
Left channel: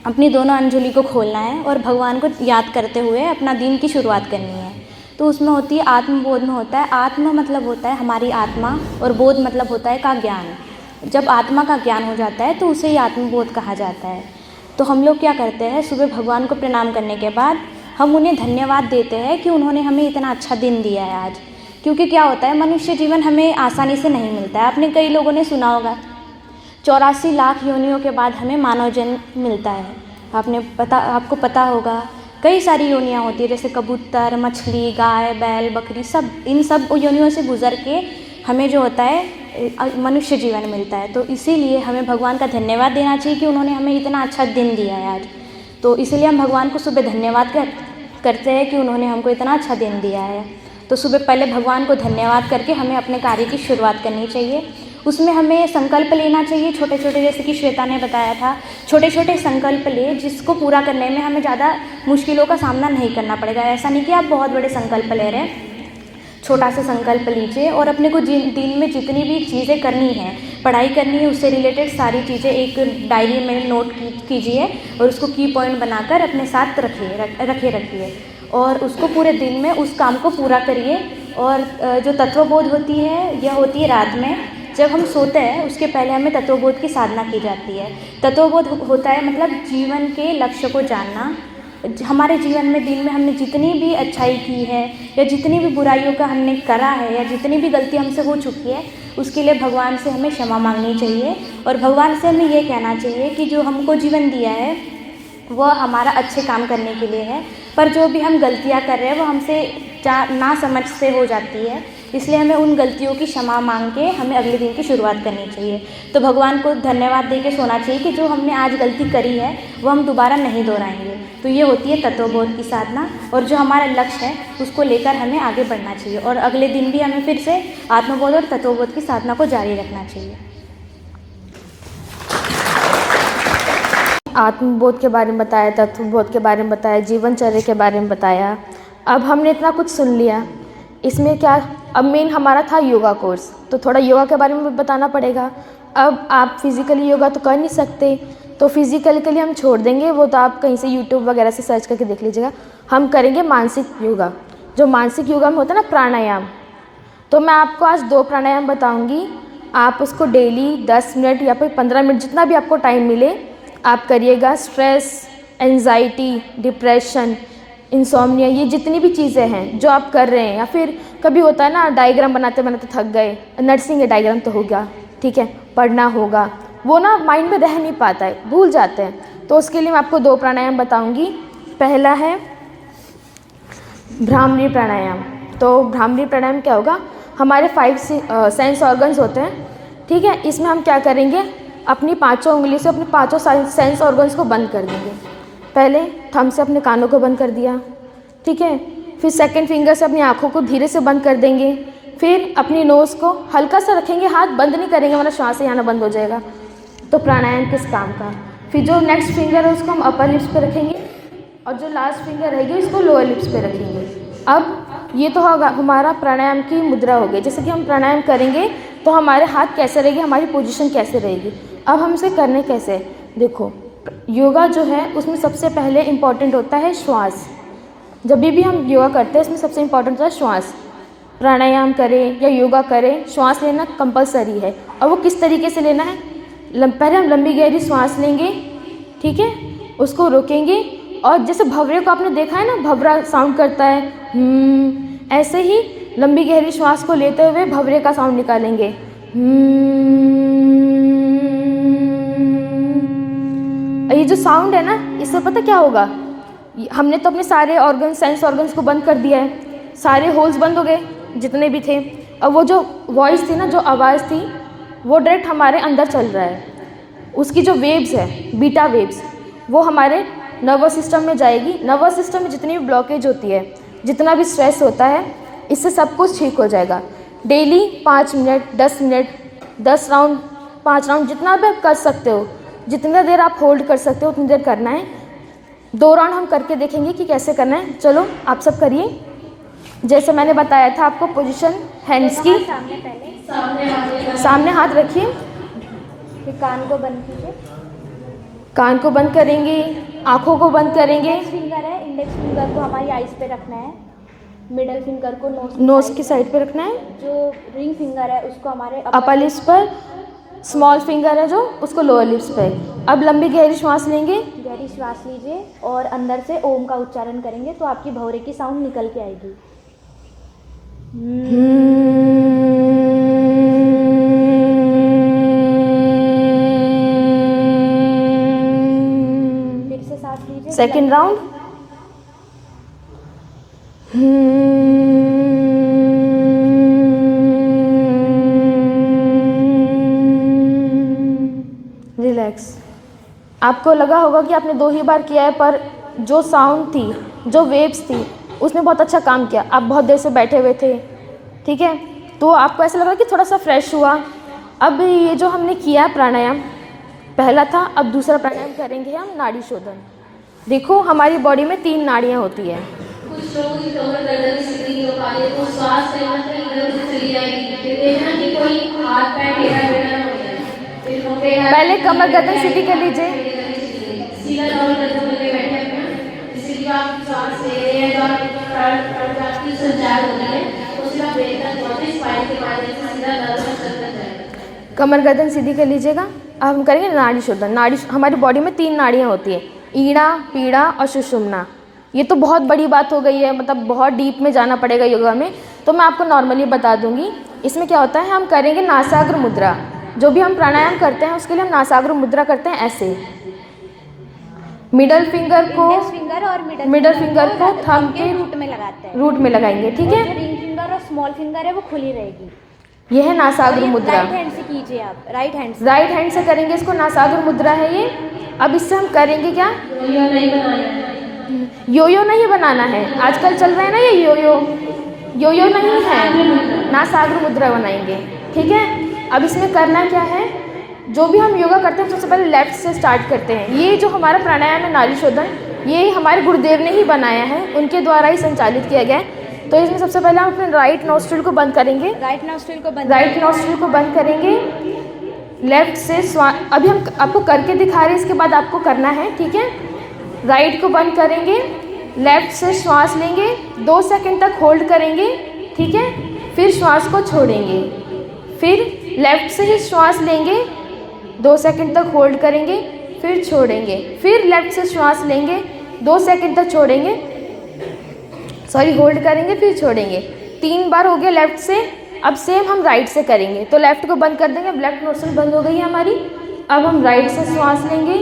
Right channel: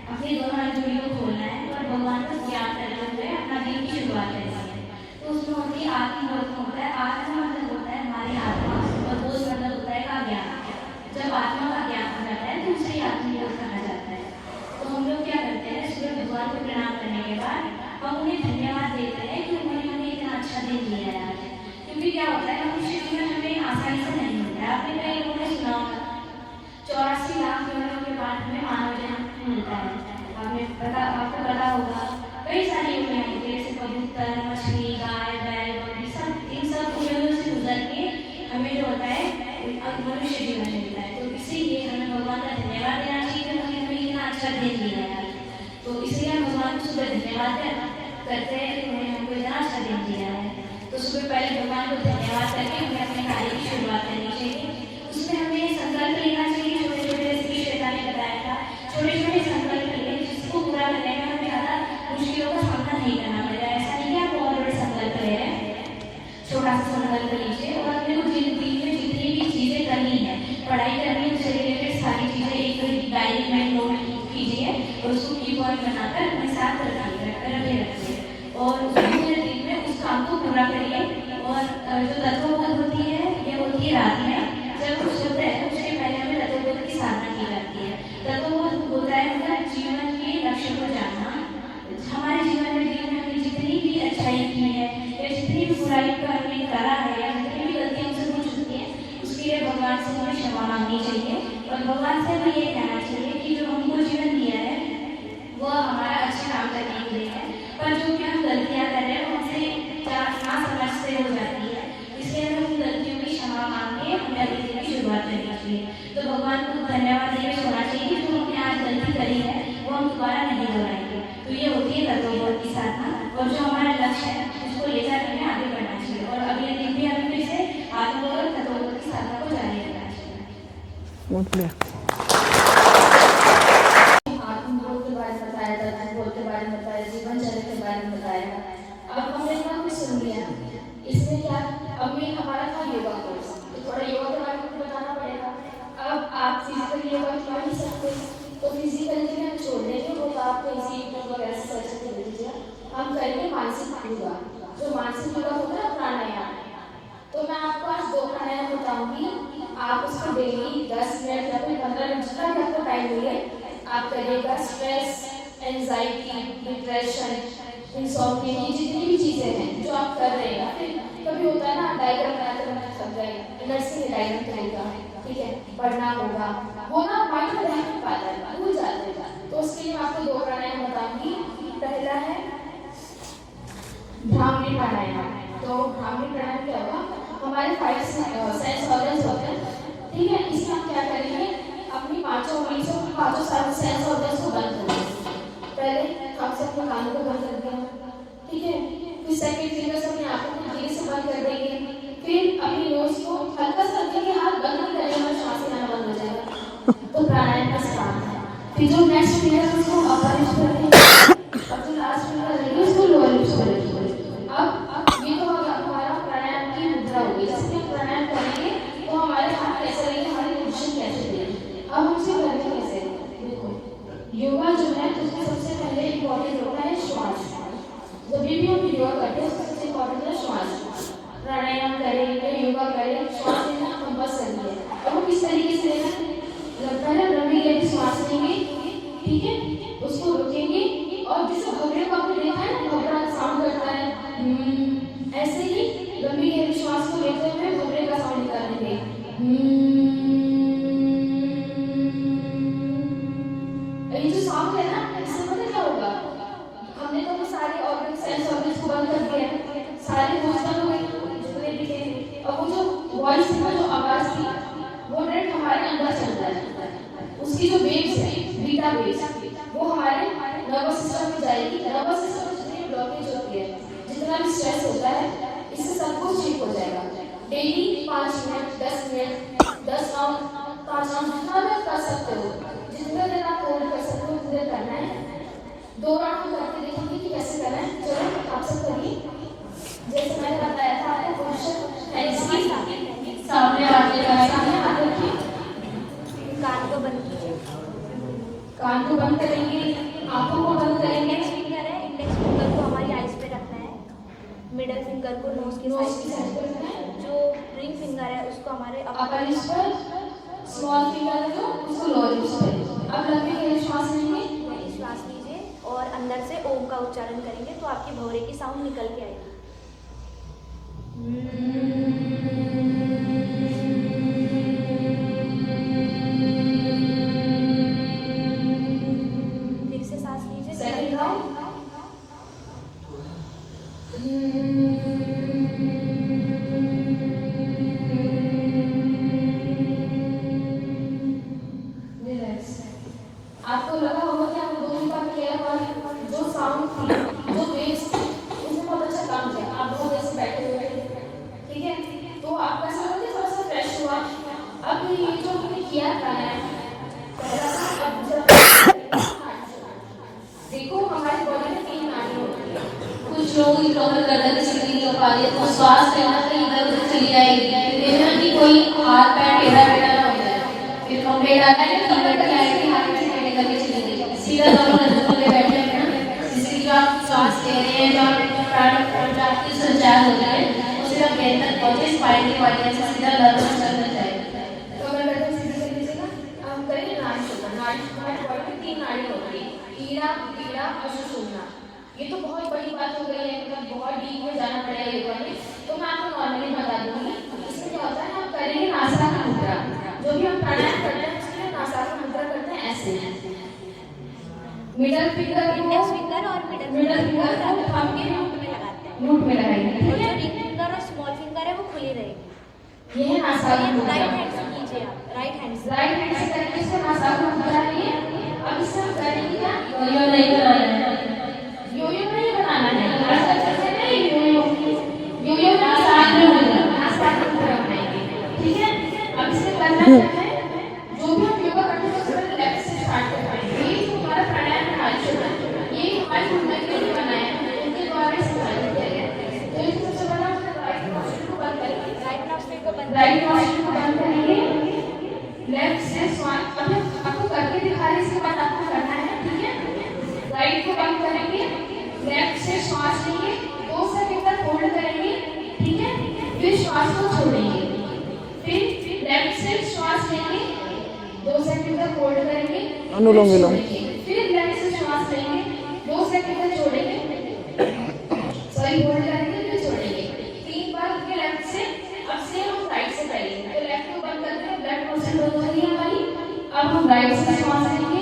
अपनी दोनों अंजुली को खोलना है और भगवान को याद करते हुए अपना दिन की शुरुआत करनी है। तो उसमें होती है आत्मबोध में होता है, आत्म मतलब होता है हमारी आत्मा और बोध मतलब होता है का ज्ञान। जब आत्मा का ज्ञान हो जाता है तो उसे ही आत्मबोध कहा जाता है। तो हम लोग क्या करते हैं, सुबह भगवान को प्रणाम करने के बाद हम उन्हें धन्यवाद देते हैं कि उन्होंने हमें इतना अच्छा दिन दिया है आज। क्योंकि क्या होता है, मनुष्य जीवन हमें आसानी से नहीं मिलता है। आपने कई लोगों ने सुना होगा 84 लाख योनियों के बाद हमें मानव जन्म मिलता है। आपको पता होगा कई सारी योनियाँ होती है, जैसे कबूतर, मछली, गाय, बैल, बकरी, सब इन सब योनियों से गुजर के हमें जो होता है मनुष्य जीवन मिलता है। तो इसीलिए हमें भगवान का धन्यवाद देना चाहिए कि उन्होंने हमें इतना अच्छा दिन दिया है आज। तो इसलिए हम भगवान को सुबह धन्यवाद करते हैं कि उन्होंने हमको इतना अच्छा दिन दिया है। तो सुबह पहले भगवान को धन्यवाद करके हमें अपने कार्य की शुरुआत करनी चाहिए। उसमें हमें संकल्प लेना चाहिए छोटे छोटे, जैसे कि श्वेता ने बताया था, छोटे छोटे संकल्प ले जिसको पूरा करने में हमें ज़्यादा मुश्किलों का सामना नहीं करना पड़ेगा। ऐसा नहीं कि आप बहुत बड़े संकल्प ले रहे हैं, छोटा सा संकल्प लीजिए और अपने को दिन में जितनी भी चीज़ें करनी है, पढ़ाई करनी है, उससे रिलेटेड सारी चीज़ें एक डायरी में नोट कीजिए और उसको की पॉइंट बनाकर अपने साथ रखिए और उसको पूरे दिन में उस काम को पूरा करिए। और जो तत्वबोध होती है यह होती है रात में, जब हम सोते हैं उसके पहले हमें तत्वबोध की साधना की जाती है। तत्वबोध होता है मतलब जीवन के लक्ष्य को जानना। हमारे जीवन में दिन में हमने जितनी भी अच्छाई की है या जितनी भी बुराइयों का हमने करा है या जितनी भी गलती हमसे हो चुकी है, उसके लिए भगवान से हमें क्षमा मांगनी चाहिए और भगवान से हमें ये कहना चाहिए कि जो हमको जीवन दिया है वह हमारा अच्छे काम करने के लिए है, पर जो भी हम गलतियाँ कर रहे हैं वो हमसे ना समझ से हो जाती है, इसलिए हमें उन गलतियों की क्षमा मांग के हमें अगले दिन की शुरुआत करनी चाहिए। तो भगवान को धन्यवाद दे के सोना चाहिए कि जो हमने आज गलती करी है वो हम दोबारा नहीं दोहराएंगे। तो ये होती है तत्वबोध की साधना और जो हमारा लक्ष्य है उसको लेकर हमें आगे बढ़ना चाहिए और अगले दिन भी हमें फिर से आत्मबोध और तत्वबोध की साधना को जारी रखना चाहिए। आत्मबोध के बारे में बताया, तत्वबोध के बारे में बताया, जीवनचर्या के बारे में बताया। अब हमने इतना कुछ सुन लिया, इसमें क्या अब मेन हमारा था योगा कोर्स, तो थोड़ा योगा के बारे में भी बताना पड़ेगा। अब आप फिज़िकली योगा तो कर नहीं सकते, तो फिज़िकल के लिए हम छोड़ देंगे, वो तो आप कहीं से यूट्यूब वगैरह से सर्च करके देख लीजिएगा। हम करेंगे मानसिक योगा। जो मानसिक योगा में होता है ना प्राणायाम, तो मैं आपको आज 2 प्राणायाम बताऊँगी। आप उसको डेली 10 मिनट या फिर 15 मिनट जितना भी आपको टाइम मिले आप करिएगा। स्ट्रेस, एंजाइटी, डिप्रेशन, इंसोम्निया, ये जितनी भी चीज़ें हैं जो आप कर रहे हैं, या फिर कभी होता है ना डायग्राम बनाते बनाते थक गए, नर्सिंग है डायग्राम तो होगा, ठीक है, पढ़ना होगा, वो ना माइंड में रह नहीं पाता है, भूल जाते हैं। तो उसके लिए मैं आपको 2 प्राणायाम बताऊंगी। पहला है भ्रामरी प्राणायाम। तो भ्रामरी प्राणायाम क्या होगा, हमारे 5 सेंस ऑर्गन्स होते हैं, ठीक है। इसमें हम क्या करेंगे, अपनी 5 उंगली से अपने 5 सेंस ऑर्गन्स को बंद कर देंगे। पहले थंब से अपने कानों को बंद कर दिया, ठीक है, फिर सेकंड फिंगर से अपनी आँखों को धीरे से बंद कर देंगे, फिर अपनी नोज़ को हल्का सा रखेंगे, हाथ बंद नहीं करेंगे वरना श्वास ही आना बंद हो जाएगा। तो प्राणायाम किस काम का। फिर जो नेक्स्ट फिंगर है उसको हम अपर लिप्स पे रखेंगे और जो लास्ट फिंगर रहेगी उसको लोअर लिप्स पे रखेंगे। अब ये तो होगा हमारा प्राणायाम की मुद्रा हो गई। जैसे कि हम प्राणायाम करेंगे तो हमारे हाथ कैसे रहेगी, हमारी पोजीशन कैसे रहेगी। अब हम इसे करने कैसे, देखो योगा जो है उसमें सबसे पहले इम्पॉर्टेंट होता है श्वास। जब भी हम योगा करते हैं इसमें सबसे इम्पॉर्टेंट होता है श्वास। प्राणायाम करें या योगा करें, श्वास लेना कंपलसरी है। और वो किस तरीके से लेना है, पहले हम लंबी गहरी श्वास लेंगे, ठीक है, उसको रोकेंगे और जैसे भंवरे को आपने देखा है ना, भंवरा साउंड करता है, ऐसे ही लंबी गहरी श्वास को लेते हुए भंवरे का साउंड निकालेंगे। ये जो साउंड है ना, इससे पता क्या होगा, हमने तो अपने सारे ऑर्गन सेंस ऑर्गन्स को बंद कर दिया है, सारे होल्स बंद हो गए जितने भी थे। अब वो जो वॉइस थी ना, जो आवाज़ थी, वो डायरेक्ट हमारे अंदर चल रहा है। उसकी जो वेव्स है, बीटा वेव्स, वो हमारे नर्वस सिस्टम में जाएगी। नर्वस सिस्टम में जितनी भी ब्लॉकेज होती है, जितना भी स्ट्रेस होता है, इससे सब कुछ ठीक हो जाएगा। Daily 5 minute, 10 minute, 10 round, 5 round, जितना भी आप कर सकते हो, जितना देर आप होल्ड कर सकते हो उतनी देर करना है। 2 राउंड हम करके देखेंगे कि कैसे करना है। चलो आप सब करिए। जैसे मैंने बताया था आपको पोजीशन हैंड्स की, सामने हाथ रखिए, फिर कान को बंद कीजिए, कान को बंद करेंगे, आँखों को बंद करेंगे। इंडेक्स फिंगर है, इंडेक्स फिंगर को हमारी आइज पे रखना है, मिडल फिंगर को नोज की साइड पे रखना है, जो रिंग फिंगर है उसको हमारे अपर लिप्स पर, स्मॉल फिंगर है जो उसको लोअर लिप्स पर। अब लंबी गहरी श्वास लेंगे, गहरी श्वास लीजिए और अंदर से ओम का उच्चारण करेंगे तो आपकी भौरे की साउंड निकल के आएगी। फिर से सांस लीजिए, सेकेंड राउंड। रिलैक्स। आपको लगा होगा कि आपने 2 ही बार किया है, पर जो साउंड थी, जो वेव्स थी, उसने बहुत अच्छा काम किया। आप बहुत देर से बैठे हुए थे, ठीक है, तो आपको ऐसा लगा कि थोड़ा सा फ्रेश हुआ। अब ये जो हमने किया प्राणायाम पहला था, अब दूसरा प्राणायाम करेंगे नाड़ी शोधन। देखो हमारी बॉडी में 3 नाड़ियाँ होती है। कुछ लोगों की कमर गर्दन की स्थिति नहीं हो पा रही है, तो श्वास कहीं ना कहीं इधर उधर चली जाएगी, देखना कि कोई हाथ पैर टेढ़ा बेढ़ा ना हो जाए। फिर हम पहले कमर गर्दन सीधी कर लीजिए, सीधा कमर गर्दन करके बैठे हैं, जिससे कि आप सांस ले रहे हैं, जो प्राण की संचार होता है उससे आप देर तक पहुँचे, स्पाइन के माध्यम से सीधा नर्व चलता जाएगा। कमर गर्दन सीधी कर लीजिएगा। अब हम करेंगे नाड़ी शोधन। नाड़ी, हमारी बॉडी में 3 नाड़ियाँ होती है, ईड़ा, पीड़ा और सुषुम्ना। ये तो बहुत बड़ी बात हो गई है, मतलब बहुत डीप में जाना पड़ेगा योगा में, तो मैं आपको नॉर्मली बता दूंगी। इसमें क्या होता है, हम करेंगे नासाग्र मुद्रा। जो भी हम प्राणायाम करते हैं उसके लिए हम नासाग्र मुद्रा करते हैं ऐसे। मिडल फिंगर को, फिंगर और मिडल फिंगर को थंब के रूट में लगाते हैं, रूट में लगाएंगे, ठीक और है। जो रिंग फिंगर और स्मॉल फिंगर है वो खुली रहेगी। यह है नासाग्र मुद्रा। राइट हैंड से कीजिए आप, राइट हैंड से। राइट हैंड से करेंगे इसको, नासाग्र मुद्रा है ये। अब इससे हम करेंगे क्या, यो नहीं बनाया, यो नहीं बनाना है। आजकल चल रहा है ना ये यो नहीं है, नासाग्र मुद्रा बनाएंगे, ठीक है। अब इसमें करना क्या है, जो भी हम योगा करते हैं सबसे पहले लेफ्ट से स्टार्ट करते हैं। ये जो हमारा प्राणायाम है नाड़ी शोधन, ये हमारे गुरुदेव ने ही बनाया है, उनके द्वारा ही संचालित किया गया है। तो इसमें सबसे पहले हम अपने राइट नोस्ट्रिल को बंद करेंगे, राइट नोस्ट्रिल को बंद करेंगे। लेफ्ट से अभी हम आपको करके दिखा रहे हैं, इसके बाद आपको करना है, ठीक है। राइट को बंद करेंगे, लेफ्ट से श्वास लेंगे, 2 सेकंड तक होल्ड करेंगे, ठीक है। फिर श्वास को छोड़ेंगे, फिर लेफ्ट से ही श्वास लेंगे, 2 सेकंड तक होल्ड करेंगे, फिर छोड़ेंगे, फिर लेफ्ट से श्वास लेंगे, 2 सेकंड तक छोड़ेंगे, होल्ड करेंगे, फिर छोड़ेंगे। 3 बार हो गया लेफ्ट से। अब सेम हम राइट से करेंगे, तो लेफ्ट को बंद कर देंगे। अब लेफ्ट नोस्ट्रिल बंद हो गई है हमारी। अब हम राइट से श्वास लेंगे,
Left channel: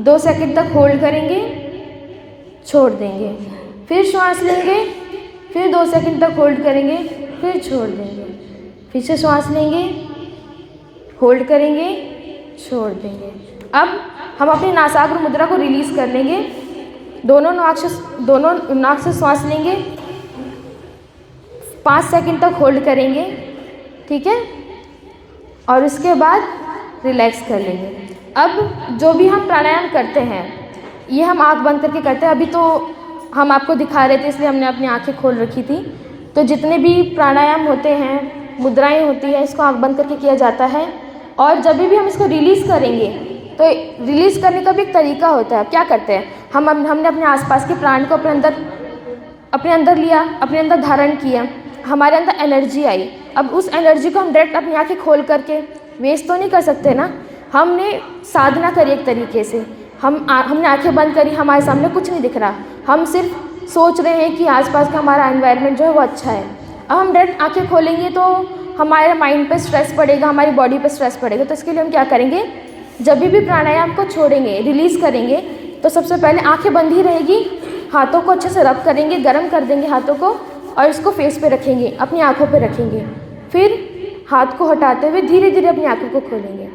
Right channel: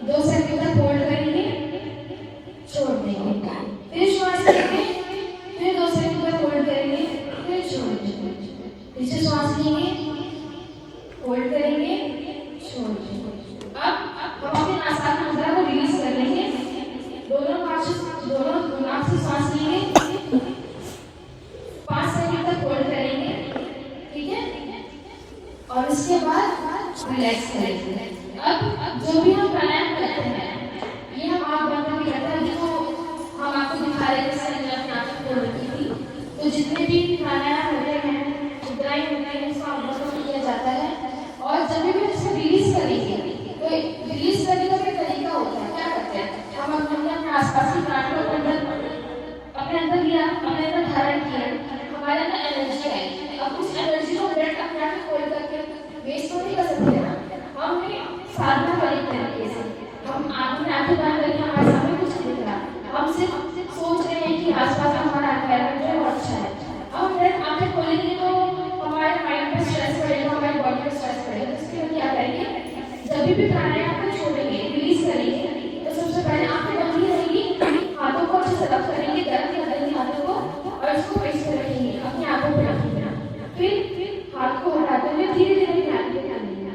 2 सेकंड तक होल्ड करेंगे, छोड़ देंगे, फिर श्वास लेंगे, फिर 2 सेकंड तक होल्ड करेंगे, फिर छोड़ देंगे, फिर से श्वास लेंगे, होल्ड करेंगे, छोड़ देंगे। अब हम अपनी नासाग्र मुद्रा को रिलीज कर लेंगे। दोनों नाक से श्वास लेंगे, 5 सेकंड तक होल्ड करेंगे, ठीक है, और उसके बाद रिलैक्स कर लेंगे। अब जो भी हम प्राणायाम करते हैं ये हम आँख बंद करके करते हैं। अभी तो हम आपको दिखा रहे थे इसलिए हमने अपनी आँखें खोल रखी थी। तो जितने भी प्राणायाम होते हैं, मुद्राएं होती हैं, इसको आँख बंद करके किया जाता है। और जब भी हम इसको रिलीज़ करेंगे तो रिलीज़ करने का भी एक तरीका होता है। क्या करते हैं, हमने अपने आसपास के प्राण को अपने अंदर लिया, अपने अंदर धारण किया, हमारे अंदर एनर्जी आई। अब उस एनर्जी को हम डायरेक्ट अपनी आँखें खोल करके वेस्ट तो नहीं कर सकते ना। हमने साधना करी एक तरीके से, हमने आंखें बंद करी, हमारे सामने कुछ नहीं दिख रहा, हम सिर्फ सोच रहे हैं कि आसपास का हमारा एनवायरनमेंट जो है वो अच्छा है। अब हम डायरेक्ट आंखें खोलेंगे तो हमारे माइंड पे स्ट्रेस पड़ेगा, हमारी बॉडी पे स्ट्रेस पड़ेगा। तो इसके लिए हम क्या करेंगे, जब भी प्राणायाम को छोड़ेंगे, रिलीज़ करेंगे, तो सबसे पहले आंखें बंद ही रहेगी, हाथों को अच्छे से रब करेंगे, गर्म कर देंगे हाथों को, और इसको फेस पे रखेंगे, अपनी आँखों पे रखेंगे। फिर हाथ को हटाते हुए धीरे धीरे अपनी आँखों को खोलेंगे।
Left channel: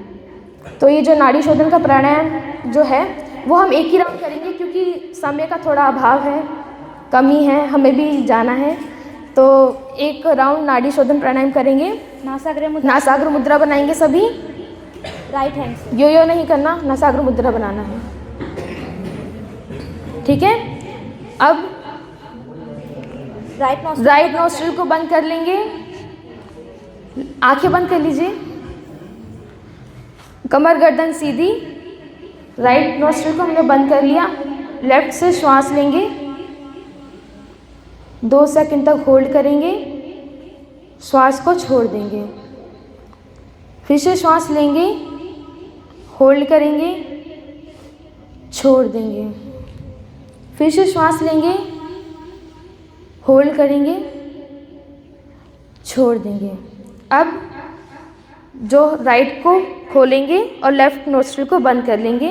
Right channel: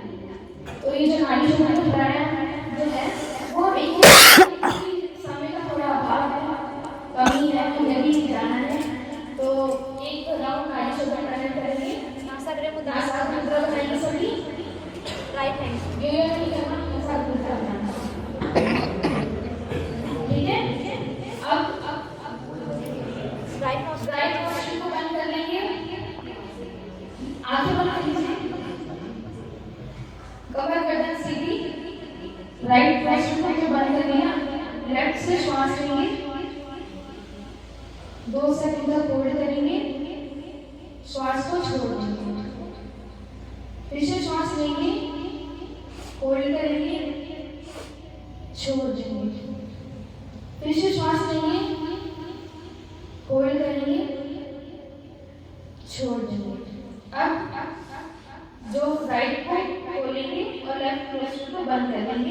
तो ये जो नाड़ी शोधन का प्राणायाम जो है वो हम एक ही रखेंगे, क्योंकि समय का थोड़ा अभाव है, कमी है, हमें भी जाना है। तो एक राउंड नाड़ी शोधन प्राणायाम करेंगे, नासाग्र मुद्रा बनाएंगे सभी। राइट हैंड, यो नहीं करना, नासाग्र मुद्रा बनाना है, ठीक है। अब राइट नोस्ट्रिल को बंद कर लेंगे, आंखें बंद कर लीजिए, कमर गर्दन सीधी, राइट नोस्ट्रिल को हमने बंद कर लिया। लेफ्ट से श्वास लेंगे, 2 सेकंड तक होल्ड करेंगे, श्वास को छोड़ देंगे। फिर से श्वास लेंगे, होल्ड करेंगे, छोड़ देंगे। फिर से श्वास लेंगे, होल्ड करेंगे, छोड़ देंगे। अब जो राइट को खोलेंगे और लेफ्ट नोस्ट्रिल को बंद कर लेंगे।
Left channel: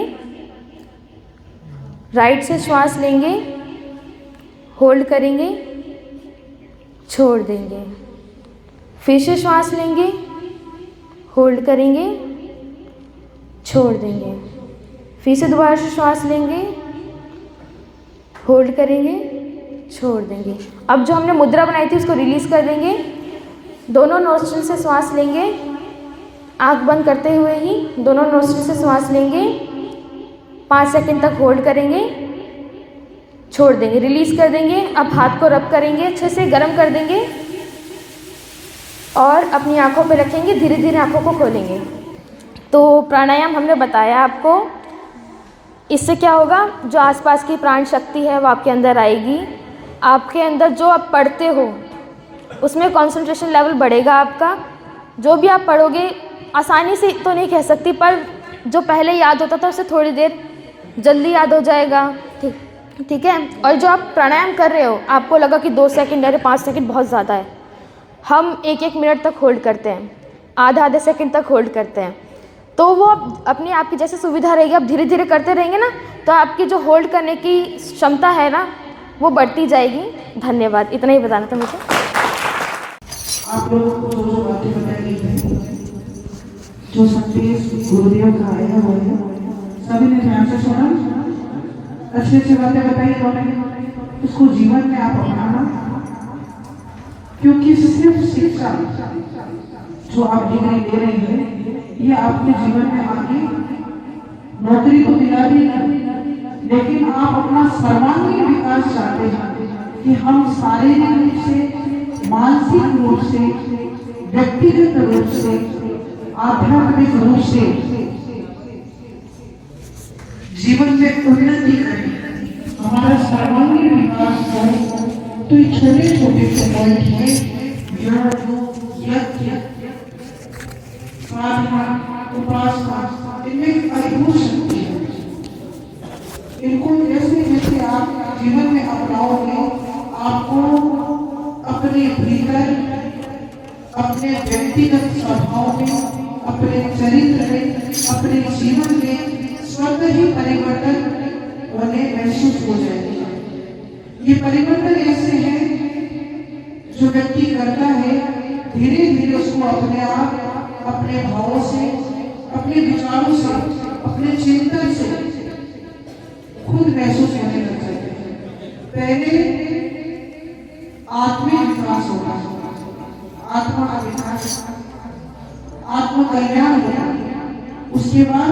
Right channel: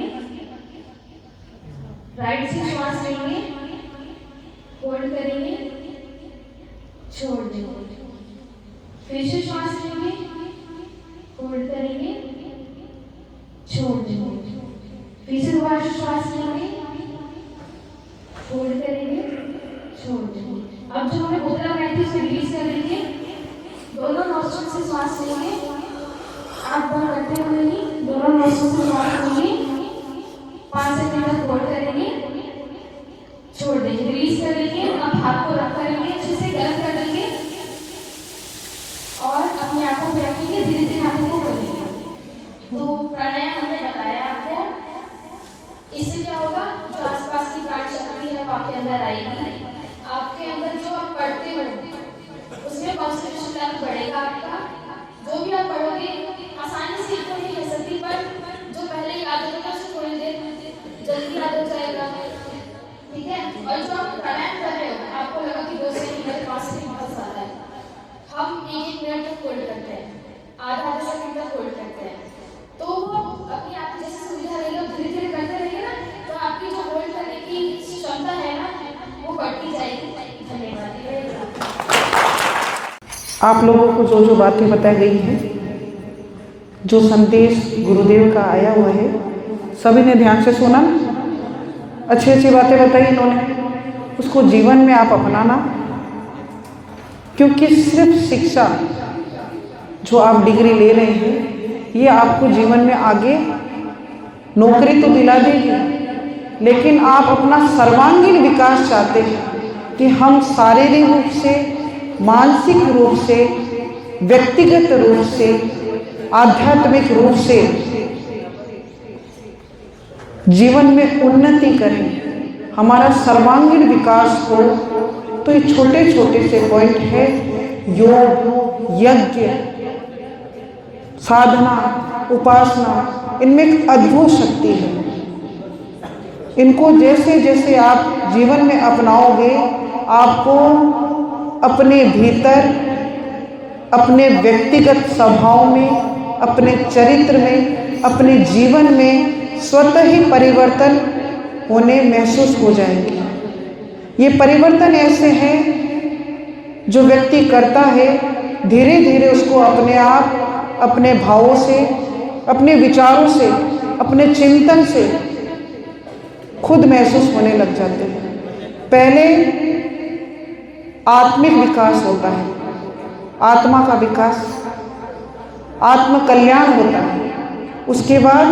राइट से श्वास लेंगे, होल्ड करेंगे, छोड़ देंगे। फिर से श्वास लेंगे, होल्ड करेंगे, छोड़ देंगे। फिर से दोबारा से श्वास लेंगे, होल्ड करेंगे, छोड़ देंगे। अब जो हमने मुद्रा बनाई थी उसको रिलीज़ कर देंगे। दोनों नोस्ट्रिल से श्वास लेंगे, आँख बंद करते हुए ही दोनों नोस्ट्रिल से श्वास लेंगे, 5 सेकंड तक होल्ड करेंगे, छोड़ देंगे, रिलीज़ कर देंगे। अब हाथ को रब करेंगे, अच्छे से गर्म कर देंगे और अपनी आँखों पे रखेंगे, धीरे धीरे आँखों को खोलेंगे। तो प्राणायाम हमने बताया आपको, इससे क्या होगा, जो आसपास की प्राण शक्ति है वो आपके अंदर आएगी। आपके अंदर जो आप पढ़ते हो उसमें कंसंट्रेशन लेवल बढ़ेगा आपका। जो भी आप पढ़ोगे आसानी से तो नहीं कह सकती, पर जो पहले याद होता था उससे थोड़ी देर जल्दी याद हो जाएगा। ठीक है। और जो आप प्राणायाम कर रहे हो, आपको लगा कि 2 सेकंड या 5 सेकंड बहुत ज़्यादा है, हम 1-1 मिनट तक होल्ड करते हैं, आधा सेकंड तक होल्ड करते हैं। तो वो अपनी आपकी जैसे सुविधा रहेगी, आप धीरे धीरे करते रहेंगे ना, तो आपकी जो होल्ड करने की क्षमता है ना वो बढ़ती जाएगी। धन्यवाद, इतना ही बताना था मुझे। आप लोगों को जो जो बातें बताई गई हैं, जो संदेश गुरुदेव का आया हुआ है, सभी ने ध्यान से सुना, अच्छी अच्छी बातें बताई इन्होंने, उसको जीवन में आप अपनाना। क्योंकि सिर्फ शिक्षा जो आप डिग्री ले रहे हैं ये आपको जीवन में आगे नौकरी तो दिला देगी, लेकिन आप अपना सर्वांगीण विकास चाहते हैं कि हम शारीरिक रूप से, मानसिक रूप से, व्यक्तिगत रूप से, आध्यात्मिक रूप से जीवन में उन्नति करें, हमारा सर्वांगीण विकास हो। तो ये छोटे छोटे से पॉइंट है, योग, यज्ञ, साधना, उपासना, इनमें एक अद्भुत शक्ति है। इनको जैसे जैसे आप जीवन में अपनाओगे, आपको अपने भीतर, अपने व्यक्तिगत स्वभाव में, अपने चरित्र में, अपने जीवन में स्वतः ही परिवर्तन होने महसूस हो जाएंगे। ये परिवर्तन ऐसे हैं जो व्यक्ति करता है, धीरे धीरे उसको अपने आप, अपने भावों से, अपने विचारों से, अपने चिंतन से खुद महसूस होने लग जाते हैं। पहले आत्मिक विकास होता है, आत्मा का विकास, आत्म कल्याण होता है, उसके बाद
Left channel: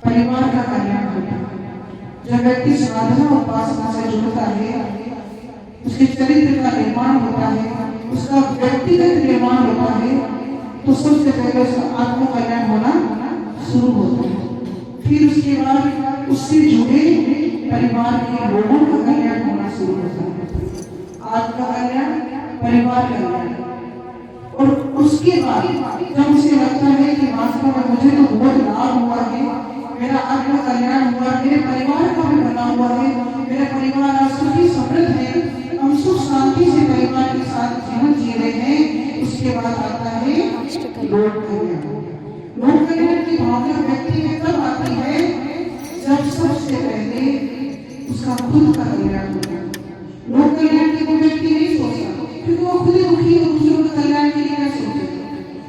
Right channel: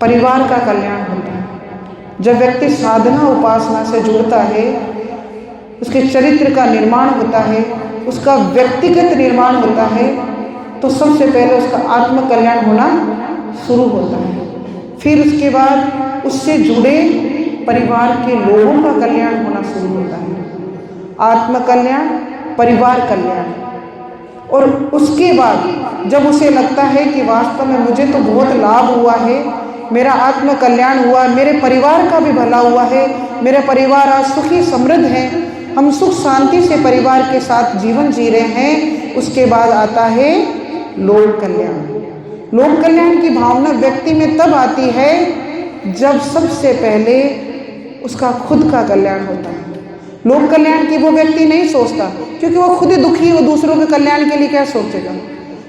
परिवार का कल्याण होता है। जब व्यक्ति साधना उपासना से जुड़ता है, उसके चरित्र का निर्माण होता है, उसका व्यक्तिगत निर्माण होता है, तो सबसे पहले उसका आत्म कल्याण होना शुरू होता है। फिर उसके बाद उससे जुड़े परिवार के लोगों का कल्याण होना शुरू होता है। आत्म कल्याण, परिवार कल्याण, और उसके बाद जब उसे लगता है कि वास्तव में मुझे तो बहुत लाभ हुआ है, मेरा आत्म कल्याण हुआ, मेरे परिवार का भी भला हुआ है, मेरा परिवार आज सुखी समृद्ध है, हम सुख शांति से परिवार के साथ जीवन जी रहे हैं, उसके बाद आता है लोक कल्याण। लोक कल्याण की भावना व्यक्ति में तब आती है जब सबसे पहले उसका खुद का कल्याण होता है। लोक कल्याण की वो व्यक्ति नहीं सोचता, क्योंकि वो खुद ही दुखी, वो दूसरों के कल्याण के लिए क्या सोचेगा।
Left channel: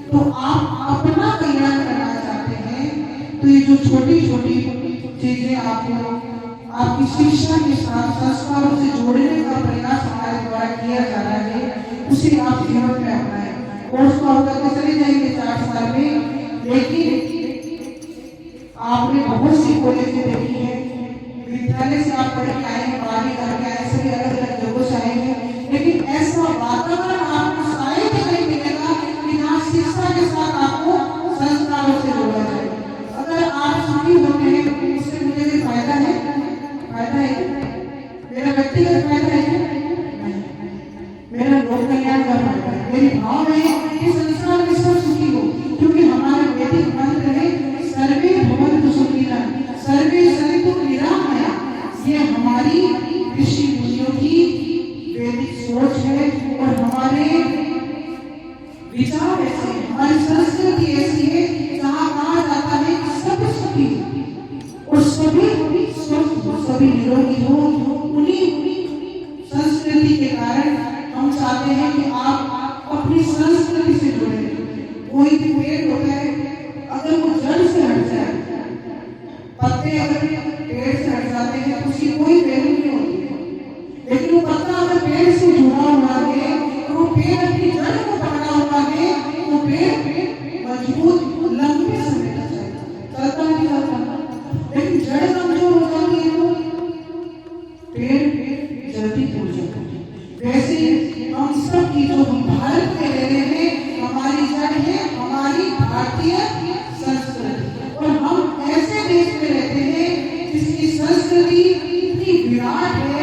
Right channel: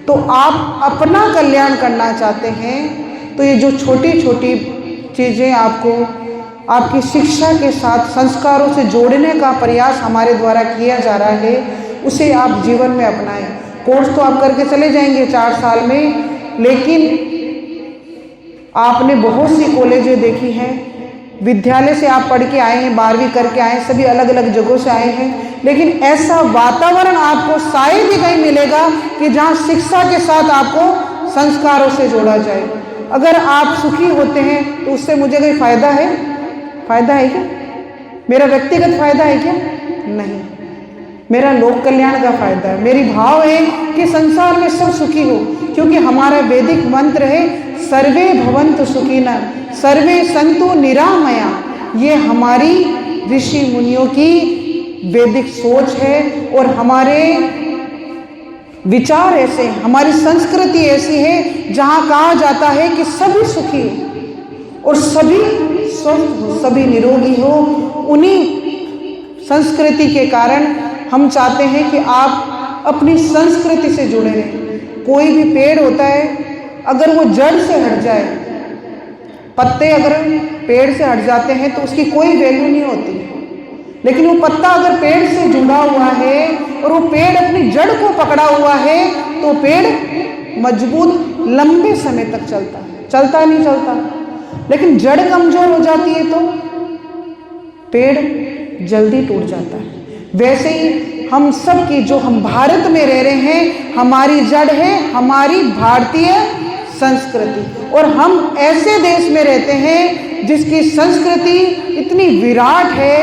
तो आप अपना कल्याण करना चाहते हैं, तो ये जो छोटी छोटी चीज़ें आपको आपकी शिक्षा के साथ संस्कारों से जोड़ने का प्रयास हमारे द्वारा किया जा रहा है, उसे आप जीवन में अपनाएं। कोर्स तो आप करके चले जाएंगे 4 साल में, लेकिन आपने बहुत सी कॉलेजें देखी हैं विद्यालय से आप पढ़ के आए हैं, 12वीं करके आए हैं, सभी अलग अलग जगहों से आए हैं, लेकिन ऐसा वातावरण आपको शायद ही कहीं मिलेगा कि जहाँ शिक्षा के साथ आपको संस्कारों से जोड़ा जाए। अगर आप सुखी होते हैं तो उससे मुझे कोई फायदा है? फायदा है क्या? मेरा व्यक्तिगत फायदा है क्या? नहीं, मेरा लोक कल्याण का फायदा है। मेरी भाव है कि संसार में सब सुखी हो, क्योंकि हमारा वैदिक मंत्र है सर्वे भवन्तु सुखिनः सर्वे सन्तु निरामया। ये हमारी ऋषि मुनियों की वैदिक सोच है और हमारे विचार ऐसे, हमारी संस्कृति ऐसी है जहाँ कहा जाता है कि सभी सुखी और सभी स्वस्थ हो, सभी निरोगी हो। उन्हीं संस्कृति के कारण हम चाहते हैं कि आप अपनी संस्कृति से जुड़े रहें। कोई भी पेड़ होता है, अगर वो जड़ से हट जाए, पत्ते अगर पेड़ से हट जाते हैं तो उसकी कोई वैल्यू नहीं होती, लेकिन वो पत्ता अगर पेड़ से जुड़ा हुआ है और वो पेड़ अपनी जड़ को पकड़ा हुआ है तो पेड़ मजबूत लंबे समय तक चलता नहीं चलता। लेकिन जड़ कमजोर हो जाती है तो पेड़ जल्दी टूट जाता है। वैसे ही हम सब की, जो हम भारत में रह रहे हैं, हमारी जड़ है हमारी भारतीय संस्कृति, और हम ऐसे देश में रहते हैं जिसकी संस्कृति इतनी विराट है,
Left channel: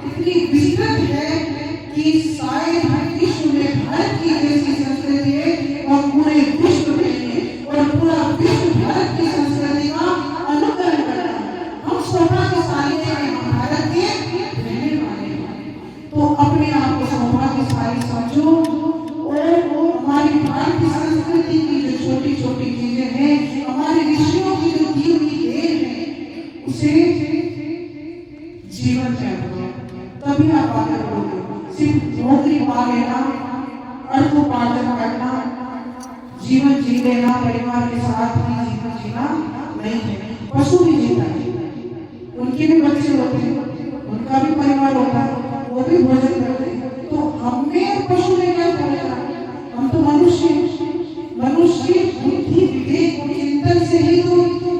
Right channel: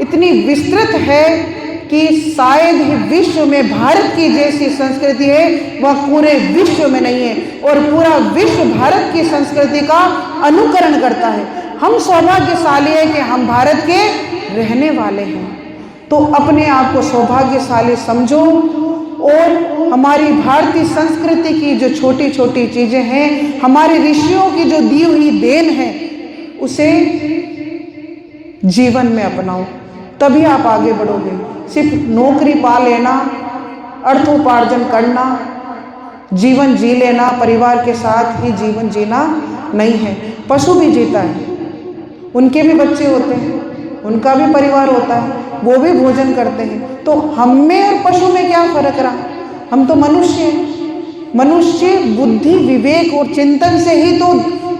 इतनी विस्तृत है कि शायद ही विश्व में भारत की जैसी संस्कृति है वह पूरे विश्व में नहीं है, और पूरा विश्व भारत की संस्कृति का अनुकरण करता है। हम सौभाग्यशाली है कि हम भारत के रहने वाले हैं, तो अपने आप को सौभाग्यशाली समझो और हमारी भारतीय संस्कृति की जो छोटी छोटी चीज़ें हैं, हमारे ऋषियों की जो दी हुई देन है, उसे जीवन में अपनाओ, तभी आप आगे बढ़ोगे। सिर्फ नौकरी पा लेना, अर्थोपार्जन करना, जीवन जी लेना, परिवार के साथ ही जीवन जीना नहीं है। पशु भी जीता है, उनके भी बच्चे होते हैं, उनका भी परिवार होता है, वो भी भोजन करते हैं। तो हम में और पशु में क्या फर्क रहा? हम तो मनुष्य हैं। मनुष्य बुद्धि, विवेक और चिंतन से ही तो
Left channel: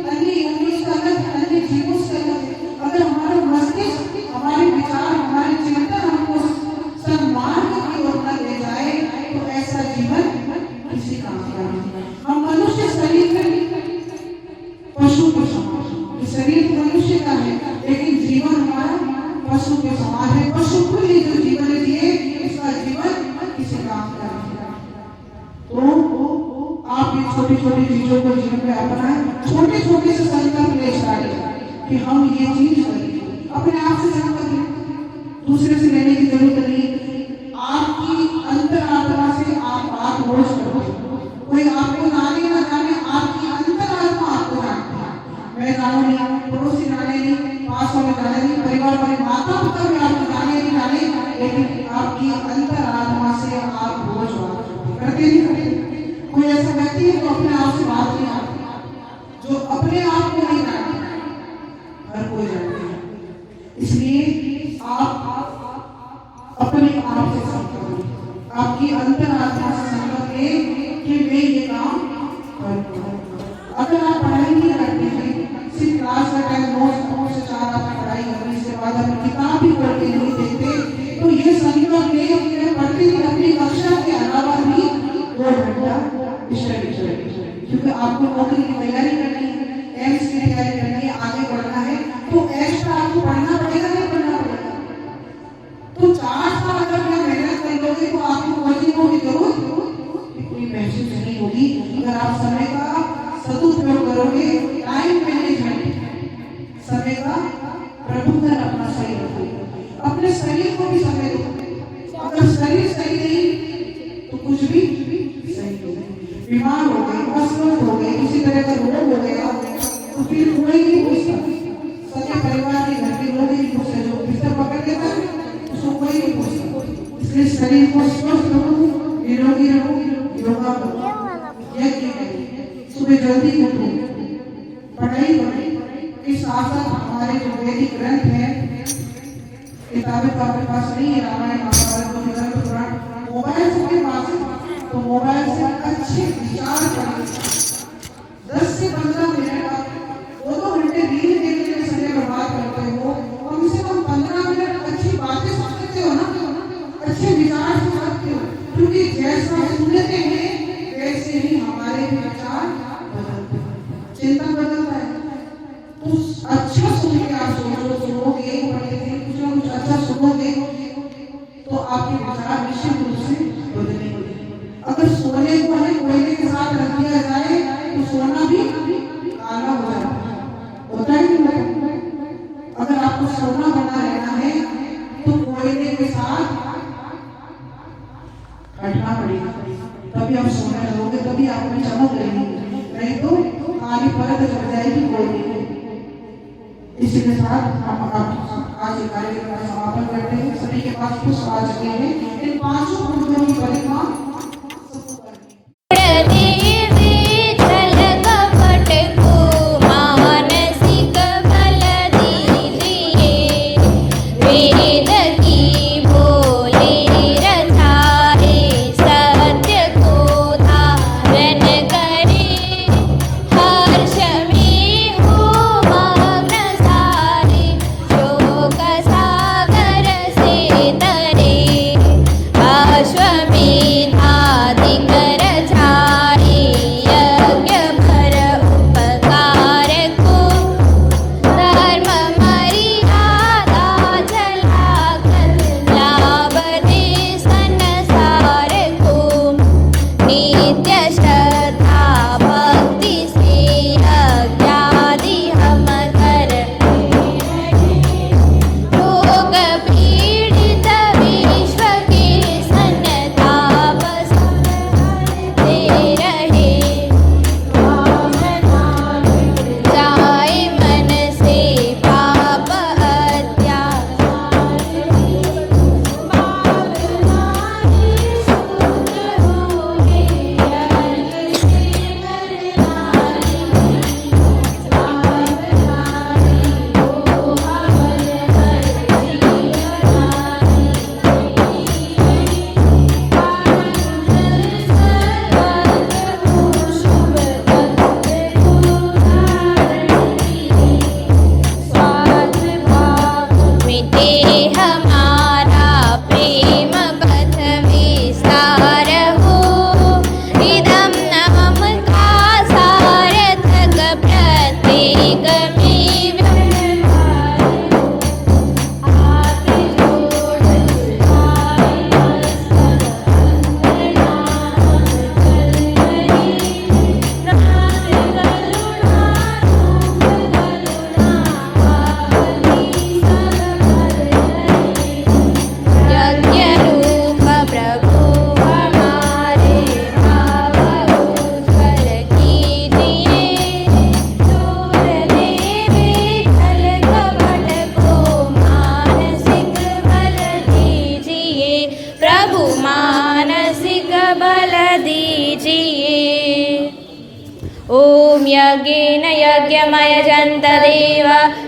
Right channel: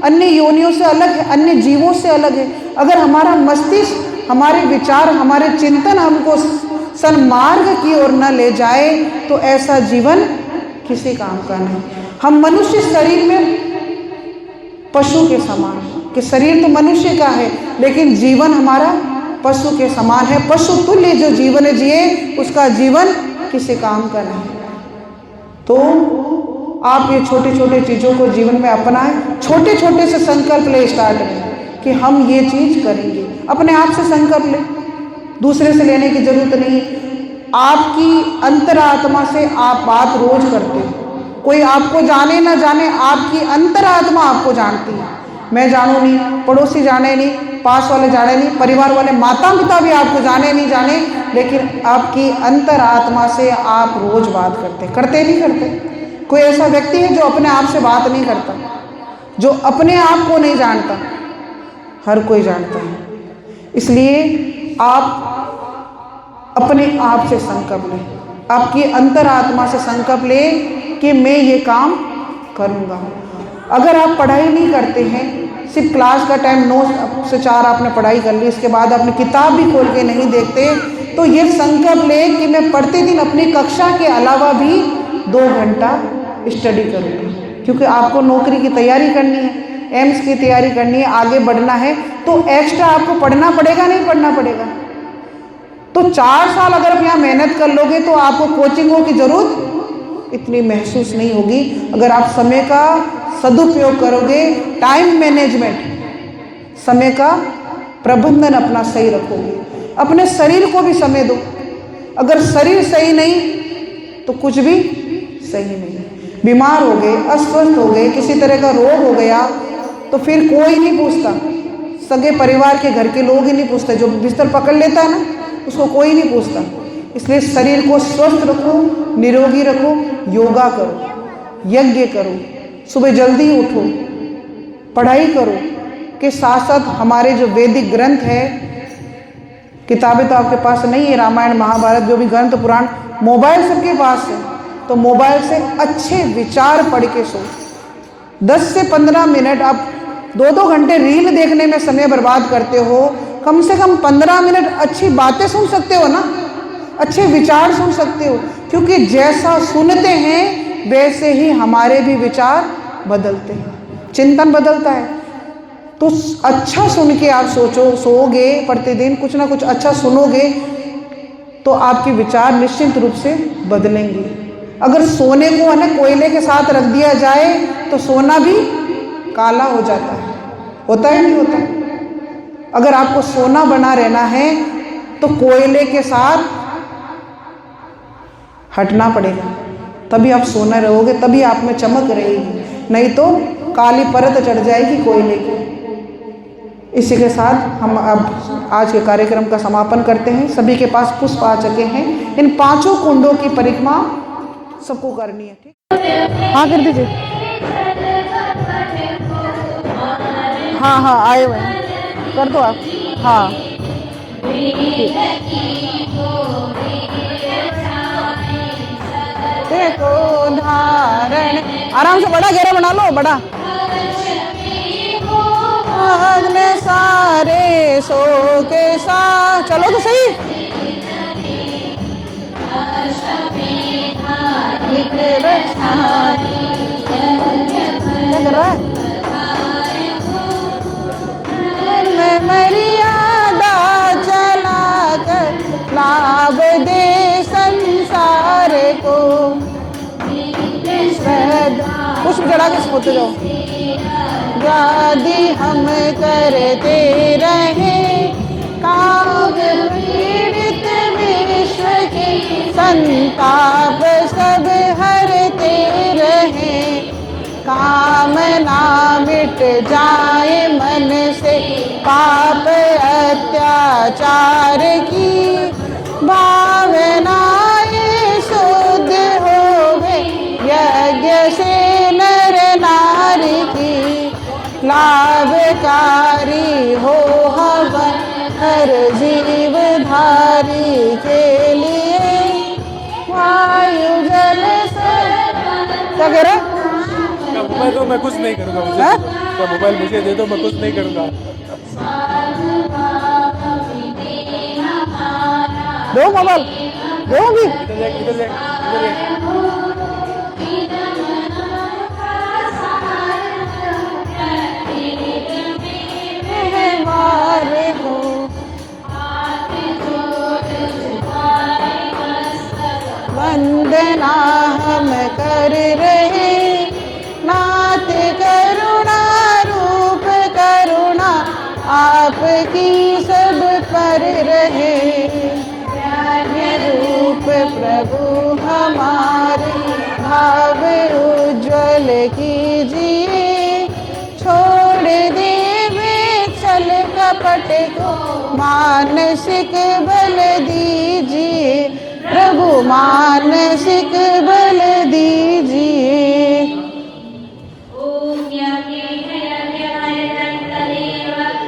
अन्य योनियों से अलग है, अन्य जीवों से अलग है। अगर हमारा मस्तिष्क, हमारे विचार, हमारे चिंतन हमको सन्मार्ग की ओर न ले जाए तो ऐसा जीवन किसी काम का नहीं। हम मनुष्य शरीर में पशु के समान, कि शरीर तो मनुष्य का है लेकिन जीवन हमारा पशु के समान है। पशु तुल्य जो जीवन जिए उसका जीवन किसी काम का नहीं। तो आप ये छोटे छोटे चीज़ों को जीवन में अपनाएं, छोटे छोटे से संकल्प ले स्टार्ट करें कि हम ये चीज़ करेंगे। अपने आप से संकल्प ले, दूसरे से लेने की जरूरत नहीं। आपकी अंतरात्मा से आप बात रोज करते हैं, कोई आपको जाने ना जाने, आपकी अंतरात्मा आपको जानती है। मैं जानूँ नहीं, पड़ोसी जाने नहीं, पास वाले जाने नहीं, परिवार वाले, माता पिता भी आपको जाने नहीं जाने, लेकिन आपकी अंतरात्मा से आप रोज बात करते नहीं करते? कोई ऐसा व्यक्ति है जो अपने आप से बात नहीं करता, जो अपने आप को नहीं जानता? हर कोई जानता है। इसलिए आप अपने आप से संकल्प लें, आपकी अंतरात्मा से संकल्प लें कि मैं ये काम करूँगा। अगर आप पढ़ाई नहीं करते हैं, सिर्फ क्लास का टाइम 9 से 4 आपने पढ़ाई कर ली, उसके बाद अपनी किताब भी खोल के नहीं देखते, तो ये संकल्प लें कि मैं प्रतिदिन अपनी कक्षा के अलावा भी 2 घंटा स्टडी करूँगी, क्योंकि आपको नौकरी की तैयारी करनी है, एम्स की तैयारी करनी है, आगे बढ़ना है, तो एक्स्ट्रा आपको पढ़ना पड़ेगा, नहीं पढ़ना पड़ेगा? तो 4 साल अगर आप यहाँ मेहनत कर लोगे तो आपको कोचिंगों की जरूरत इतनी महसूस नहीं होगी। अगर आप समय का सदुपयोग करोगे, टाइम मैनेजमेंट, समय का प्रबंधन अपना सही रखोगे, अपने शरीर को भी समय दो। अगर शरीर सही नहीं तो कुछ भी सही नहीं। बीमार हो गए, अस्वस्थ हो गए, किसी तरह का रोग हो गया तो फिर कोई नहीं पूछता, सगे परिवार के घर के लोग ही नहीं पूछते, जो बिस्तर पकड़ लेता है ना उसको कोई नहीं पूछता। इसलिए शरीर को स्वस्थ रखो, निरोगी रखो, योगा करो, यज्ञ करो, सुबह जल्दी उठो, पढ़ाई करो, के साथ साथ हमारे जो वैदिक ग्रंथ है, किताबें तो आपके पास नहीं है, रामायण महाभारत जो भी ग्रंथ पुराण, मोबाइल सबके पास है, तो मोबाइल से अच्छे विचार पढ़ के सो। 10 से 15 मिनट आप 2-2 घंटे रील देखने में समय बर्बाद करते हो, कम से कम 15 मिनट अच्छी बातें सुन सकते हो ना, अच्छे विचार सुन सकते हो, क्योंकि जैसा सुनते हैं वैसे ही हमारे भी विचार बदलते हैं, चिंतन बदलता है। तो अच्छा सुन के आप सोओगे, प्रतिदिन कुछ ना कुछ अच्छा सुनोगे तो आपके विचार निश्चित रूप से बदलेंगे। अगर सोने को है ना कोयले के साथ रख दिया जाए तो सोना भी काला हो जाता है, होता है नहीं होता? अगर आपको सोना बना रहना है तो कोयले के साथ हटना पड़ेगा, तभी आप सोना रहोगे, तभी आप में चमक रहेगी, नहीं तो काली परत चढ़ जाएगी कोयले की। इसी के साथ हम अब आज के कार्यक्रम का समापन करते हैं। सभी के पास पुष्प आ चुके हैं, इन 5 कुंडों की परिक्रमा सबको करनी है। ठीक, हाँ कर दीजिए। हाँ आए कर दो आप। हाँ आराम से, बड़ा घेरा बना लो, बड़ा।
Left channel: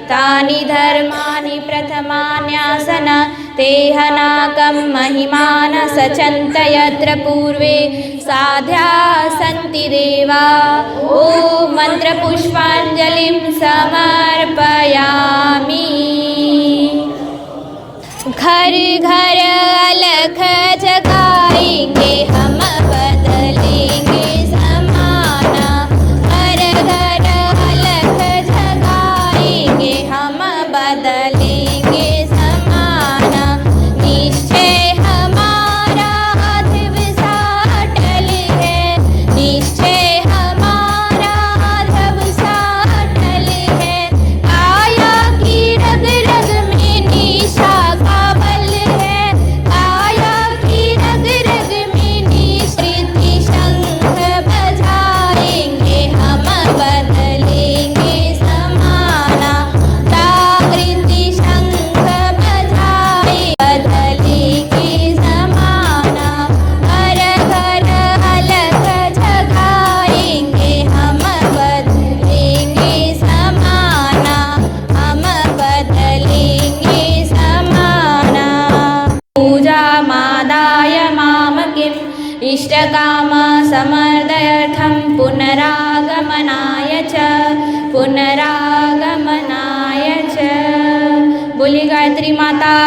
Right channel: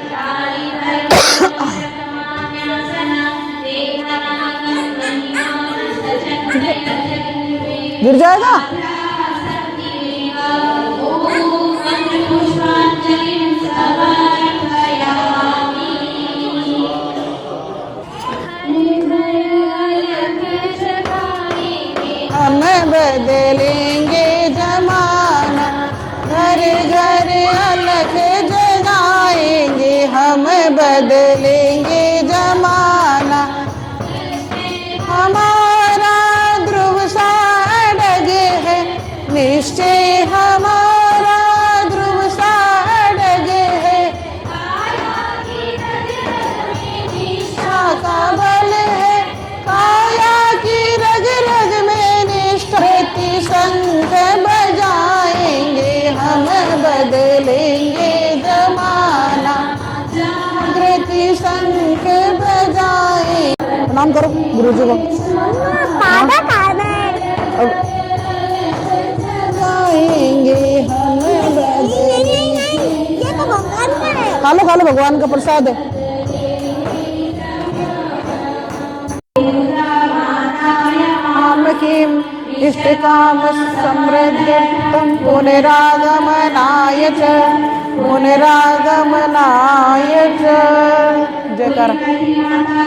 तानि धर्माणि प्रथमान्यासन तेहनाकं महिमान सचन्त यत्र पूर्वे साध्या सन्ति देवा। ॐ मन्त्रपुष्पाञ्जलिं समर्पयामि। घर घर अलख जगाएंगे हम, बदलेंगे जमाना। घर घर अलख जगाएंगे हम, बदलेंगे जमाना। निश्चय हमारा ध्रुव सा अटल है, निश्चय हमारा ध्रुव सा धरित्री माता